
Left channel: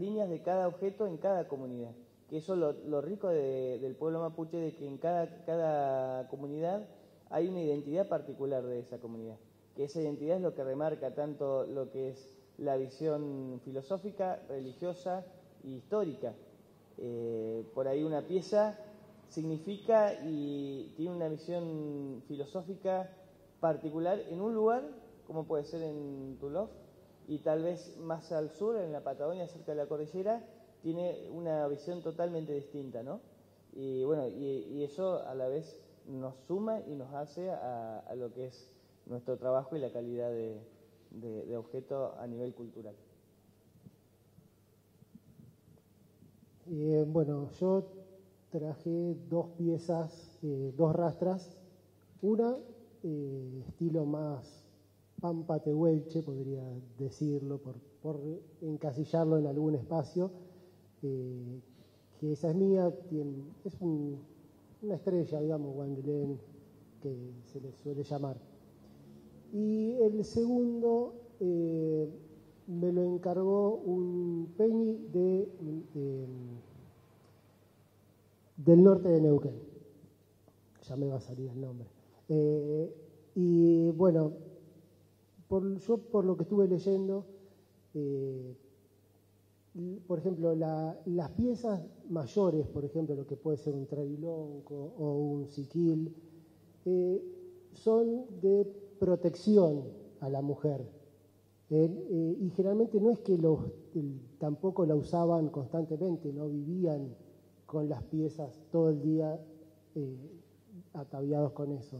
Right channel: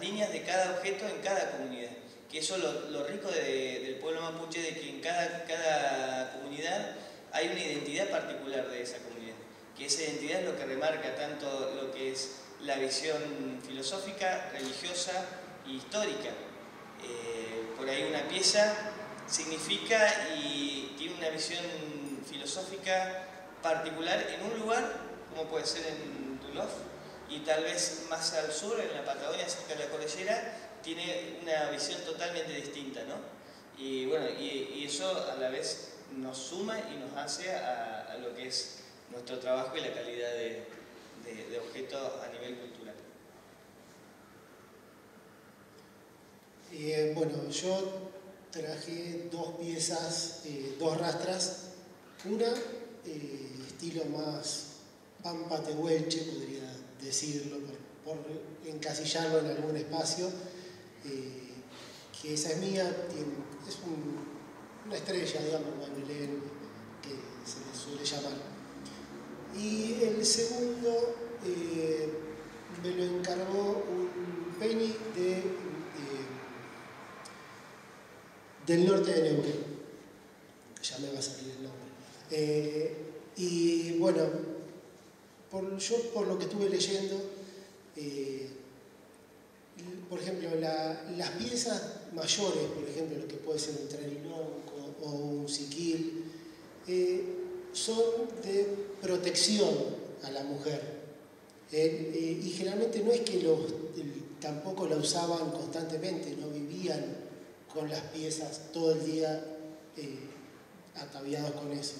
líneas de cada objeto en cada comunidad. Que eso es lo rico del pueblo mapuche, de que en cada comunidad hay una identidad particular de esa comunidad, que esa identidad es lo que remarca tanto lo que es la visión filosófica, religiosa y histórica. Por ahí una pieza significa y tiene una visión filosófica particular en un lugar, como puede ser en Duluth, y tal vez más al sur, en la Patagonia, cerca de la cordillera, tiene una visión totalmente distinta, ¿no? Y bueno, y eso a la vez nos suma y nos hace a lo que es nuestro trabajo y la calidad de objeto a nivel cultural. Bueno, yo traje dos piezas, dos rastras. Una, estilo más pampa tehuelche, podría decirlo, por encasillarlo en algún espacio, que esa es mía, es una estrella, digamos, guandolén, que se le suele llamar. Y el segundo me lo encargó un peñi del norte de Neuquén. Ya me va a salir el nombre. Y bueno, yo por lo que estuve leyendo, por ejemplo, las piezas mayores, por ejemplo, lo que puede ser un trarilonco o un siquil, son de protección a la mujer. Y generalmente no es que tampoco la usaban constantemente, no vivían con las piezas todo el día ataviados con eso.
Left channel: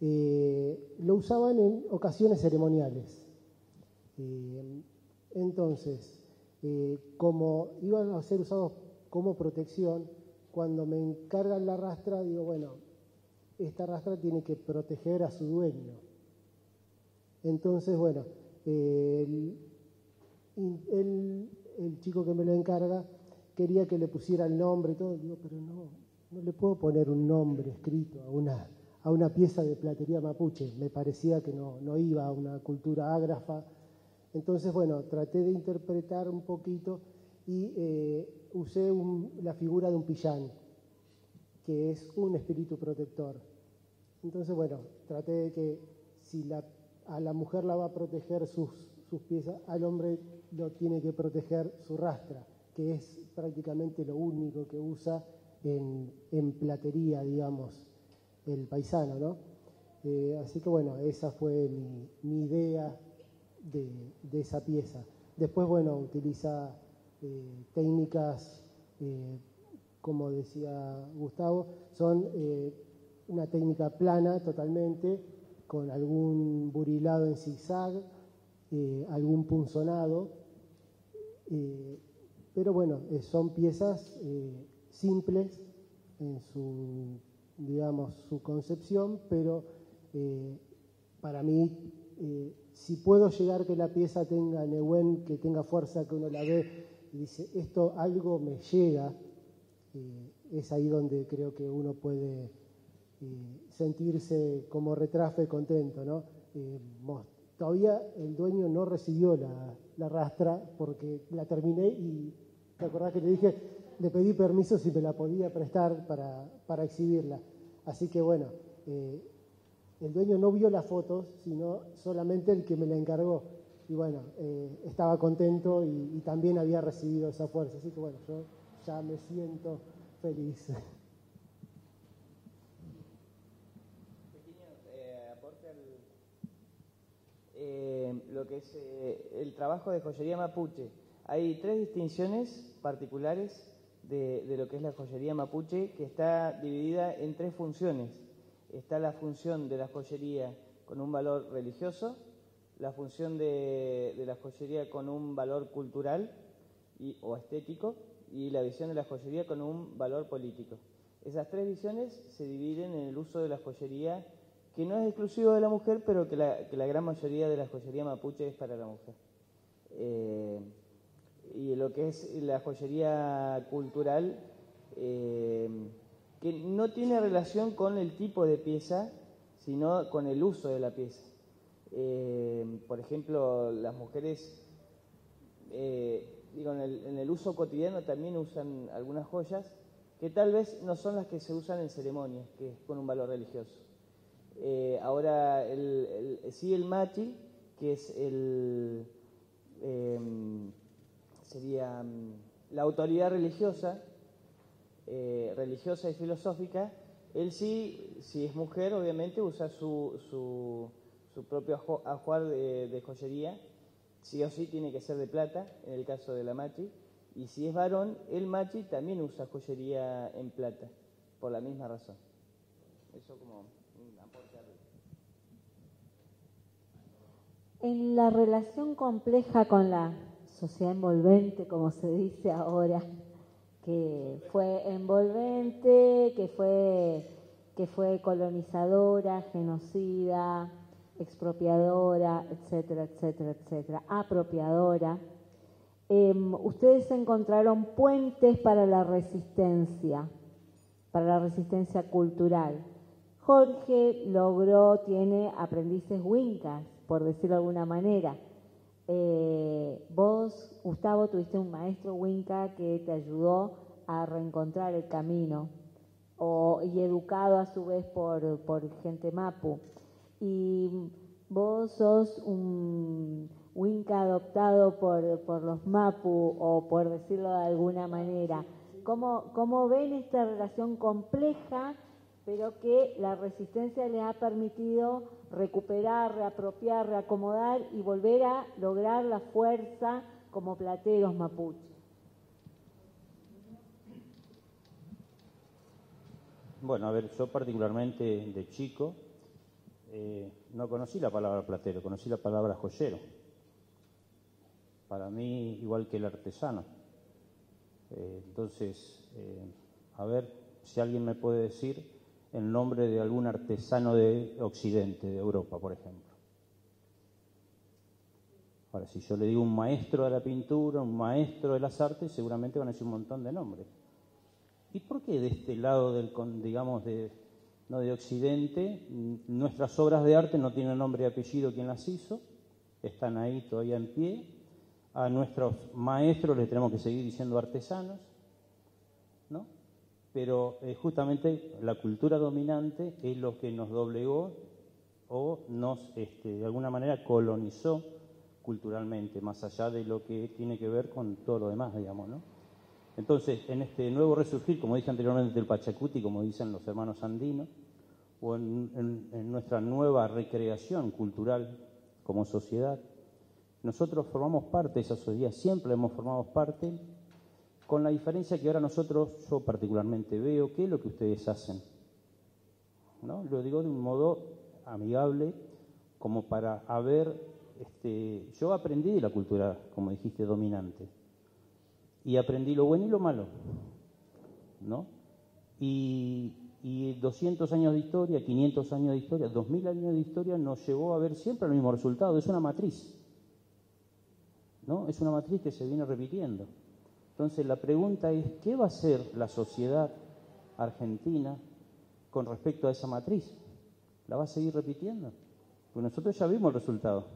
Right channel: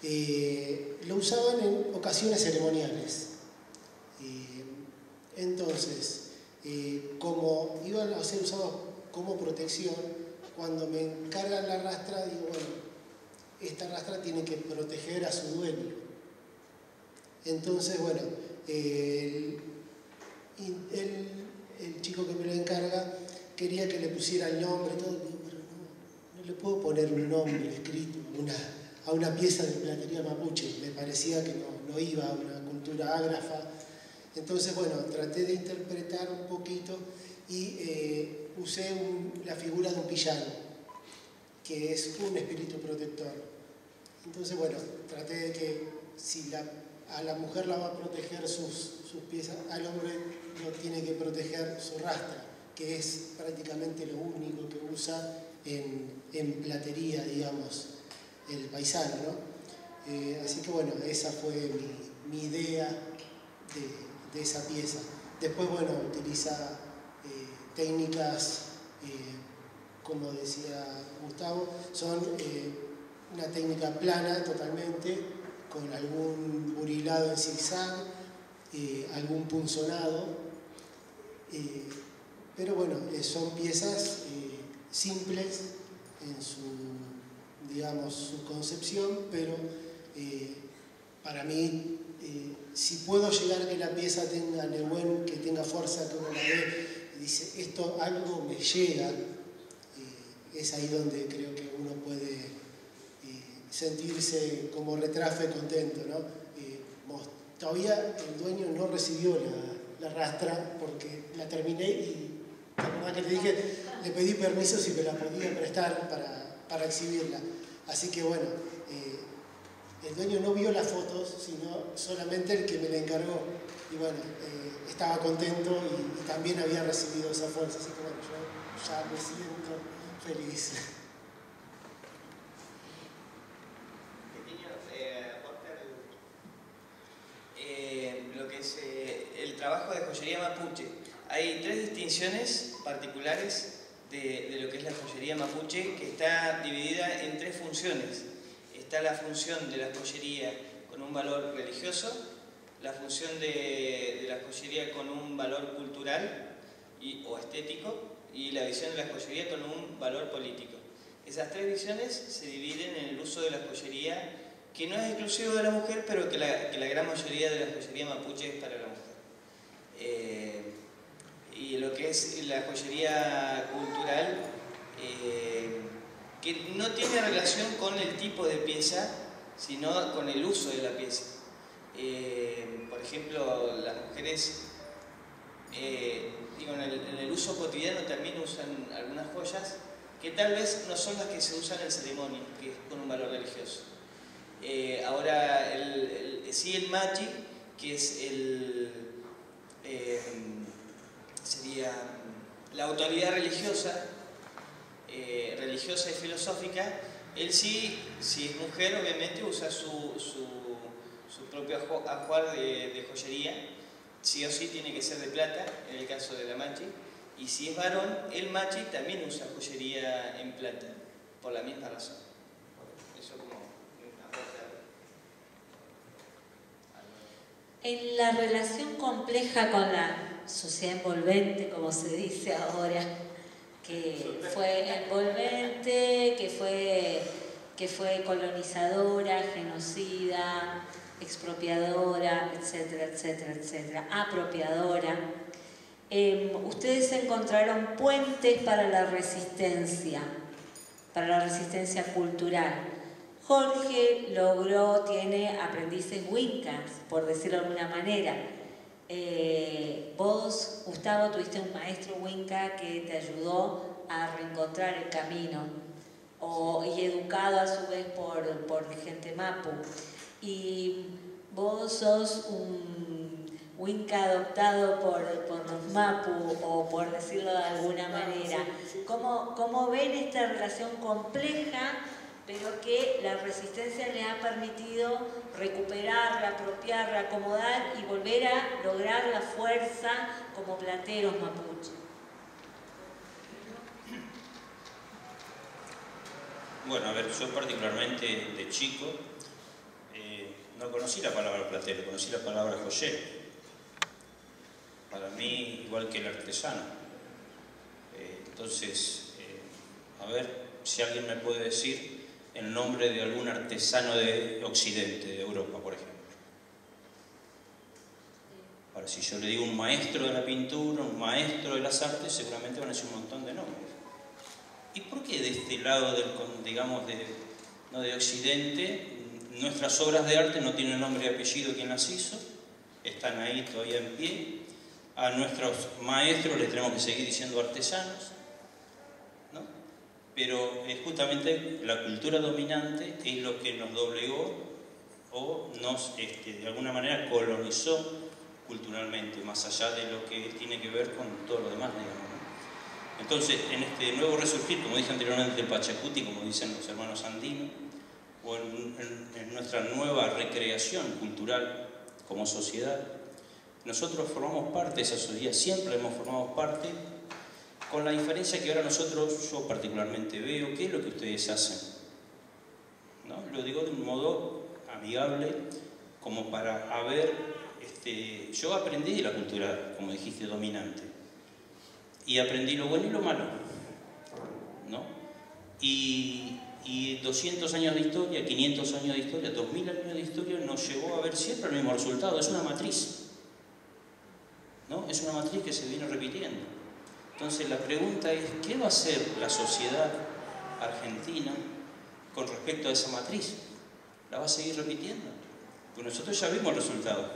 Lo usaban en ocasiones ceremoniales. Entonces, como iban a ser usados como protección, cuando me encargan la rastra, digo, bueno, esta rastra tiene que proteger a su dueño. Entonces, bueno, el chico que me lo encarga quería que le pusiera el nombre y todo, digo, pero no le puedo poner un nombre escrito a una pieza de platería mapuche. Me parecía que no iba a una cultura ágrafa. Entonces, bueno, traté de interpretar un poquito y usé la figura de un pillán, que es un espíritu protector. Entonces, bueno, traté de que si a la mujer la va a proteger sus piezas, al hombre lo tiene que proteger su rastra, que es prácticamente lo único que usa en platería, digamos, el paisano, ¿no? Así que bueno, esa fue mi idea de esa pieza. Después, bueno, utiliza técnicas, como decía Gustavo, son una técnica plana totalmente, con algún burilado en zigzag, algún punzonado, pero bueno, son piezas simples en su, digamos, su concepción, pero para mí, si puedo llegar a que la pieza tenga Nehuen, que tenga fuerza, que uno la ve y dice, esto algo me llega, es ahí donde creo que uno puede sentirse como retrafe contento, ¿no? Todavía el dueño no recibió la rastra porque la terminé y la verdad que le dije, le pedí permiso si me la podía prestar para exhibirla. Así que bueno, el dueño no vio las fotos, sino solamente el que me la encargó. Y bueno, estaba contento y también había recibido esa fuerza. Así que bueno, yo ya me siento feliz. Lo que es el trabajo de joyería mapuche. Hay tres distinciones particulares de lo que es la joyería mapuche, que está dividida en tres funciones. Está la función de la joyería con un valor religioso, la función de la joyería con un valor cultural o estético, y la visión de la joyería con un valor político. Esas tres visiones se dividen en el uso de la joyería, que no es exclusivo de la mujer, pero que la gran mayoría de la joyería mapuche es para la mujer. Y lo que es la joyería cultural, que no tiene relación con el tipo de pieza, sino con el uso de la pieza. Por ejemplo, las mujeres, en el uso cotidiano también usan algunas joyas que tal vez no son las que se usan en ceremonias, que es con un valor religioso. Ahora, sí, el machi, que es sería la autoridad religiosa y filosófica. Él sí, si es mujer, obviamente usa su propio ajuar de joyería, sí o sí tiene que ser de plata, en el caso de la machi, y si es varón, el machi también usa joyería en plata, por la misma razón. Eso como una cosa. En la relación compleja con la sociedad envolvente, como se dice ahora, que fue envolvente, que fue colonizadora, genocida, expropiadora, etcétera, etcétera, etcétera, apropiadora, ustedes encontraron puentes para la resistencia cultural. Jorge tiene aprendices wincas, por decirlo de alguna manera. Vos, Gustavo, tuviste un maestro winca que te ayudó a reencontrar el camino, y educado a su vez por gente mapu. Y vos sos un winca adoptado por los mapu, o por decirlo de alguna manera. ¿Cómo ven esta relación compleja, pero que la resistencia les ha permitido recuperarla, apropiarla, acomodar y volver a lograr la fuerza como plateros mapuche? Bueno, a ver, yo particularmente de chico no conocí la palabra platero, conocí la palabra joyero. Para mí, igual que el artesano. Entonces, a ver si alguien me puede decir el nombre de algún artesano de Occidente, de Europa, por ejemplo. Ahora, si yo le digo un maestro de la pintura, un maestro de las artes, seguramente van a decir un montón de nombres. ¿Y por qué de este lado ¿no? De Occidente. Nuestras obras de arte no tienen nombre y apellido quien las hizo, están ahí todavía en pie. A nuestros maestros les tenemos que seguir diciendo artesanos, ¿no? Pero justamente la cultura dominante es lo que nos doblegó o nos, de alguna manera, colonizó culturalmente, más allá de lo que tiene que ver con todo lo demás, digamos, ¿no? Entonces, en este nuevo resurgir, como dije anteriormente, del Pachacuti, como dicen los hermanos andinos, o en nuestra nueva recreación cultural como sociedad, nosotros formamos parte de esa sociedad, siempre hemos formado parte, con la diferencia que ahora nosotros, yo particularmente veo, ¿qué es lo que ustedes hacen? ¿No? Lo digo de un modo amigable, como para haber, yo aprendí de la cultura, como dijiste, dominante, y aprendí lo bueno y lo malo, ¿no? Y 200 años de historia, 500 años de historia, 2000 años de historia nos llevó a ver siempre el mismo resultado, es una matriz, ¿no? Es una matriz que se viene repitiendo. Entonces la pregunta es, ¿qué va a hacer la sociedad argentina con respecto a esa matriz? ¿La va a seguir repitiendo? Pues nosotros ya vimos el resultado.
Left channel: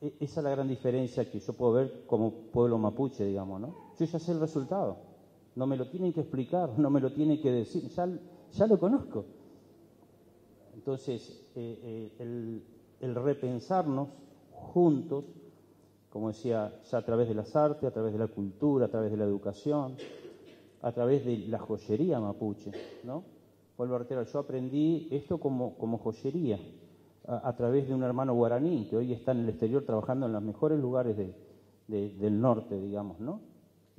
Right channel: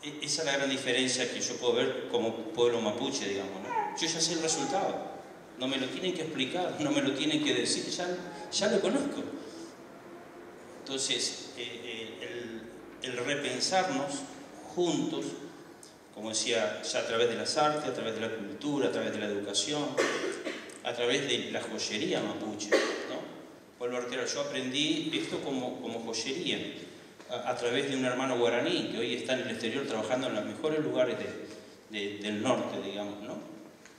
Esa es la gran diferencia que yo puedo ver como pueblo mapuche, digamos, ¿no? Yo ya sé el resultado, no me lo tienen que explicar, no me lo tienen que decir, ya lo conozco. Entonces, el repensarnos juntos, como decía, ya a través de las artes, a través de la cultura, a través de la educación, a través de la joyería mapuche, ¿no? Vuelvo a reiterar, yo aprendí esto como joyería, a través de un hermano guaraní, que hoy está en el exterior trabajando en los mejores lugares del norte, digamos, ¿no?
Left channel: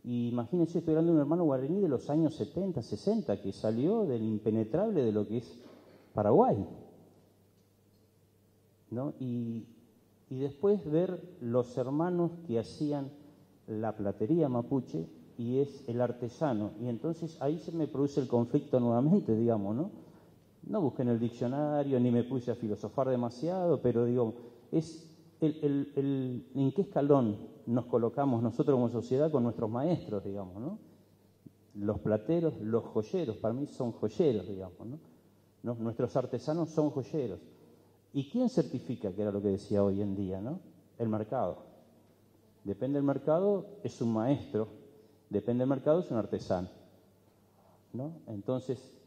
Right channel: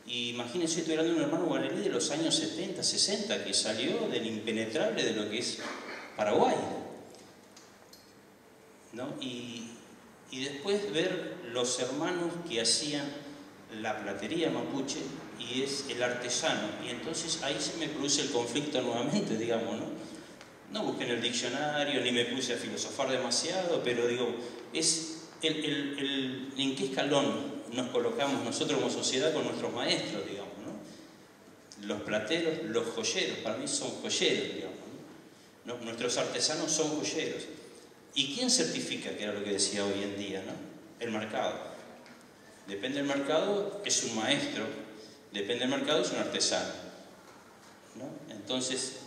Y imagínense, estoy hablando de un hermano guaraní de los años 70, 60, que salió del impenetrable de lo que es Paraguay, ¿no? Y después ver los hermanos que hacían la platería mapuche y es el artesano. Y entonces ahí se me produce el conflicto nuevamente, digamos, ¿no? No busqué en el diccionario ni me puse a filosofar demasiado, pero digo, es en qué escalón nos colocamos nosotros como sociedad con nuestros maestros, digamos, ¿no? Los plateros, los joyeros, para mí son joyeros, digamos, ¿no? Nuestros artesanos son joyeros. ¿Y quién certifica, que era lo que decía hoy en día, ¿no? El mercado. Depende del mercado, es un maestro. Depende del mercado, es un artesano, ¿no? Entonces,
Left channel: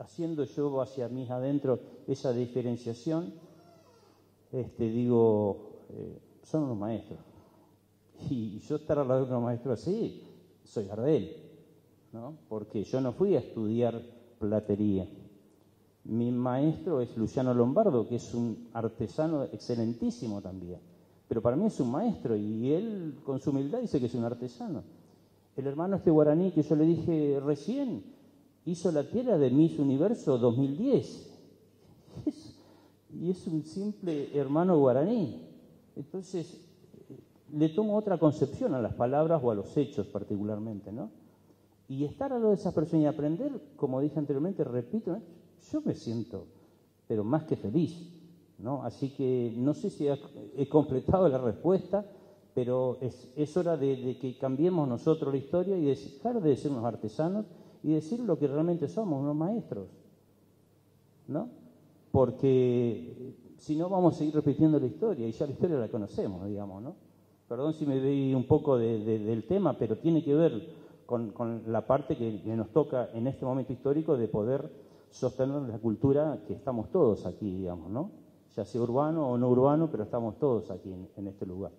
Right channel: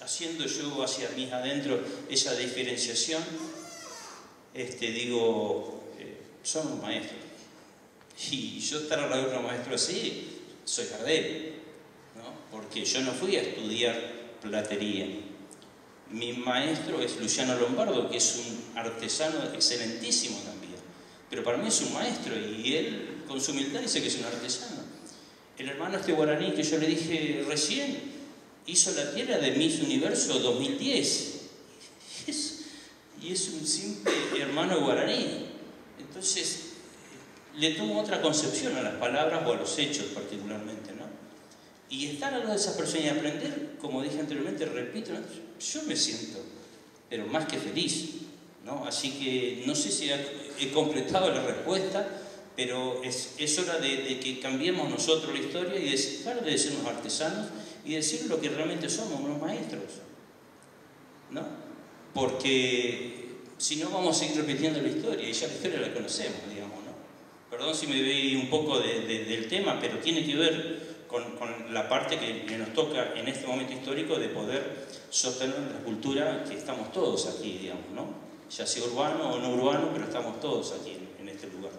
haciendo yo hacia mí adentro esa diferenciación, digo, son los maestros. Y yo estar al lado de un maestro así, soy Gardel, ¿no? Porque yo no fui a estudiar platería. Mi maestro es Luciano Lombardo, que es un artesano excelentísimo también. Pero para mí es un maestro y él con su humildad dice que es un artesano. El hermano guaraní que yo le dije recién hizo la tierra de Miss Universo 2010. Y es un simple hermano guaraní. Entonces le tomo otra concepción a las palabras o a los hechos particularmente, ¿no? Y estar a lo de esas personas y aprender, como dije anteriormente, repito, ¿no? Yo me siento, pero más que feliz, ¿no? Así que no sé si he completado la respuesta, pero es hora de que cambiemos nosotros la historia y dejar de ser unos artesanos y decir lo que realmente somos, unos maestros, ¿no? Porque si no vamos a seguir repitiendo la historia y ya la historia la conocemos, digamos, ¿no? Perdón si me voy un poco del tema, pero tiene que ver con la parte que nos toca en este momento histórico de poder sostener la cultura que estamos todos aquí, digamos, ¿no? Ya sea urbano o no urbano, pero estamos todos aquí en este lugar.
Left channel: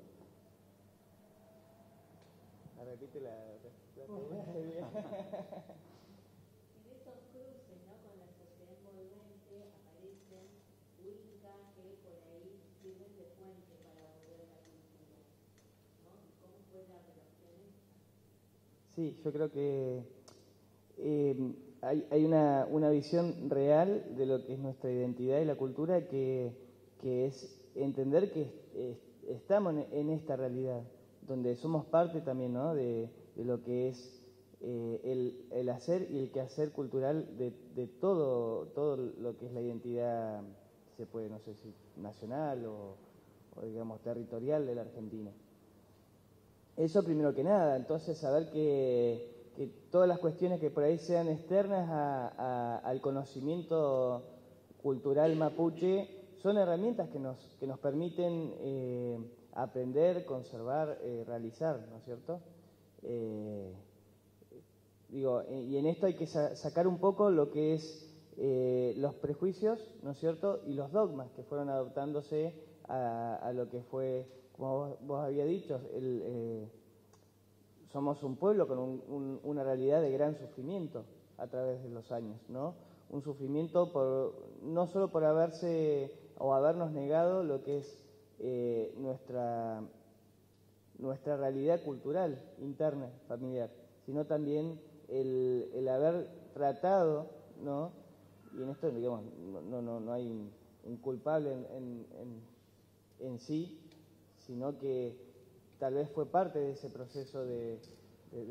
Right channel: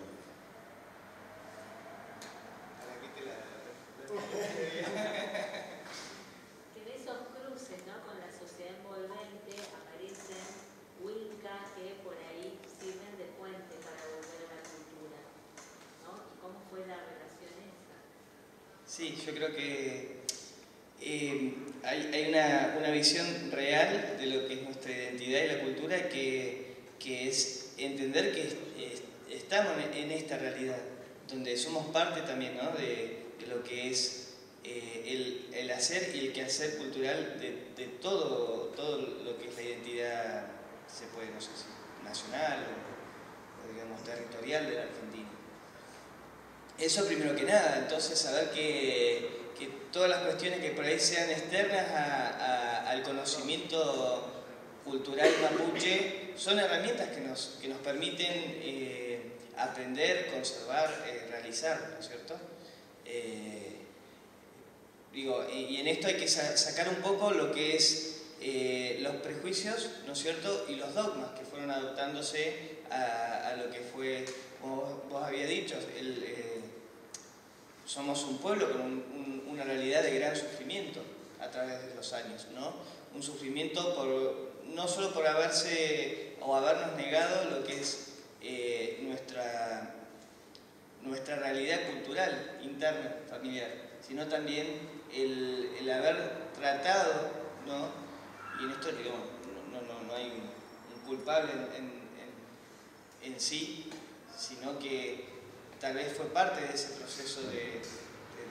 Que en esos cruces, ¿no? Con la sociedad envolvente aparecen Winca que por ahí sirven de puente para volver a la cultura, ¿no? ¿Y cómo fue la relación esa? Sí, yo creo que hay una visión real de lo que es nuestra identidad y la cultura que es entender que estamos en esta realidad, donde somos parte también, ¿no? de lo que es el hacer y el quehacer cultural de todo lo que es la identidad, se puede, no sé si nacional o digamos territorial de la Argentina. Eso primero que nada, entonces saber que que todas las cuestiones que por ahí sean externas al conocimiento cultural mapuche son herramientas que nos permiten aprender, conservar, realizar, ¿no es cierto? Y en esto hay que sacar un poco lo que es los prejuicios, ¿no es cierto? Y los dogmas que fueron adoptándose a lo que fue, como vos habías dicho, somos un pueblo con una realidad de gran sufrimiento a través de los años, ¿no? Un sufrimiento no solo por habernos negado lo que es nuestra realidad cultural, interna, familiar, sino también el haber tratado, ¿no? Y en esto, digamos, no hay un culpable en sí, sino que tal vez fue parte de ese proceso de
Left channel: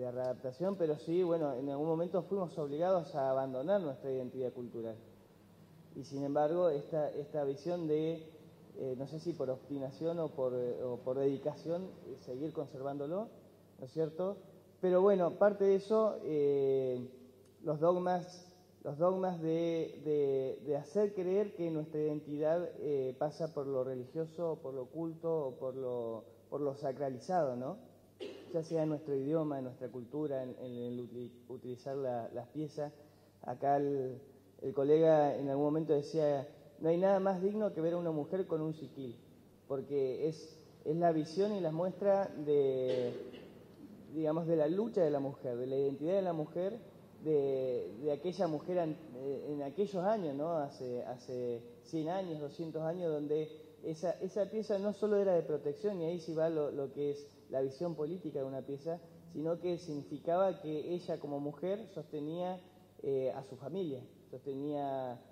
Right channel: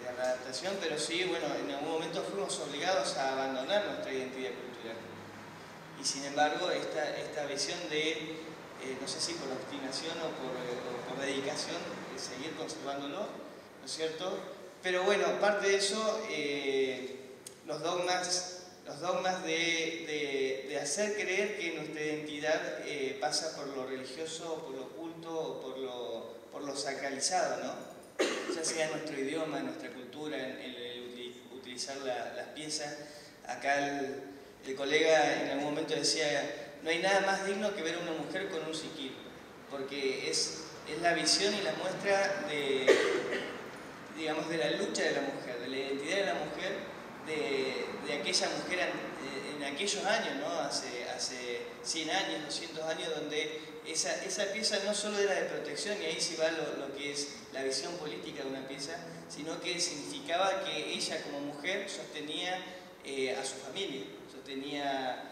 adaptación, pero sí, bueno, en algún momento fuimos obligados a abandonar nuestra identidad cultural. Y sin embargo, esta visión de, no sé si por obstinación o por dedicación, seguir conservándolo, ¿no es cierto? Pero bueno, parte de eso, los dogmas de hacer creer que nuestra identidad pasa por lo religioso, o por lo culto, o por lo sacralizado, ¿no? Ya sea nuestro idioma, nuestra cultura, en el utilizar las piezas. Acá el colega en algún momento decía, no hay nada más digno que ver a una mujer con un siquil, porque es la visión y la muestra de la lucha de la mujer, de la identidad de la mujer, de aquella mujer en aquellos años, ¿no? Hace 100 años, 200 años, donde esa pieza no solo era de protección, y ahí sí va lo que es la visión política de una pieza, sino que significaba que ella como mujer sostenía a su familia, sostenía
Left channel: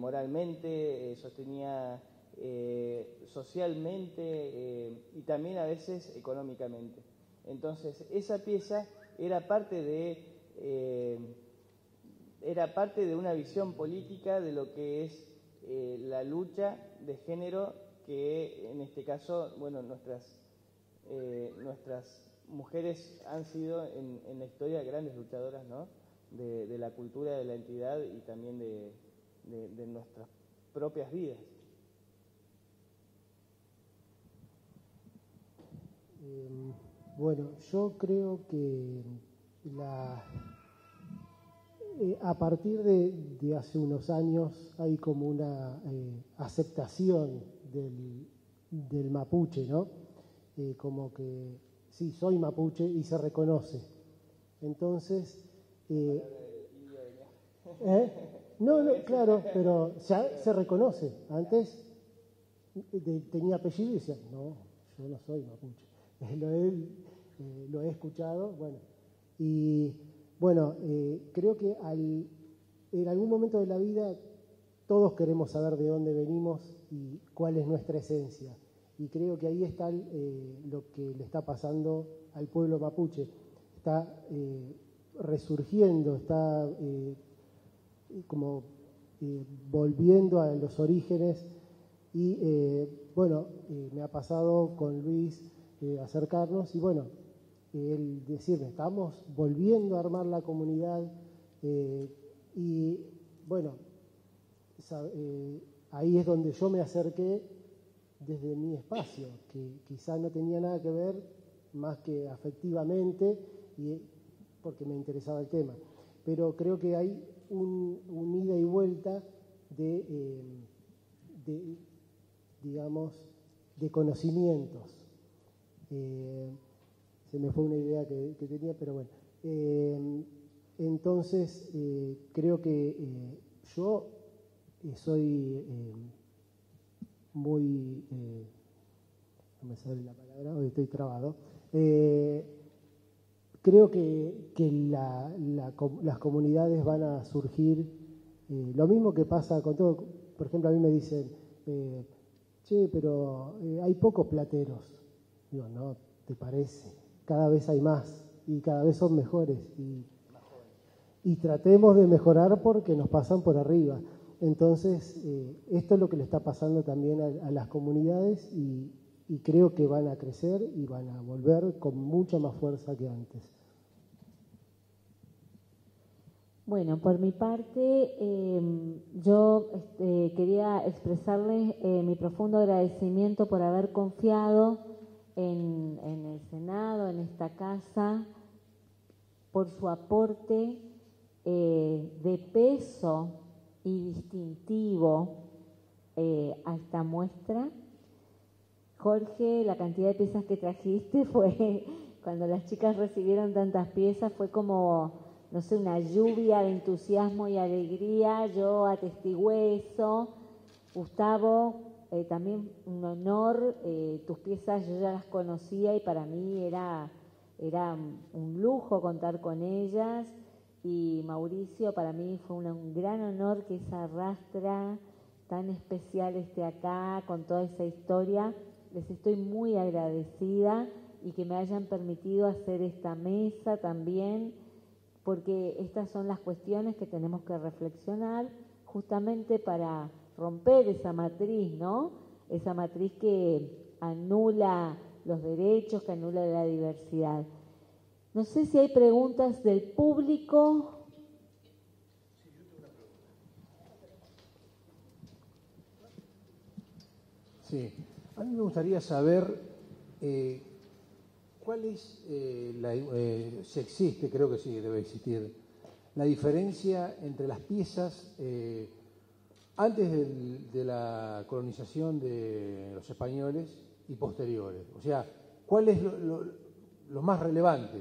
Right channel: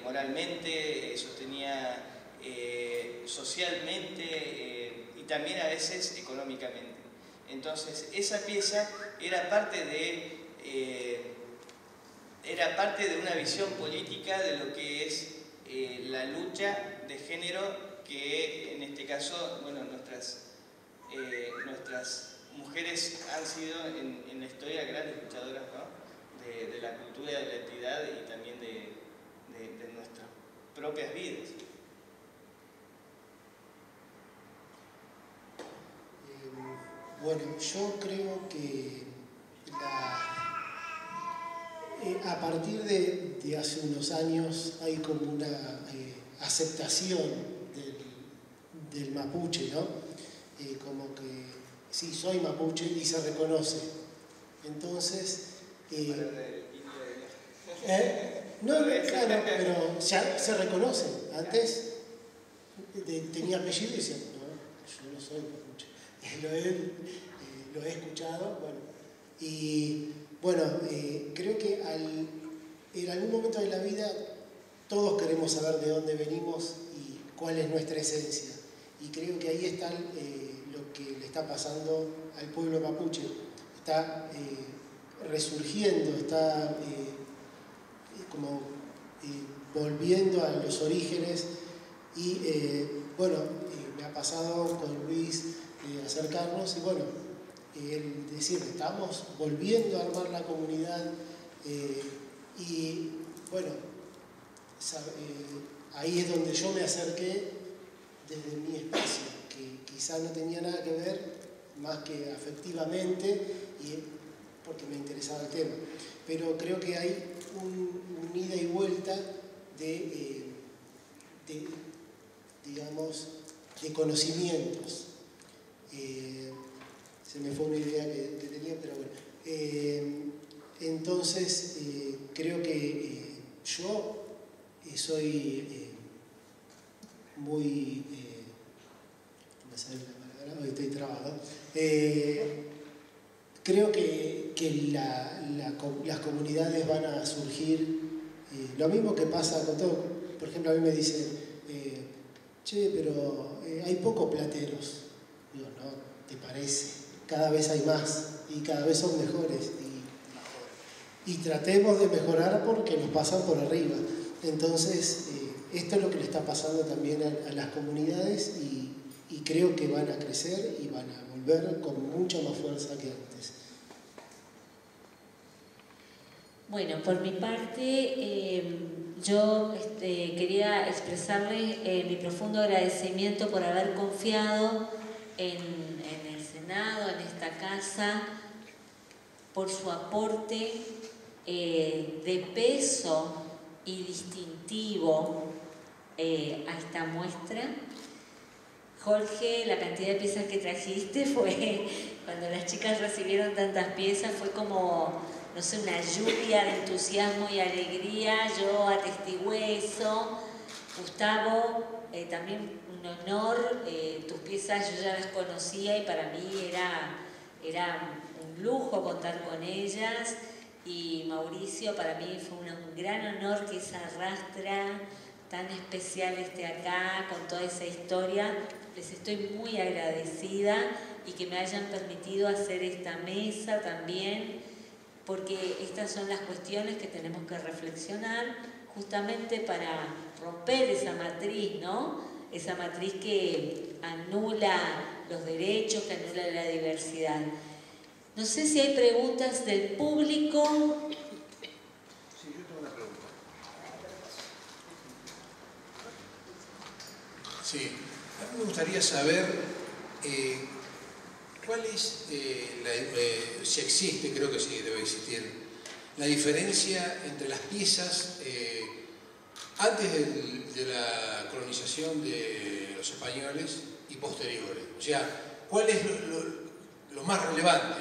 moralmente, sostenía socialmente y también a veces económicamente. Entonces esa pieza era parte de una visión política de lo que es la lucha de género, que en este caso, bueno, nuestras mujeres han sido en la historia grandes luchadoras, ¿no? de la cultura, de la entidad y también de nuestras propias vidas. Bueno, yo creo que a partir de hace unos años hay como una aceptación del mapuche, ¿no? Como que sí, soy mapuche y se reconoce. Entonces, no, claro, pero ya se reconoce. Antes tenía apellido y decía, no, yo no soy mapuche. Lo he escuchado, bueno. Y bueno, creo que en algún momento de la vida todos queremos saber de dónde venimos y cuál es nuestra esencia. Y creo que ahí está lo que le está pasando al pueblo mapuche. Está resurgiendo, está como volviendo a los orígenes. Y bueno, me ha pasado con Luis acercarnos y bueno, él decirle, estamos volviendo a armar la comunidad y bueno, ahí es donde yo me acerqué desde mi espacio, que quizá no tenía nada que ver más que afectivamente y porque me interesaba el tema. Pero creo que hay un ida y vuelta digamos, de conocimientos. Se me fue una idea que tenía, pero bueno. Entonces, creo que yo soy muy... no me sale la palabra, hoy estoy trabado. Creo que las comunidades van a surgir, lo mismo que pasa con todo. Por ejemplo, a mí me dicen, che, pero hay pocos plateros. Digo, no, ¿te parece? Cada vez hay más y cada vez son mejores. Y tratemos de mejorar porque nos pasan por arriba. Entonces, esto es lo que le está pasando también a las comunidades y creo que van a crecer y van a volver con mucha más fuerza que antes. Bueno, por mi parte, yo quería expresarles mi profundo agradecimiento por haber confiado en el Senado, en esta casa, por su aporte de peso y distintivo a esta muestra. Jorge, la cantidad de piezas que trajiste fue, cuando las chicas recibieron tantas piezas, fue como, no sé, una lluvia de entusiasmo y alegría. Yo atestigué eso. Gustavo, también un honor. Tus piezas yo ya las conocía y para mí era un lujo contar con ellas. Y Mauricio, para mí fue un gran honor que esa rastra tan especial esté acá con toda esa historia. Les estoy muy agradecida y que me hayan permitido hacer esta mesa también, porque estas son las cuestiones que tenemos que reflexionar justamente para romper esa matriz, ¿no? Esa matriz que anula los derechos, que anula la diversidad. No sé si hay preguntas del público. Sí, yo tengo una pregunta. Sí, a mí me gustaría saber cuál es, si existe, creo que sí, debe existir, la diferencia entre las piezas antes de la colonización de los españoles y posteriores. O sea, ¿cuál es lo más relevante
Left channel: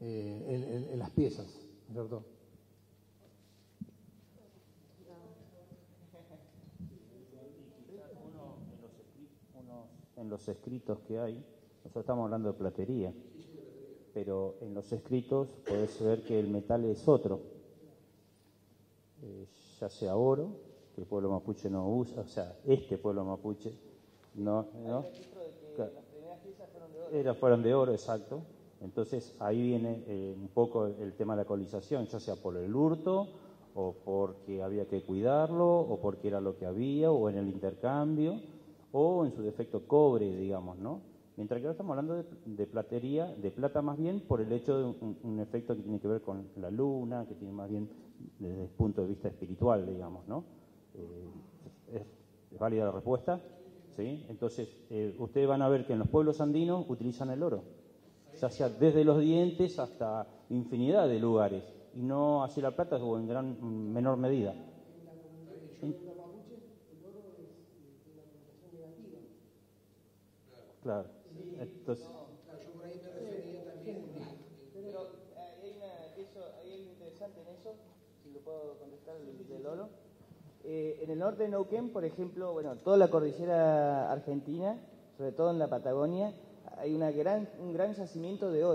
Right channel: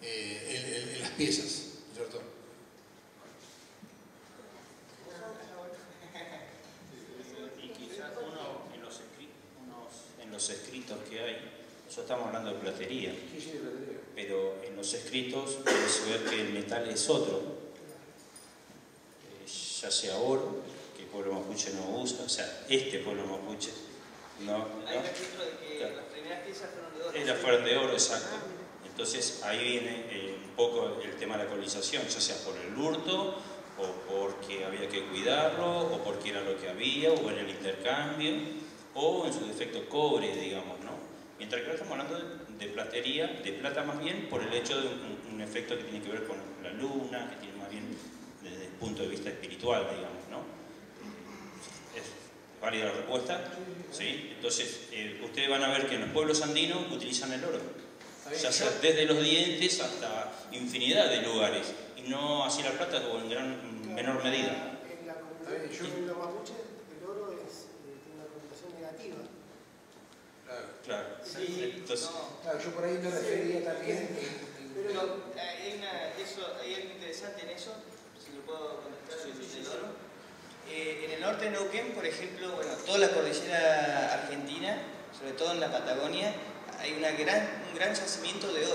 en las piezas, ¿cierto? En los escritos que hay, nosotros estamos hablando de platería, pero en los escritos puedes ver que el metal es otro, ya sea oro, que el pueblo mapuche no usa, o sea, este pueblo mapuche no. Hay un registro de que las primeras piezas fueron de oro. Fueron de oro, exacto. Entonces ahí viene un poco el tema de la colonización, ya sea por el hurto, o porque había que cuidarlo, o porque era lo que había, o en el intercambio, o en su defecto cobre, digamos, ¿no? Mientras que ahora estamos hablando de platería, de plata más bien, por el hecho de un efecto que tiene que ver con la luna, que tiene más bien desde el punto de vista espiritual, digamos, ¿no? ¿Es válida la respuesta? ¿Sí? Entonces, ustedes van a ver que en los pueblos andinos utilizan el oro, ya sea desde los dientes hasta infinidad de lugares, y no así la plata o en menor medida. Yo en la mapuche, el oro tiene una connotación negativa. Claro. Sí, Entonces, Claro, yo por ahí me refería también. Pero hay algo interesante en eso, si lo puedo contestar del oro. En el norte de Neuquén, por ejemplo, bueno, toda la cordillera argentina, sobre todo en la Patagonia, hay un gran yacimiento de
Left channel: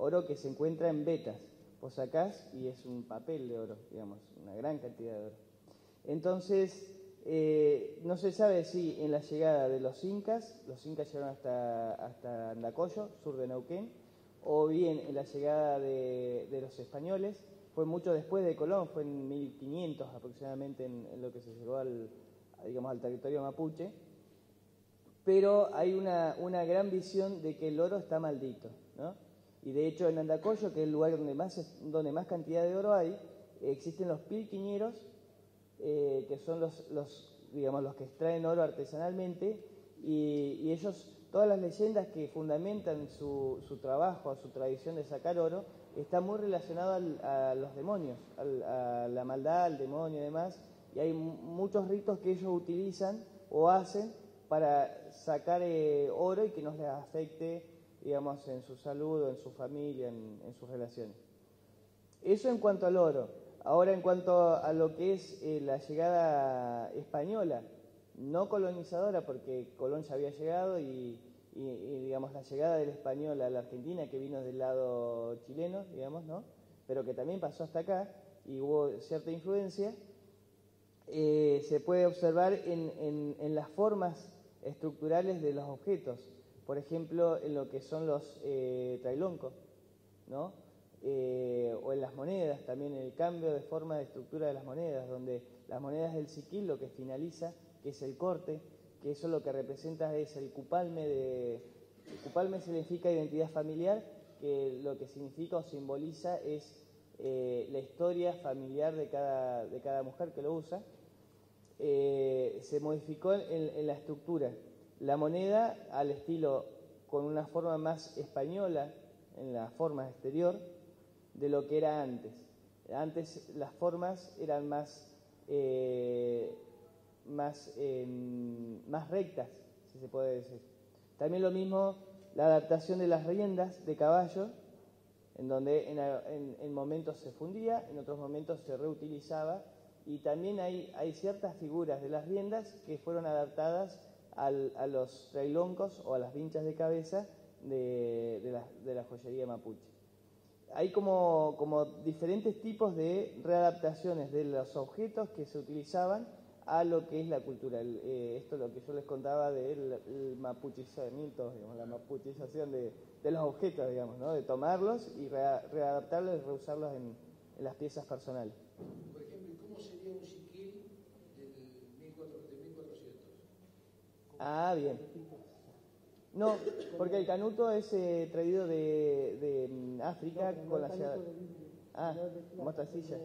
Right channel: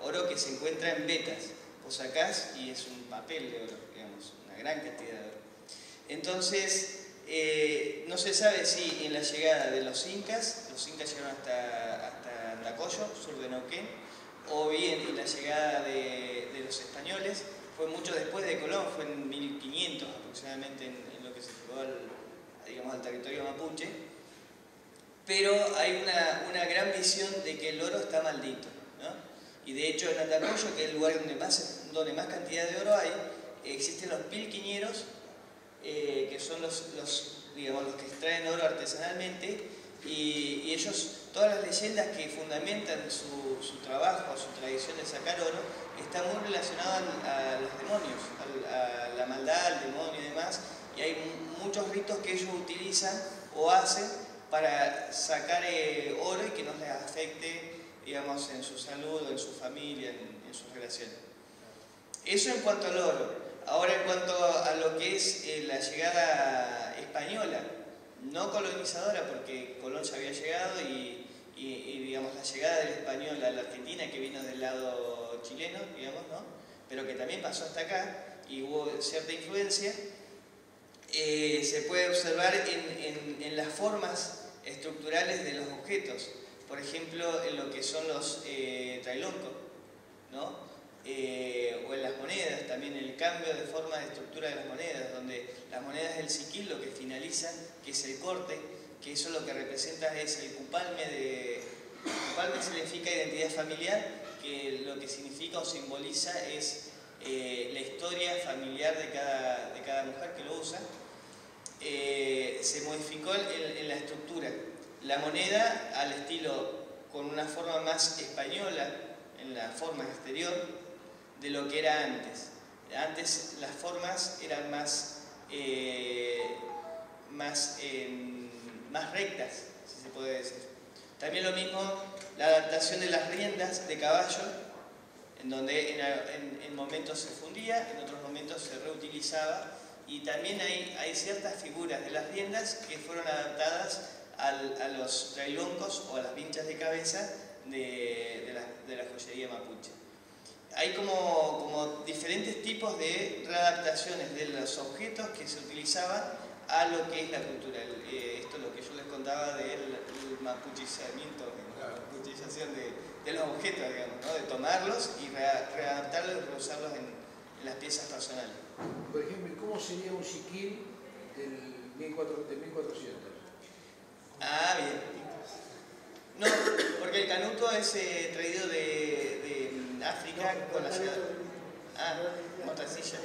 oro que se encuentra en vetas. Vos sacás y es un papel de oro, digamos, una gran cantidad de oro. Entonces, no se sabe si en la llegada de los incas llegaron hasta Andacollo, sur de Neuquén, o bien en la llegada de los españoles, fue mucho después de Colón, fue en 1500 aproximadamente en lo que se llegó al territorio mapuche, pero hay una gran visión de que el oro está maldito, ¿no? Y de hecho en Andacollo, que es el lugar donde más cantidad de oro hay, existen los pilquiñeros, que son los que extraen oro artesanalmente, y ellos, todas las leyendas que fundamentan su trabajo, su tradición de sacar oro, están muy relacionadas a los demonios, a la maldad, al demonio y demás, y hay muchos ritos que ellos utilizan o hacen para sacar oro y que no les afecte, digamos, en su salud, en su familia, en sus relaciones. Eso en cuanto al oro. Ahora en cuanto a lo que es la llegada española, no colonizadora, porque Colón ya había llegado y digamos la llegada del español a la Argentina, que vino del lado chileno, digamos, ¿no? Pero que también pasó hasta acá y hubo cierta influencia, se puede observar en las formas estructurales de los objetos. Por ejemplo, en lo que son los trailoncos, ¿no? O en las monedas, también el cambio de forma de estructura de las monedas, donde las monedas del siquil lo que finaliza, que es el corte, que eso lo que representa es el cupalme. Cupalme significa identidad familiar, que lo que significa o simboliza es la historia familiar de cada mujer que lo usa, se modificó en la estructura. La moneda al estilo con una forma más española en la forma exterior de lo que era antes. Antes las formas eran más rectas, si se puede decir. También lo mismo la adaptación de las riendas de caballo, en donde en momentos se fundía, en otros momentos se reutilizaba, y también hay ciertas figuras de las riendas que fueron adaptadas a los trailoncos o a las vinchas de cabeza de la joyería mapuche. Hay como diferentes tipos de readaptaciones de los objetos que se utilizaban a lo que es la cultura. Esto es lo que yo les contaba del mapuchizamiento, la mapuchización de los objetos, digamos, ¿no? De tomarlos y readaptarlos y reusarlos en las piezas personales. Por ejemplo, ¿cómo sería un siquil de 1400? Ah, bien. No, porque el canuto es traído de África con la ciudad. Ah, mostacilla.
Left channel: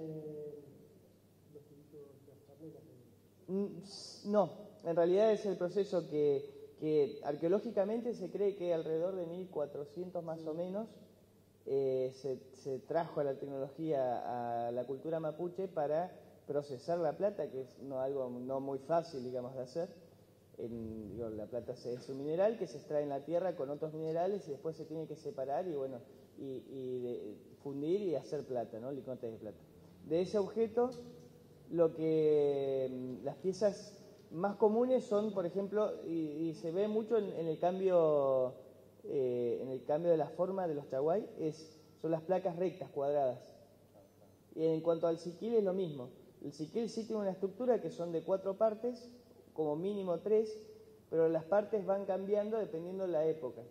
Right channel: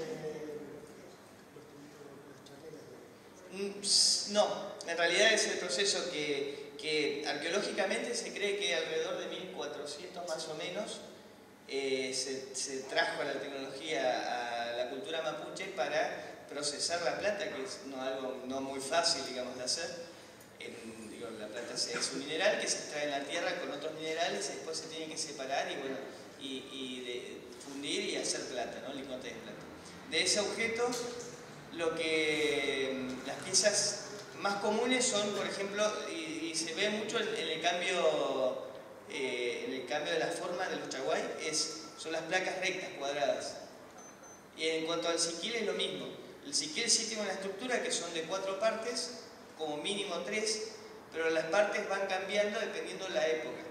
No, en realidad es el proceso que arqueológicamente se cree que alrededor de 1400 más o menos se trajo a la tecnología a la cultura mapuche para procesar la plata, que es algo no muy fácil, digamos, de hacer. La plata es un mineral que se extrae en la tierra con otros minerales y después se tiene que separar y fundir y hacer plata, ¿no? Lingotes de plata. De ese objeto, las piezas más comunes son, por ejemplo, y se ve mucho en el cambio de la forma de los chaguay, son las placas rectas, cuadradas. Y en cuanto al siquil es lo mismo. El siquil sí tiene una estructura que son de 4 partes, como mínimo 3, pero las partes van cambiando dependiendo la época,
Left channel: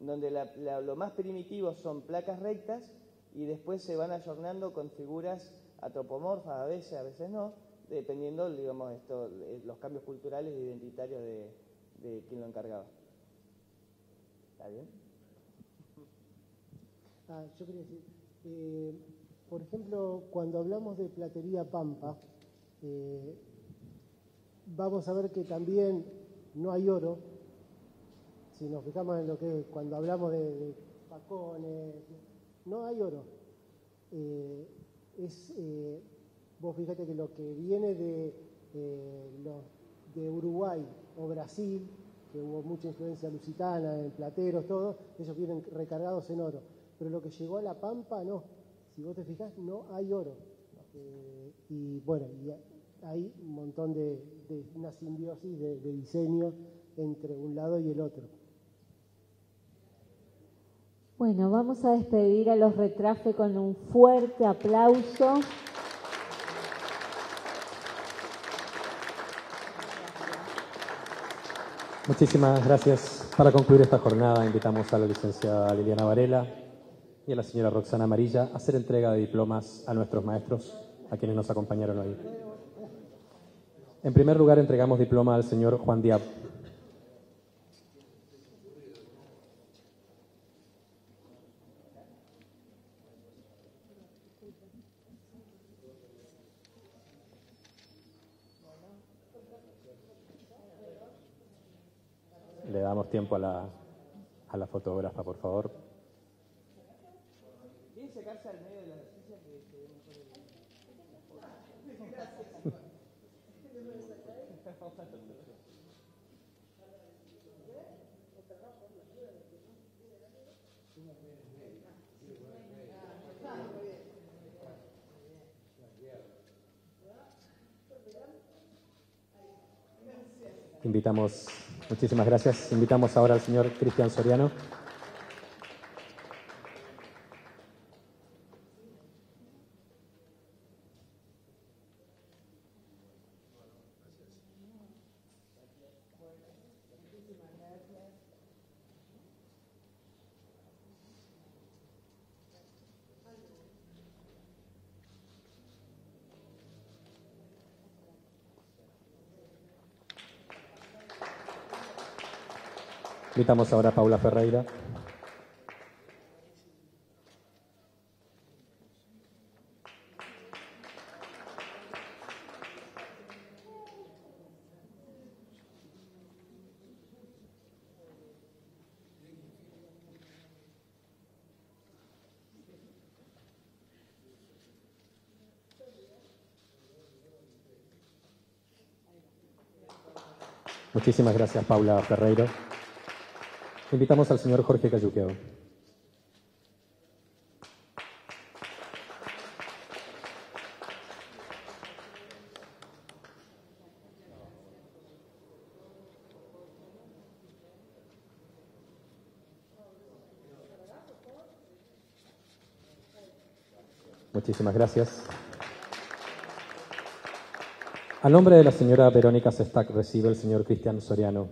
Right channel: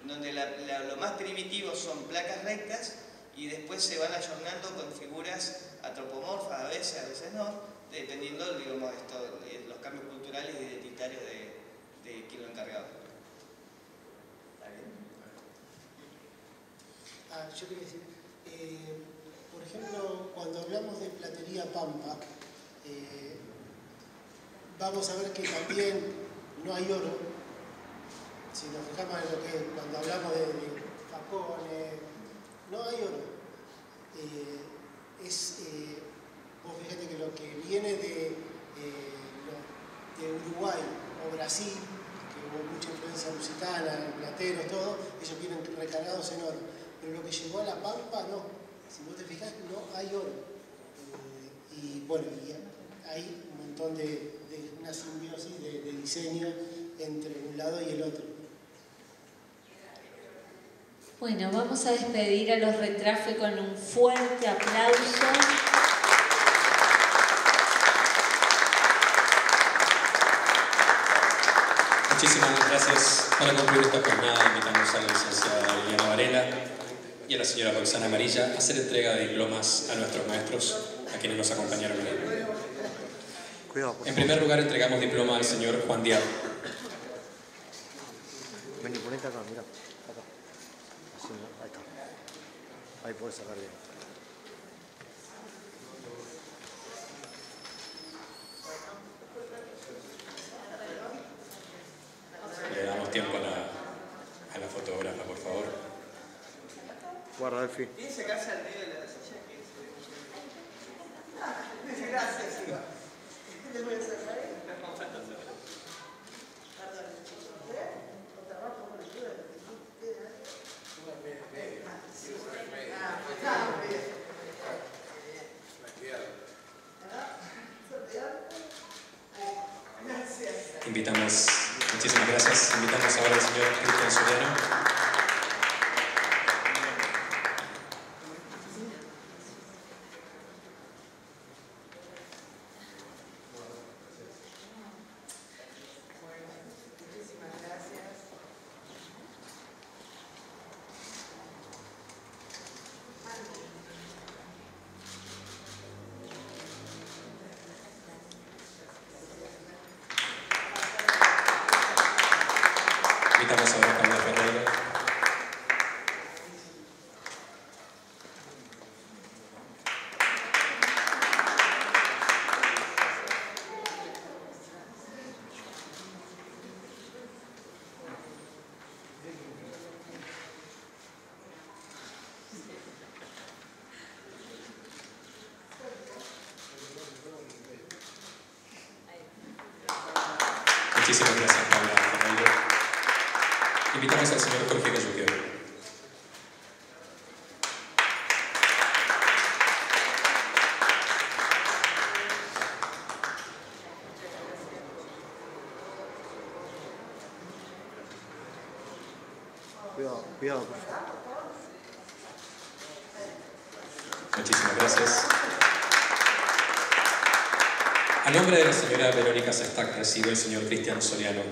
en donde lo más primitivo son placas rectas y después se van ayornando con figuras antropomorfas, a veces no, dependiendo, digamos, los cambios culturales e identitarios de quien lo encargaba. ¿Está bien? Yo quería decir, por ejemplo, cuando hablamos de platería pampa, vamos a ver que también no hay oro. Si nos fijamos en lo que cuando hablamos de facones, no hay oro. Vos fíjate que lo que viene de Uruguay o Brasil, que hubo mucha influencia lusitana, en plateros, todo, ellos vienen recargados en oro. Pero lo que llegó a la Pampa, no. Si vos te fijás, no hay oro. Y bueno, hay un montón de una simbiosis de diseño entre un lado y el otro. Bueno, vamos a despedir a los Retrafe con un fuerte aplauso. Muchísimas gracias. Para concluir esta jornada invitamos a la licenciada Liliana Varela y a la señora Roxana Amarilla a hacer entrega de diplomas a nuestros maestros, a quienes nos acompañaron hoy. En primer lugar entregamos diploma al señor Juan Díaz. Vení, ponete acá, mirá. Acá. Así, ahí está. Ahí podés sacar bien. Le damos tiempo a la fotógrafa, por favor. Guarda, Delfi. ¿Quién sacarse al medio de la silla que se ve? Gracias, Iván. ¿Te voy a sacar ahí? Invitamos, muchísimas gracias. Invitamos ahora al señor Cristian Soriano. Invitamos ahora a Paula Ferreira. Muchísimas gracias, Paula Ferreiro. Invitamos al señor Jorge Cayuqueo. Cuidado. Muchísimas gracias. A nombre de la señora Verónica Sestac recibe el señor Cristian Soriano.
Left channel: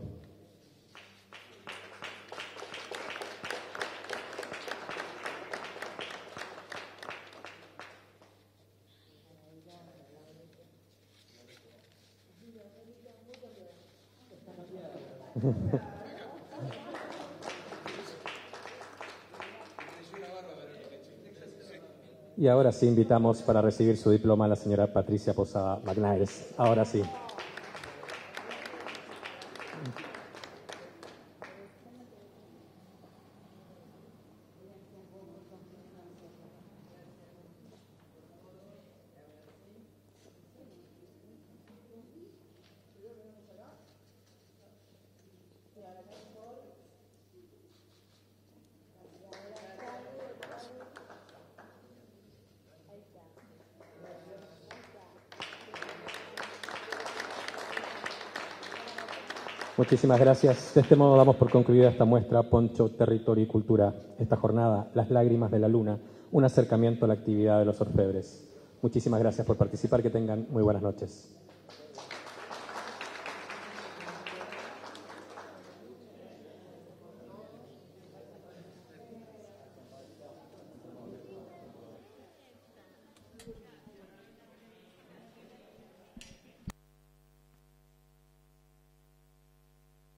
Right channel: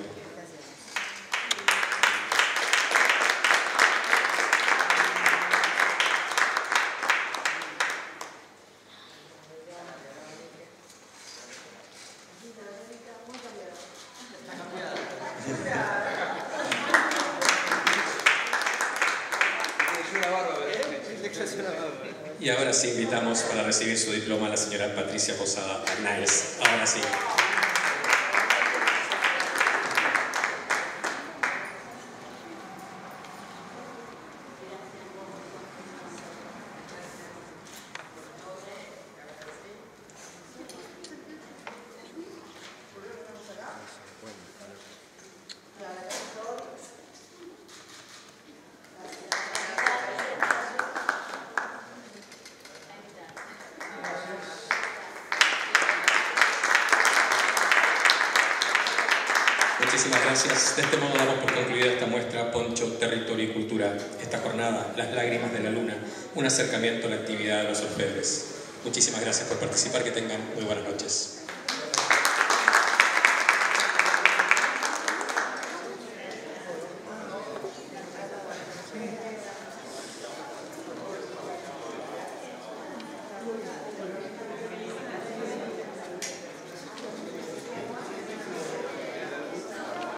Y ahora sí invitamos para recibir su diploma a la señora Patricia Posada Arnáez. Ahora sí. Muchísimas gracias. De este modo damos por concluida esta muestra Poncho, Territorio y Cultura. Esta jornada, Las lágrimas de la luna, un acercamiento a la actividad de los orfebres. Muchísimas gracias por participar. Que tengan muy buenas noches.